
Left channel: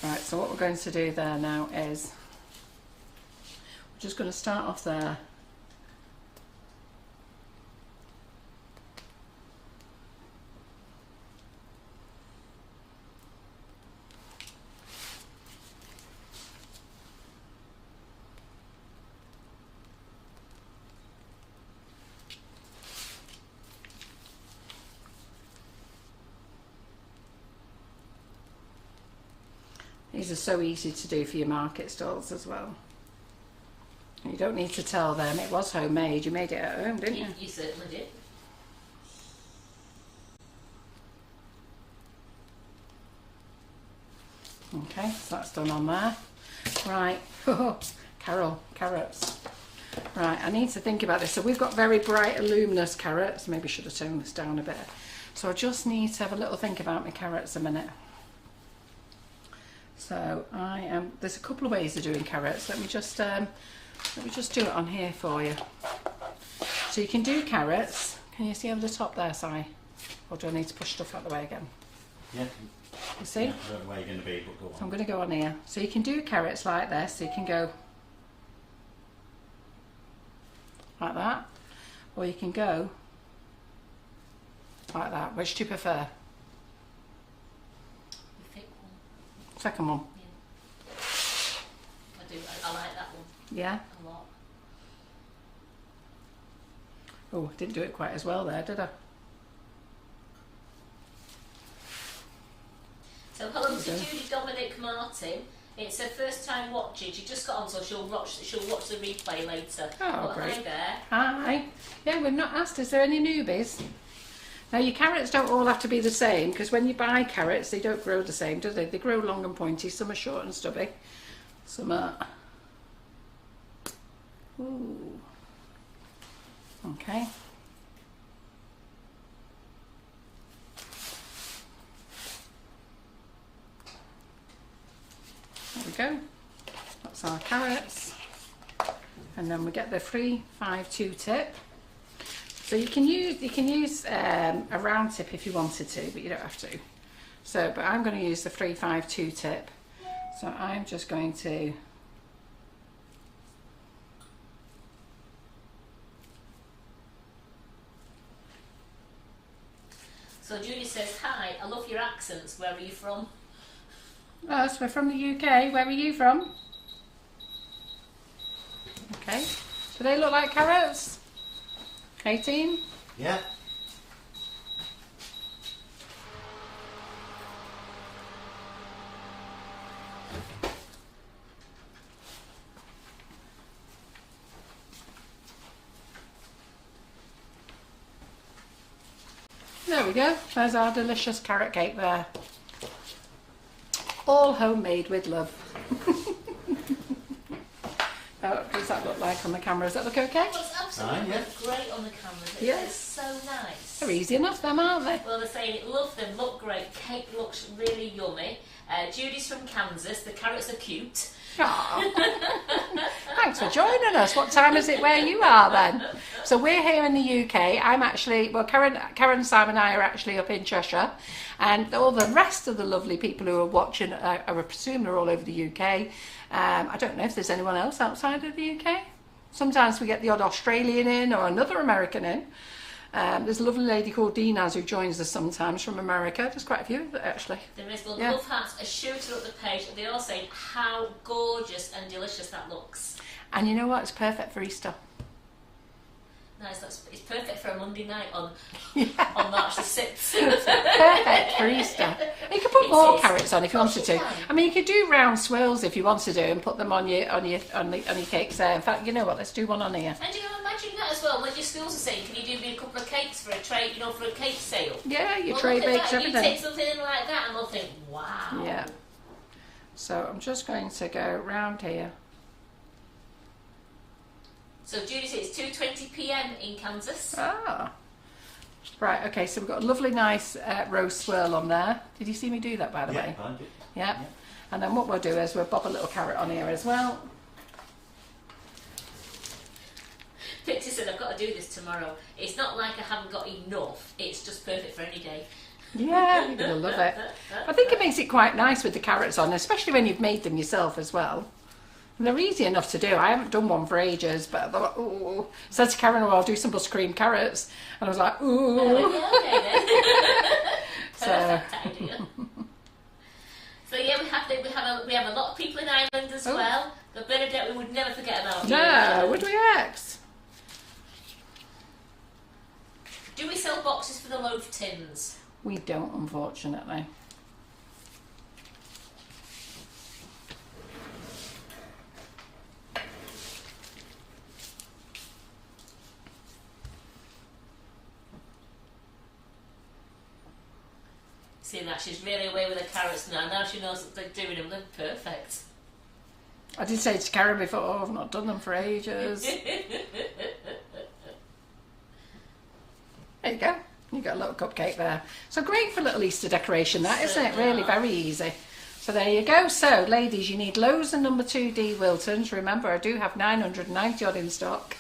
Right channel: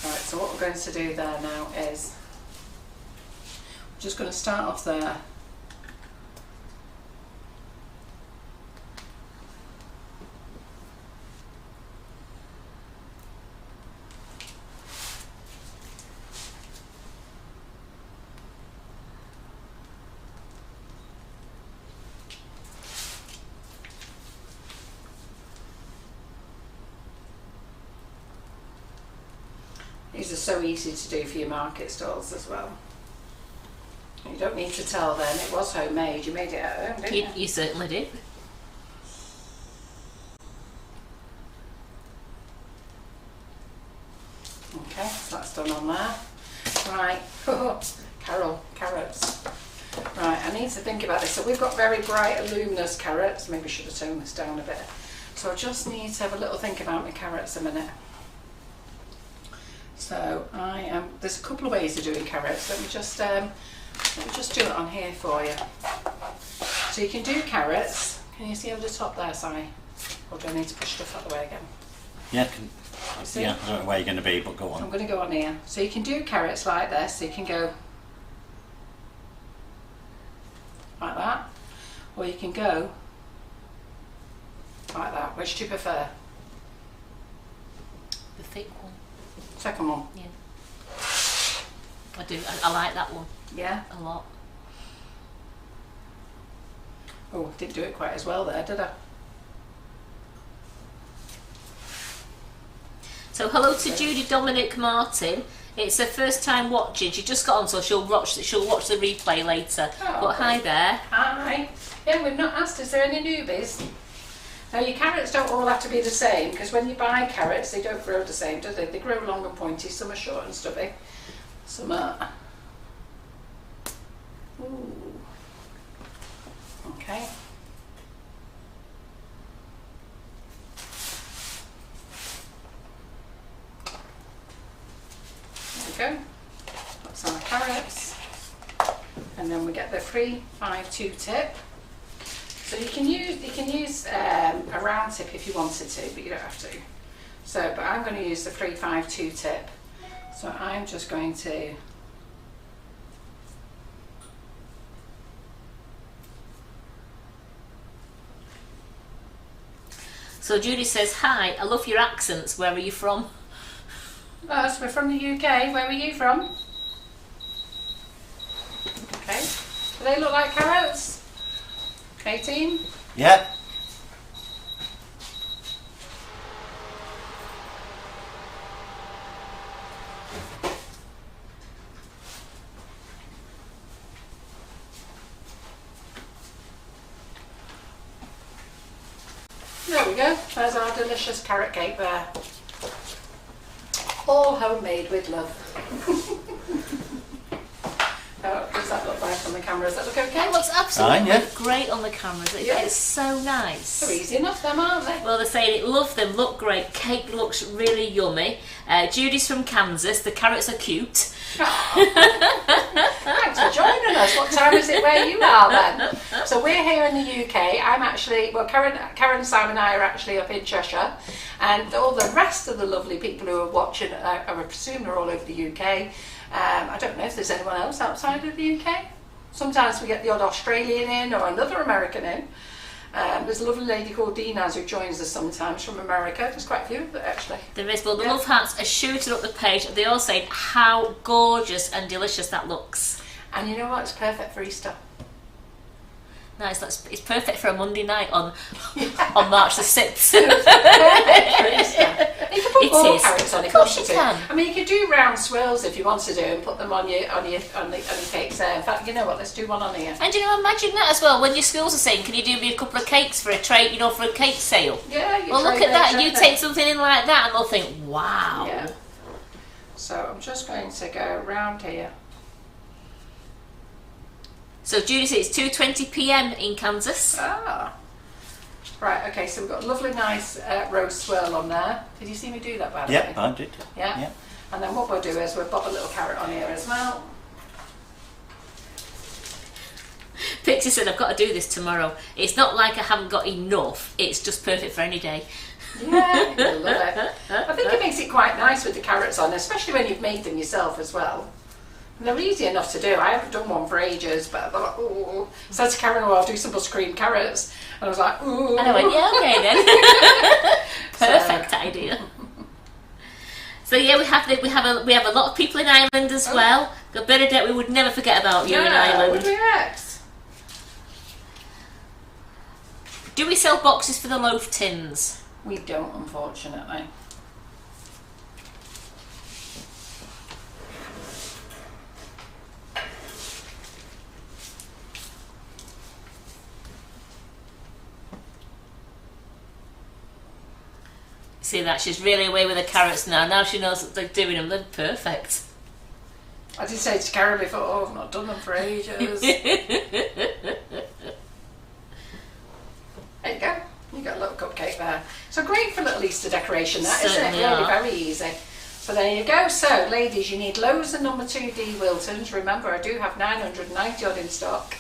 Right, so what we're going to do there now is we're just going to start off there. These are so easy to do for your market stalls as well. You don't need to tell them it was homemade. You made it at home, didn't you? You certainly did. Okay, so that's done on there. Right, Carol, carrots. Right, I need to think about this. So we've got very bright, luminous carrots. Maybe I should have toned this down a bit. So I just need to have a little think about my carrots a minute. So there's a couple of ways of doing carrots. Let me just do it on here for you. So you can do carrots. Can you see over the top there, Si? Or do I need to push stuff out of the way again? Yeah, You see? yeah, I don't know where you're going to be, but go on. I'm going to go on here. So you can do carrots like this. So you can go like that, or you can go like that. Which do you prefer? The thick one. Second one. Yeah. I do. I like that one. Yeah. A lot. Oh, didn't do it quite as well there, did I? So hello to Judy Dominic Martin. It's her first time watching. She just got on, so she'll watch the replay later. Oh, but hi there. Hi. Yeah, we've not asked, is there any newbies? Now your carrots don't all have to be the same, because when you buy carrots they don't grow the same, do they? They grow long and pointy, some are short and stubby. Some are... Ooh. Okay. There we go. That's our carrots. And then we get the 352 tip. So you can use a round tip if you wanted to, but you don't have to. So, but I'm going to use the 352 tip. So I'm just going to So Judy says, hi, I love your accents. Where are you from? Oh, so we're from the UK. Where are you from? Okay. Do they look like carrots? 18? Yeah. There we go. There's our delicious carrot cake there. All homemade with love. What does that look like on the camera? Does that look okay? It looks absolutely Fine, yeah. great on the cameras. Yeah. It's so nice. They're easy enough, them, aren't they? Well, they're saying it, love them, look great, cake looks really yummy. Judy's from Kansas, the carrots are cute. Thanks for joining us. What time is it where you are then? So we're here in the UK. I'm actually, well, Karen, Sam and I are actually up in Cheshire, and all the rest of the lovely people who are watching, I presume they're all over the UK. I don't know if there's anyone else outside of the UK. Sometimes we get the odd Australian in or another American in. There's a lovely lady called Dinaz who joins us sometimes from America. There's quite a few of it actually. There is, well, the Yeah. love hearts are shooting up the page. They're all saying how gorgeous and delicious that looks. And you know what? It's perfect for Easter. Nice, it's perfect for a Monday night on March the 6th. Perfect for Easter. You can put It more is. carrots on if Of you course wanted you to. can. I mean, you could do round swirls if you wanted to and put them on your cakes there. In fact, you know what? Let's do one on here. And you know, imagine that as well. When your schools are saying, can you do me a couple of cakes for a tray, for a cake sale? Yeah, you Well, try look at bakes, that. You don't take something in like that, and they'll think, wow. Yeah. So I'm just going to go round here. So Judy says it's 2:20 p.m. in Kansas. Ah. Right, okay, so we've got a lovely nice rose swirl on there. Did you see me do that, by the way? Yeah, I did. Yeah? Yeah. And then what we'll do is we'll bob a little carrot on here as well. Pixie said, I've got to do this tomorrow. It's not like I haven't got enough. It's just perfect for any day. Yeah, you'll love it. I think it makes it quite nice with the carrots on, especially when you've made them yourself as well. And they're easy enough to do. I haven't done one for ages, but I thought, oh. Said to Karen, well, I'll do some buttercream carrots. And I was like, ooh. And I went, yeah, okay then. Perfect idea. So yeah, we have a lot of people in Ireland as well. Got Bernadette, we would never forget about you in Yeah, Ireland. would we ex? Do we sell boxes for the loaf tins? We don't, unfortunately. See that? She's really away with the carrots now. Now she knows that they're doing them. They're perfect. I did say to Karen before, oh, I've not done them for ages. There you go. You got a little cupcake there. So great for a little Easter decoration, that, isn't it? Certainly Really are. very easy. So there you go. So, ladies, you need loaves and number 2D Wiltons. Remember, I do have 990 odd in stock.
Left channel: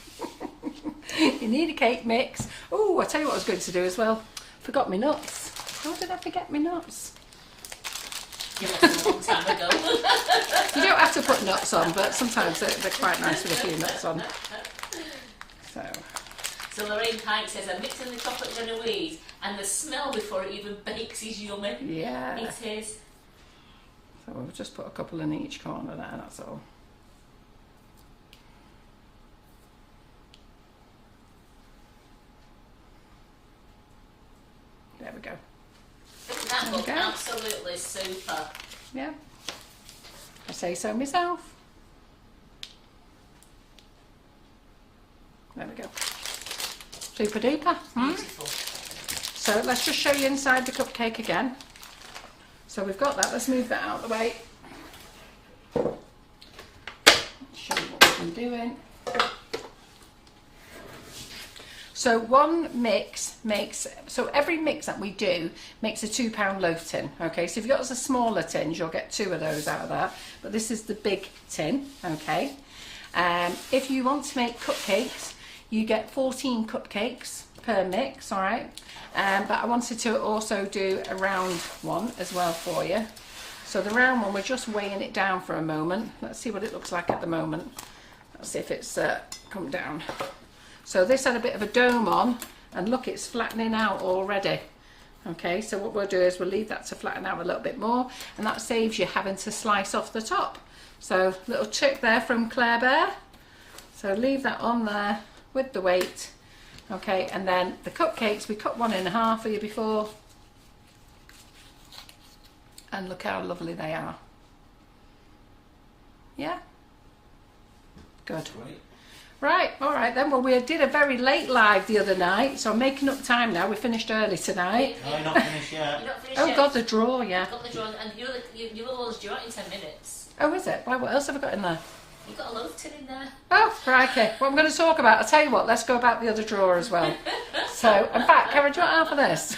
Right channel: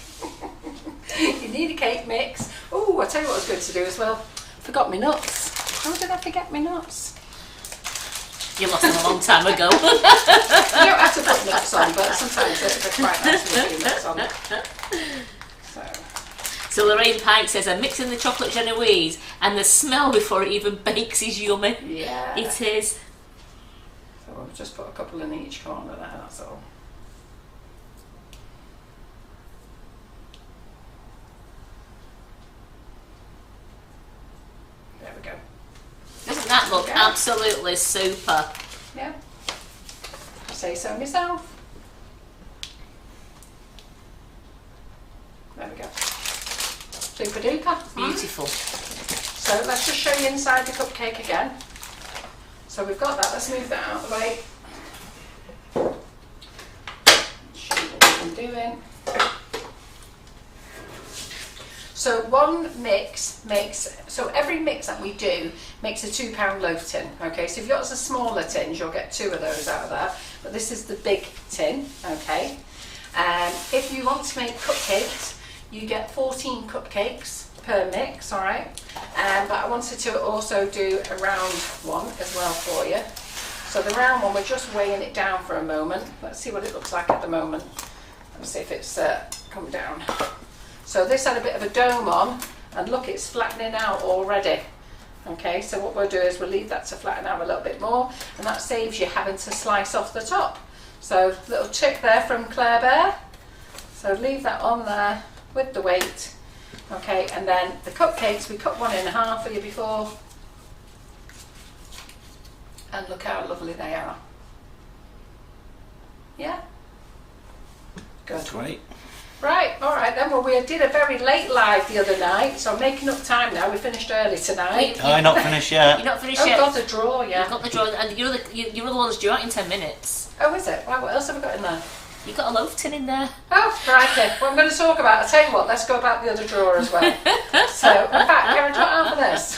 You need a cake mix. Oh, I'll tell you what I was going to do as well. Forgot my nuts. How did I forget my nuts? You lost them a long time ago. You don't have to put nuts on, but sometimes they're quite nice with a few nuts on. So Lorraine Pike says, I'm mixing the chocolate genovese and the smell before it even bakes is yummy. Yeah. It is. So we'll just put a couple in each corner there, that's all. That look Okay. absolutely super. Yeah. I say so myself. There we go. Super duper. Beautiful. So let's just show you inside the cupcake again. So we've got that. Let's move that out of the way. Show you what we've been doing. So one mix makes, so every mix that we do makes a £2 loaf tin. Okay, so if you've got the smaller tins, you'll get 2 of those out of that. But this is the big tin. Okay. If you want to make cupcakes, you get 14 cupcakes per mix. All right. But I wanted to also do a round one as well for you. So the round one, we're just weighing it down for a moment. Let's see what it looks like at the moment. Let's see if it's come down. So this had a bit of a dome on, and look, it's flattening out already. Okay, so what we'll do is we'll leave that to flatten out a little bit more, and that saves you having to slice off the top. So little trick there from Claire Bear. So leave that on there with the weight. Okay, and then the cupcakes, we cut one in half for you before. And look how lovely they are. Yeah? Good. Great. Right, alright then. Well, we did a very late live the other night, so I'm making up time now. We finished early tonight. Oh, not finished yet. You're not finished Oh, yet. God, the drawer, yeah. You've got the drawer, and your other one's due out in 10 minutes. Oh, is it? Wow, what else have I got in there? You've got a loaf tin in there. Oh, crikey. What I'm going to talk about, I'll tell you what, let's go about the other drawer as well. So, in fact, Karen, do you want half of this?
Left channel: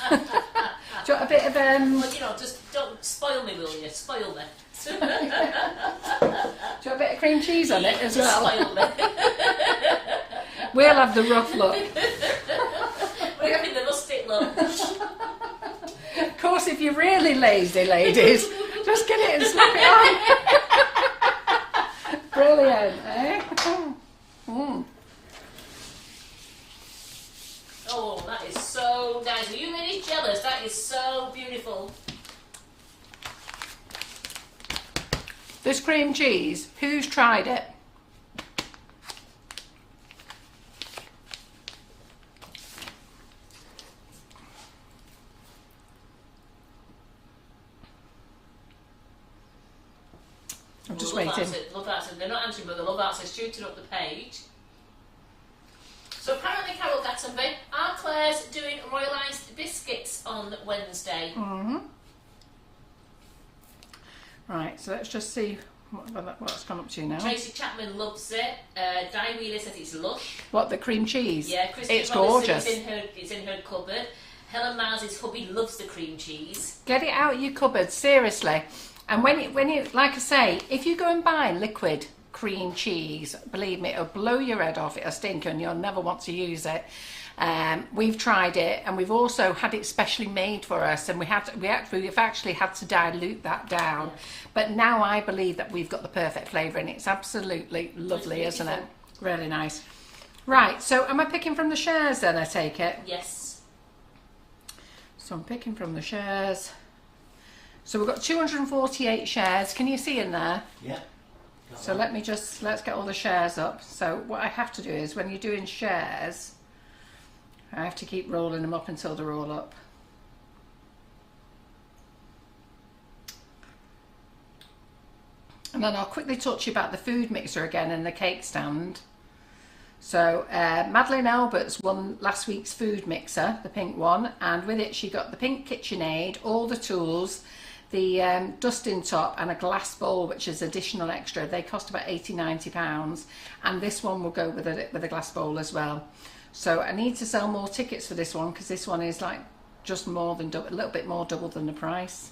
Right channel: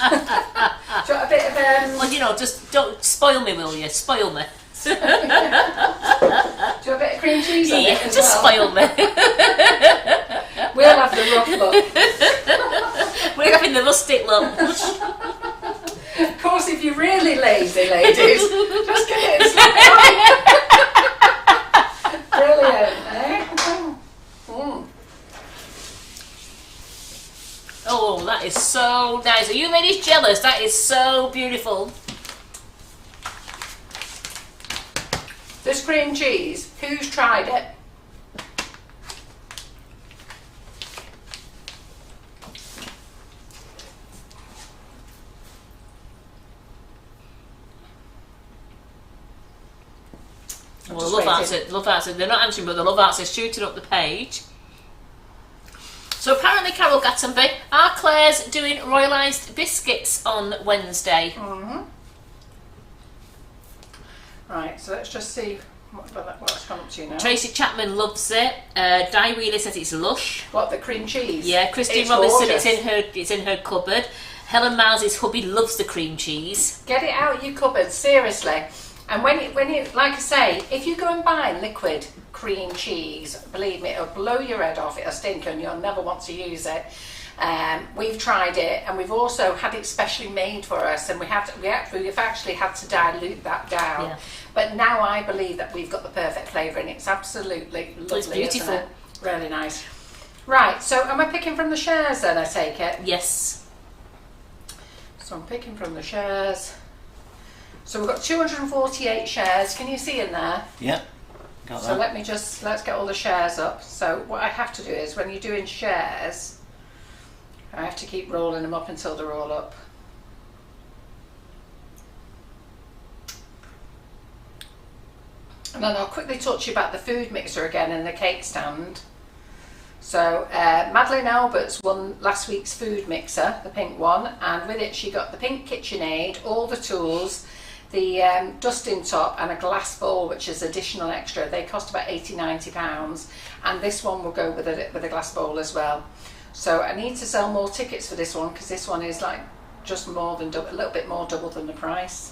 Do you want a bit of, Well, you know, just don't spoil me, will you? Spoil me. do you want a bit of cream cheese on Yeah, it as just well? spoil me. We'll have the rough look. We're having the rustic look. Of course, if you're really lazy, ladies, just get it and slap it on. Brilliant, eh? Mm. Oh, that is so nice. Are you ladies jealous? That is so beautiful. This cream cheese, who's tried it? Well, love answer. They're not answering, but the love answer's shooting up the page. So apparently, Carol Gattenby, our Claire's doing royalised biscuits on Wednesday. Right, so let's just see what's come up to you now. Tracy Chapman loves it. Di Wheeler says it's lush. What, the cream cheese? Yeah, Christine It's Robinson, gorgeous. it's in her cupboard. Helen Miles's hubby loves the cream cheese. Get it out of your cupboard, seriously. And when you, like I say, if you go and buy liquid cream cheese, believe me, it'll blow your head off. It'll stink and you'll never want to use it. We've tried it, and we've also had it specially made for us, and we've actually had to dilute that down. Yeah. But now I believe that we've got the perfect flavour, and it's absolutely lovely, It's isn't beautiful. it? Really nice. Right, so am I picking from the shares then, I take it? Yes. So I'm picking from the shares. So we've got 248 shares. Can you see in there? Yep. Got So that. let's get all the shares up. So what I have to do is, when you're doing shares, I have to keep rolling them up until they're all up. And then I'll quickly talk to you about the food mixer again and the cake stand. So Madeleine Alberts won last week's food mixer, the pink one, and with it she got the pink KitchenAid, all the tools, the dusting top, and a glass bowl, which is additional extra. They cost about £80–90, and this one will go with a glass bowl as well. So I need to sell more tickets for this one, because this one is like just more than a little bit more double than the price.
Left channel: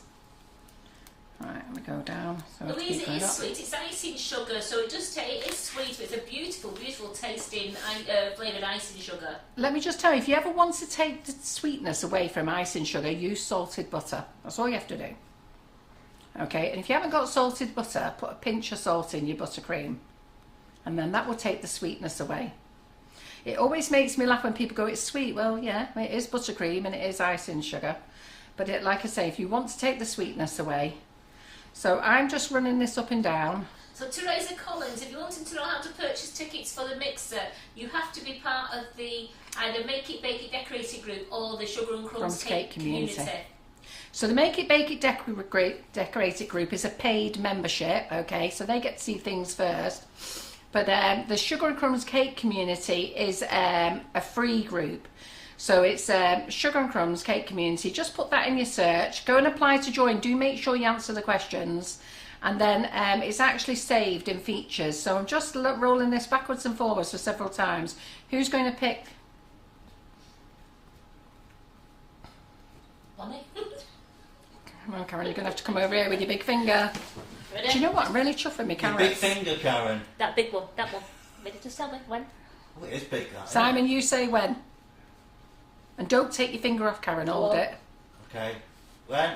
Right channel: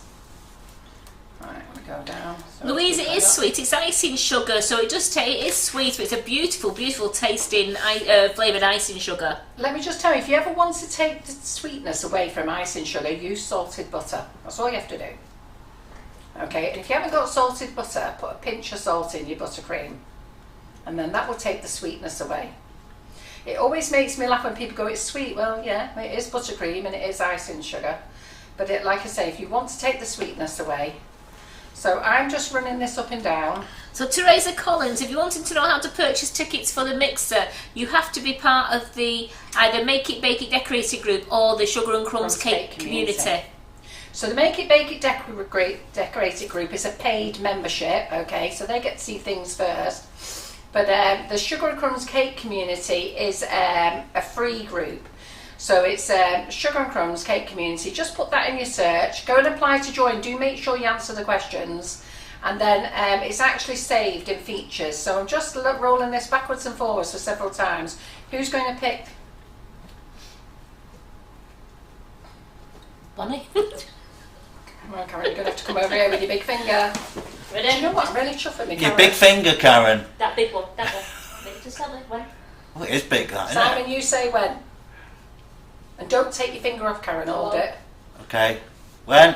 Right, I'm gonna go down. So Louise, let's it keep is that. sweet. It's icing sugar, so it is sweet, but it's a beautiful, beautiful tasting flavoured icing sugar. Let me just tell you, if you ever want to take the sweetness away from icing sugar, use salted butter. That's all you have to do. Okay, and if you haven't got salted butter, put a pinch of salt in your buttercream, and then that will take the sweetness away. It always makes me laugh when people go, it's sweet. Well, yeah, it is buttercream and it is icing sugar. But like I say, if you want to take the sweetness away. So I'm just running this up and down. So Teresa Collins, if you're wanting to know how to purchase tickets for the mixer, you have to be part of the either Make It, Bake It, Decorate It group or the Sugar and Crumbs Cake Community. So the Make It Bake It Decorated group is a paid membership, okay, so they get to see things first. But the Sugar and Crumbs cake community is a free group. So it's Sugar and Crumbs cake community. Just put that in your search. Go and apply to join. Do make sure you answer the questions. And then it's actually saved in features. So I'm just rolling this backwards and forwards for several times. Who's going to pick? Bonnie. Come on, Karen, you're going to have to come over here with your big finger. Ready? Do you know what? I'm really chuffing me, Karen. Your big finger, Karen. That big one. That one. Just tell me when. Oh, it is big, that, isn't Simon, you say when. And don't take your finger off, Karen. Hold it. Okay. When?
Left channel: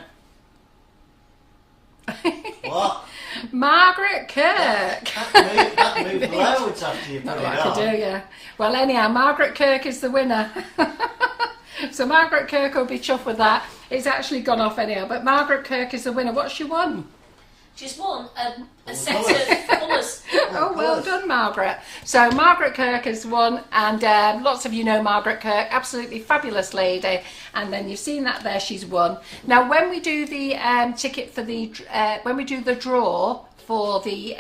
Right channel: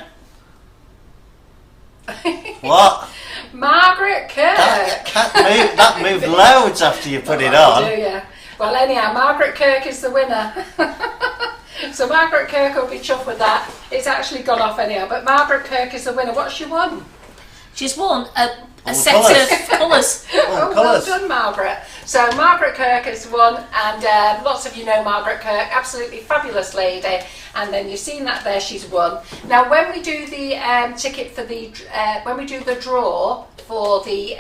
What? Margaret Kirk. That moved loads after you put it on. Do you? Well, anyhow, Margaret Kirk is the winner. So Margaret Kirk will be chuffed with that. It's actually gone off anyhow, but Margaret Kirk is the winner. What's she won? She's won a set colours. of colours. Oh, well done, Margaret. So Margaret Kirk has won, and lots of you know Margaret Kirk, absolutely fabulous lady. And then you've seen that there, she's won. Now, when we do the ticket for the, when we do the draw for the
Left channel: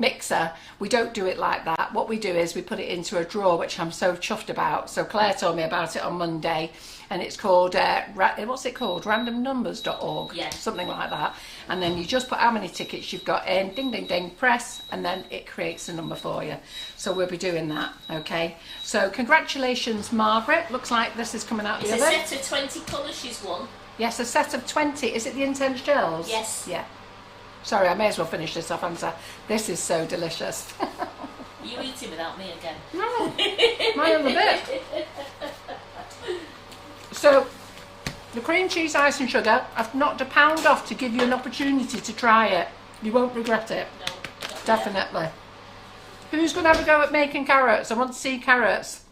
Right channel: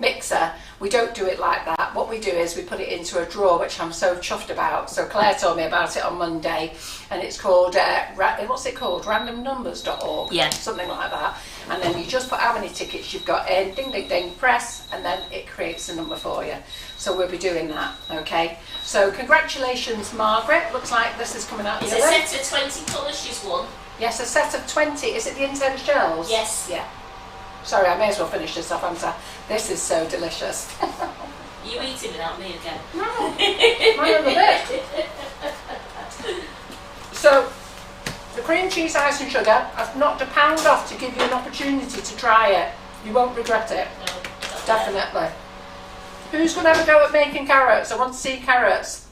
mixer, we don't do it like that. What we do is we put it into a drawer, which I'm so chuffed about. So Claire told me about it on Monday, and it's called what's it called? randomnumbers.org. Yeah, something like that. And then you just put how many tickets you've got in, ding ding ding, press, and then it creates a number for you. So we'll be doing that. Okay, so congratulations, Margaret. Looks like this is coming out the it's other. a set of 20 colours she's won. Yes, a set of 20. Is it the intense gels? Yes. Yeah. Sorry, I may as well finish this off, haven't I? This is so delicious. You eating without me again? No, my other bit. So, the cream cheese, ice and sugar, I've knocked £1 off to give you an opportunity to try it. You won't regret it. No, not Definitely. Who's going to have a go at making carrots? I want to see carrots.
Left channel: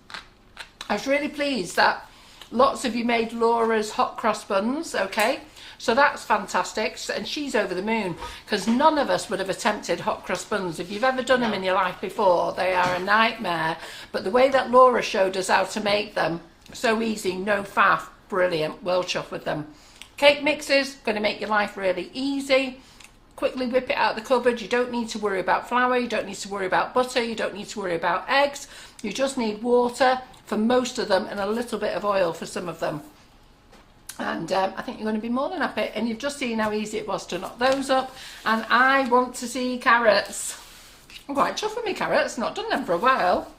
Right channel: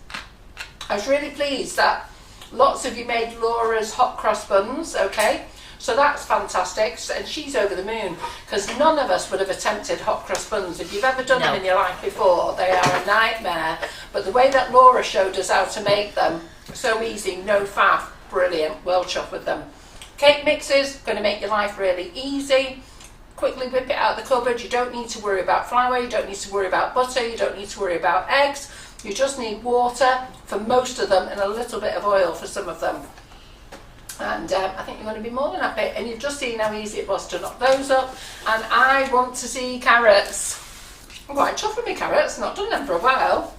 I was really pleased that lots of you made Laura's hot cross buns, okay? So that's fantastic, and she's over the moon, because none of us would have attempted hot crust buns. If you've ever done them in your life before, they are a nightmare. But the way that Laura showed us how to make them, so easy, no faff, brilliant, well chuffed with them. Cake mixers, going to make your life really easy. Quickly whip it out of the cupboard. You don't need to worry about flour, you don't need to worry about butter, you don't need to worry about eggs. You just need water for most of them and a little bit of oil for some of them. And I think you're going to be more than happy. And you've just seen how easy it was to knock those up. And I want to see carrots. I'm quite chuffed with me carrots. Not done them for a while.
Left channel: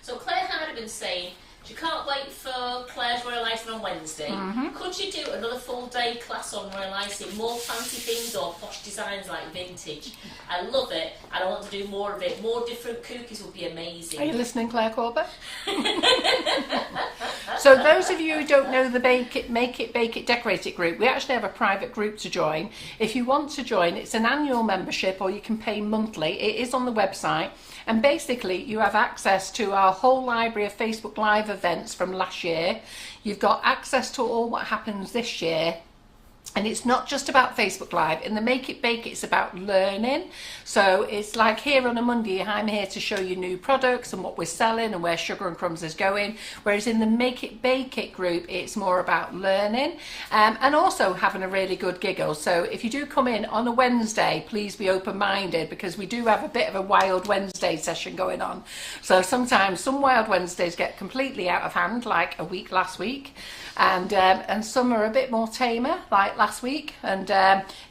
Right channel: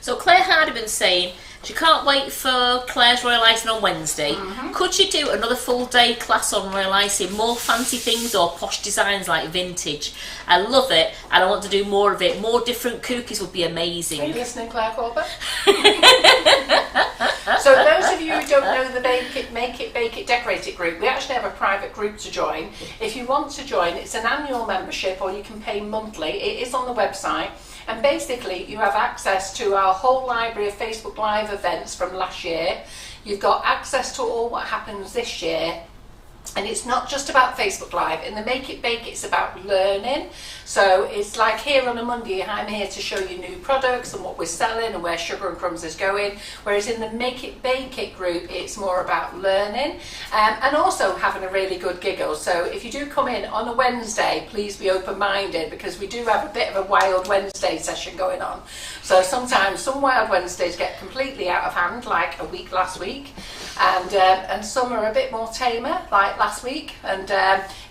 So Claire Hardiman's saying she can't wait for Claire's royal icing on Wednesday. Could she do another full day class on royal icing? More fancy things or posh designs like vintage? I love it and I want to do more of it. More different cookies would be amazing. Are you listening, Claire Corbett? So those of you who don't know the Make It Bake It Decorate It group, we actually have a private group to join. If you want to join, it's an annual membership or you can pay monthly. It is on the website. And basically you have access to our whole library of Facebook Live events from last year. You've got access to all what happens this year. And it's not just about Facebook Live. In the Make It Bake it's about learning. So it's like here on a Monday, I'm here to show you new products and what we're selling and where Sugar and Crumbs is going. Whereas in the Make It Bake It group, it's more about learning and also having a really good giggle. So if you do come in on a Wednesday, please be open-minded because we do have a bit of a Wild Wednesday session going on. So sometimes some Wild Wednesdays get completely out of hand, like a week last week. And some are a bit more tamer, like last week, and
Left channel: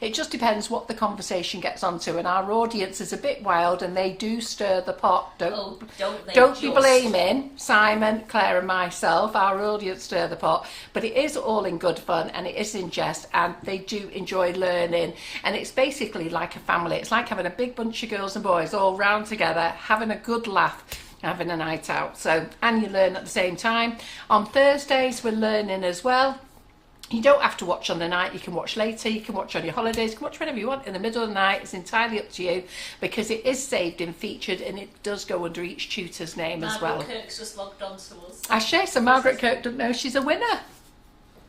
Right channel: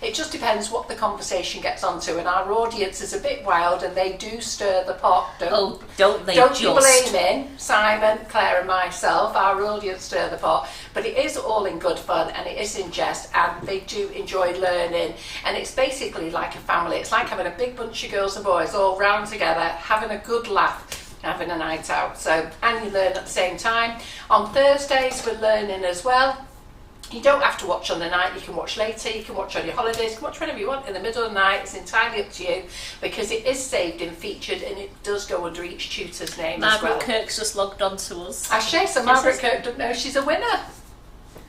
it just depends what the conversation gets onto. And our audience is a bit wild, and they do stir the pot. Don't they? Don't be blaming Simon, Claire, and myself. Our audience stir the pot, but it is all in good fun, and it is in jest, and they do enjoy learning. And it's basically like a family. It's like having a big bunch of girls and boys all round together, having a good laugh. Having a night out, so and you learn at the same time. On Thursdays we're learning as well. You don't have to watch on the night, you can watch later, you can watch on your holidays, you can watch whenever you want in the middle of the night. It's entirely up to you because it is saved and featured and it does go under each tutor's name as well. Margaret Kirk's just logged on to us. I share, so Margaret Kirk doesn't know she's a winner.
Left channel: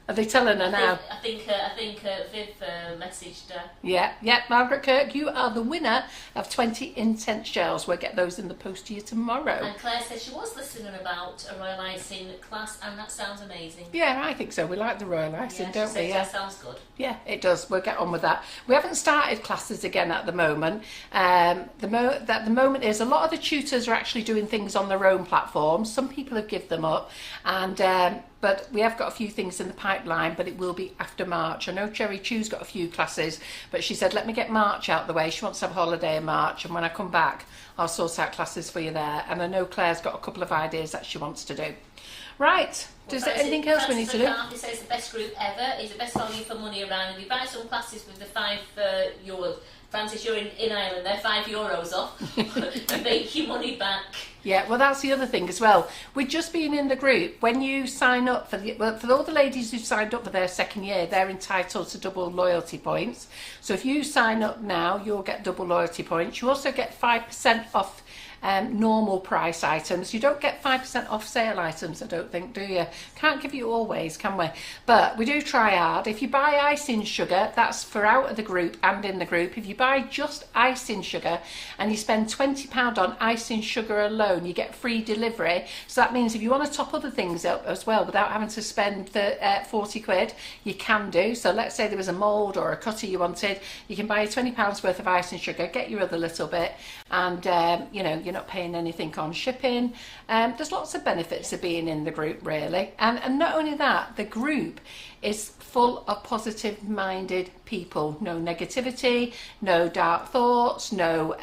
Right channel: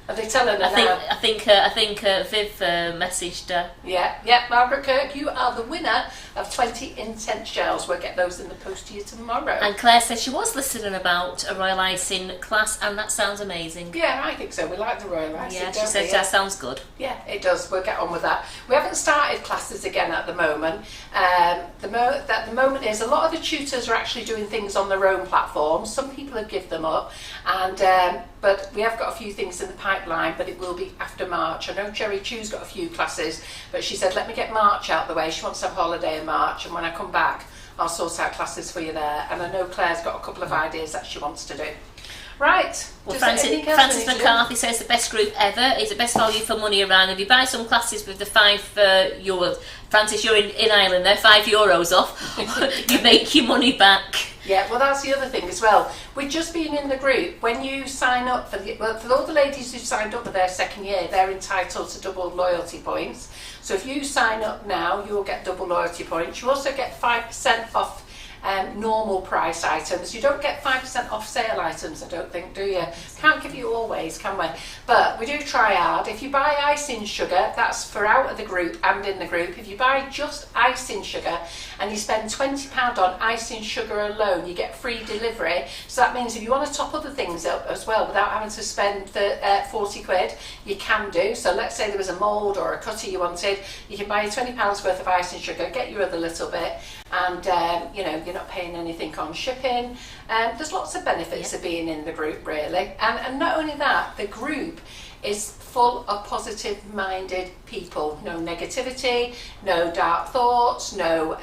Are they telling her now? I think Viv messaged her. Yeah, Margaret Kirk, you are the winner of 20 intense gels. We'll get those in the post to you tomorrow. And Claire says she was listening about a royal icing class, and that sounds amazing. Yeah, I think so. We like the royal icing, don't we? She says that sounds good. Yeah, it does. We'll get on with that. We haven't started classes again at the moment. The moment is a lot of the tutors are actually doing things on their own platforms. Some people have given them up, and but we have got a few things in the pipeline, but it will be after March. I know Cherry Chew's got a few classes, but she said, let me get March out of the way. She wants to have a holiday in March, and when I come back, I'll sort out classes for you there. And I know Claire's got a couple of ideas that she wants to do. Right. Well, Francis McCarthy says the best group ever. It's the best value for money around. If you buy some classes with the €5, Francis, you're in Ireland, they're €5 off. You make your money back. Yeah, well, that's the other thing as well. We've just been in the group. When you sign up for all the ladies who signed up for their second year, they're entitled to double loyalty points. So if you sign up now, you'll get double loyalty points. You also get 5% off normal price items. You don't get 5% off sale items, I don't think, do you? Can't give you always, can we? But we do try hard. If you buy icing sugar, that's for out of the group and in the group. If you buy just icing sugar and you spend £20 on icing sugar alone, you get free delivery. So that means if you want to top other things up as well without having to spend 40 quid, you can do. So let's say there was a mould or a cutter you wanted, you can buy your £20 worth of icing sugar, get your other little bit, and you're not paying anything on shipping. There's lots of benefits of being in the group, really, and not only that, the group is full of positive minded people. No negativity, no dark thoughts, no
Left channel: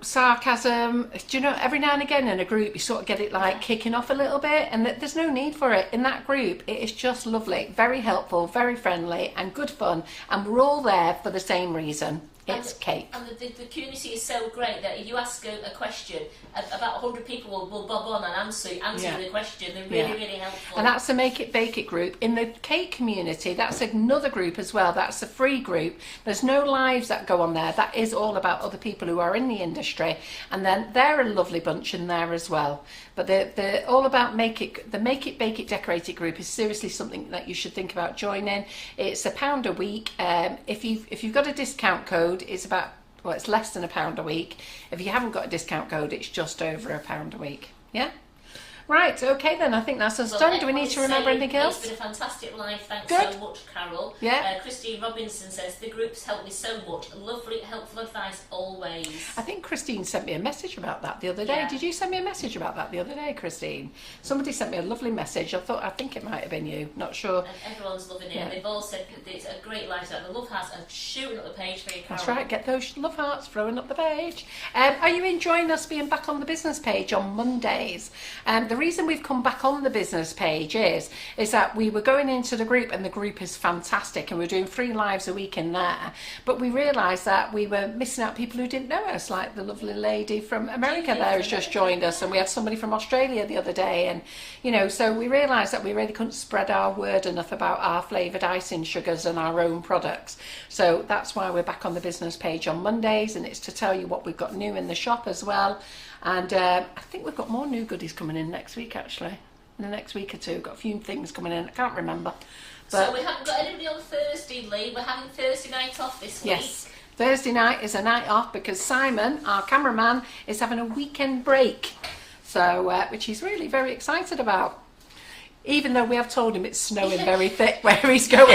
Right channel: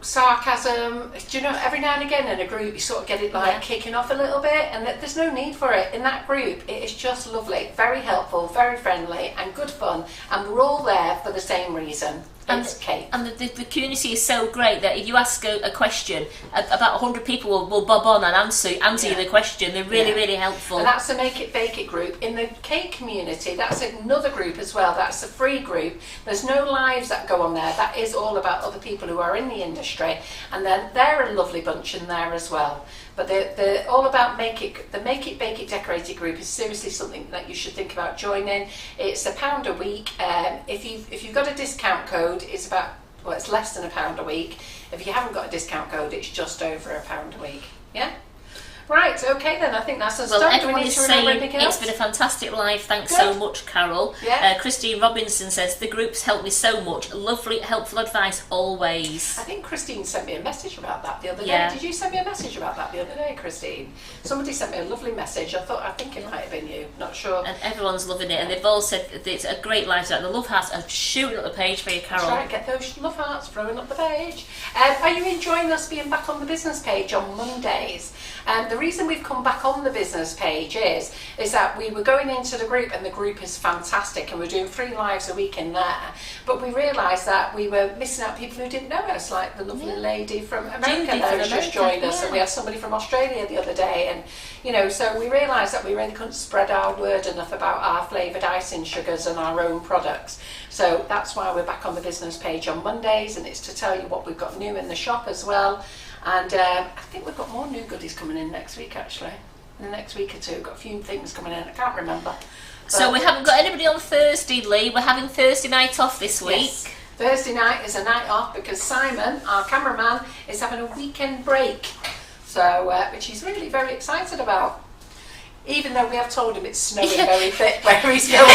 sarcasm. Do you know, every now and again in a group you sort of get it kicking off a little bit, and there's no need for it. In that group it is just lovely, very helpful, very friendly and good fun, and we're all there for the same reason. It's cake. And the community is so great that if you ask a question, about 100 people will bob on and answer you the question. They're really helpful. And that's the Make It Bake It group. In the cake community, that's another group as well. That's a free group. There's no lives that go on there. That is all about other people who are in the industry, and then they're a lovely bunch in there as well. But they're all about the Make It Bake It Decorate It group is seriously something that you should think about joining. It's £1 a week. If you've got a discount code, it's less than £1 a week. If you haven't got a discount code, it's just over £1 a week. Yeah. Right, okay then, I think that's us done. Do we need to remember anything else? It's been a fantastic live, thanks so much, Carol. Yeah. Christine Robinson says, the group's helped me so much. Lovely, helpful advice always. I think Christine sent me a message about that the other day. Did you send me a message about that the other day, Christine? Somebody sent me a lovely message. I think it might have been you, not sure. And everyone's loving it, and they've all said that it's a great live chat. The love hearts are shooting up the page for you, Carol. That's right, get those love hearts throwing up the page. Are you enjoying us being back on the business page on Mondays? The reason we've come back on the business page is that we were going into the group, and the group is fantastic, and we're doing 3 lives a week in there, but we realised that we were missing out people who didn't know us, like the lovely lady from America there who's just joined us, and we had somebody from Australia the other day, and so we realised that we really couldn't spread our word enough about our flavoured icing sugars and our own products. So that's why we're back on the business page on Mondays, and it's to tell you what we've got new in the shop as well. And I think we've got more new goodies coming in next week, actually. In the next week or two, we've got a few things coming in. I can't remember. So we haven't got anybody on Thursday, Lee. We're having Thursday night off this week. Yes. Thursday night is a night off because Simon, our cameraman, is having a weekend break. So, which he's really very excited about. Even though we have told him it's snowing very thick where he's going.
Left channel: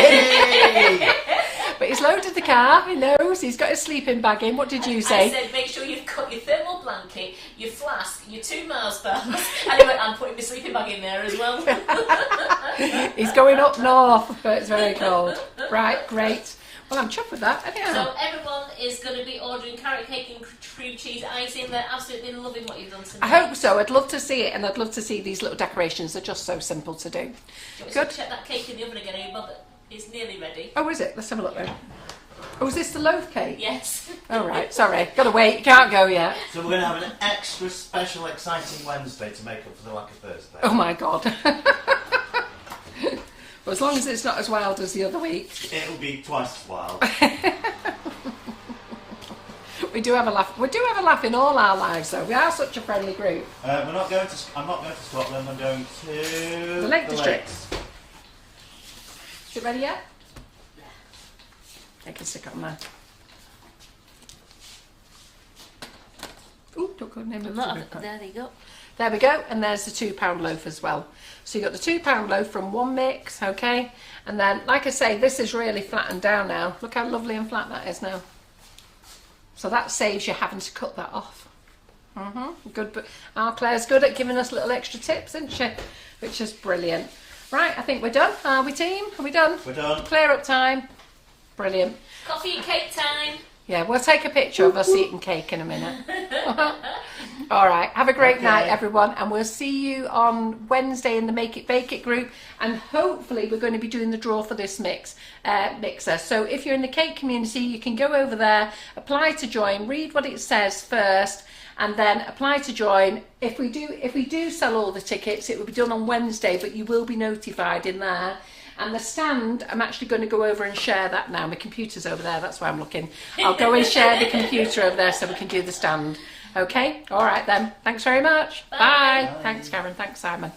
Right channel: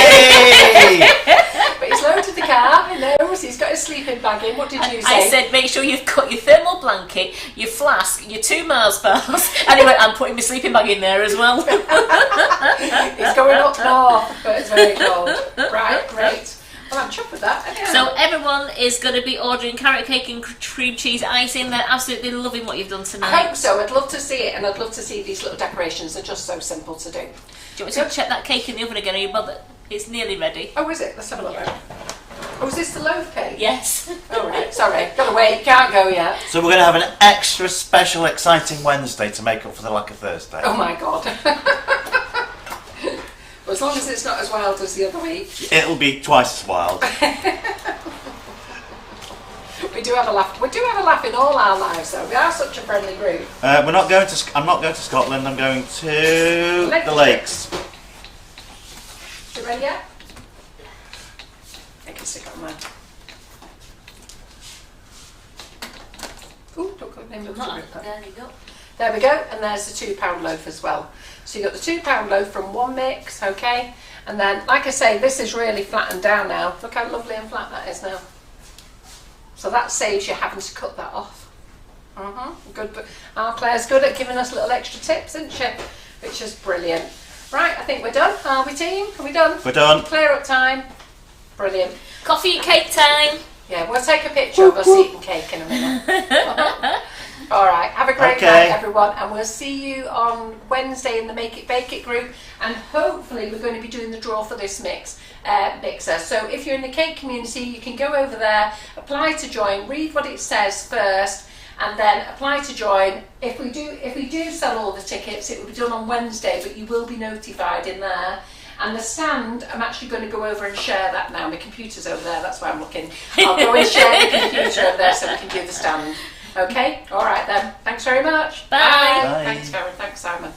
But he's loaded the car, he knows, he's got his sleeping bag in. What did you say? I said, make sure you've got your thermal blanket, your flask, your 2 Mars bars. And he went, I'm putting my sleeping bag in there as well. He's going up north, but it's very cold. Right, great. Well, I'm chuffed with that. So everyone is going to be ordering carrot cake and cream cheese icing. They're absolutely loving what you've done tonight. I hope so. I'd love to see it, and I'd love to see these little decorations. They're just so simple to do. Do you want me to check that cake in the oven again? Are you bothered? It's nearly ready. Oh, is it? Let's have a look. Oh, is this the loaf cake? Yes. All right, sorry. Gotta wait. Can't go yet. So we're going to have an extra special exciting Wednesday to make up for the lack of Thursday. Oh my God. Well, as long as it's not as wild as the other week. It'll be twice as wild. We do have a laugh. We do have a laugh in all our lives, though. We are such a friendly group. We're not going to. I'm not going to Scotland. I'm going to the lakes. Is it ready yet? I can stick it on mine. Ooh, don't go name it. There you go. There we go, and there's the £2 loaf as well. So you got the £2 loaf from one mix, okay? And then, like I say, this is really flattened down now. Look how lovely and flat that is now. So that saves you having to cut that off. Good, but our Claire's good at giving us little extra tips, isn't she? Which is brilliant. Right, I think we're done. Are we, team? Are we done? We're done. Clear up time. Brilliant. Coffee and cake time. Yeah, we'll take a picture of us eating cake in a minute. All right, have a great night, everyone, and we'll see you on Wednesday in the Make It Bake It group, and hopefully we're going to be doing the draw for this mixer. So if you're in the cake community, you can go over there, apply to join, read what it says first, and then apply to join. If we do sell all the tickets, it will be done on Wednesday, but you will be notified in there. And the stand, I'm actually going to go over and share that now. My computer's over there, that's why I'm looking. I'll go and share the computer over there so we can do the stand. Okay? All right then. Thanks very much. Bye. Bye. Thanks, Karen. Thanks, Simon.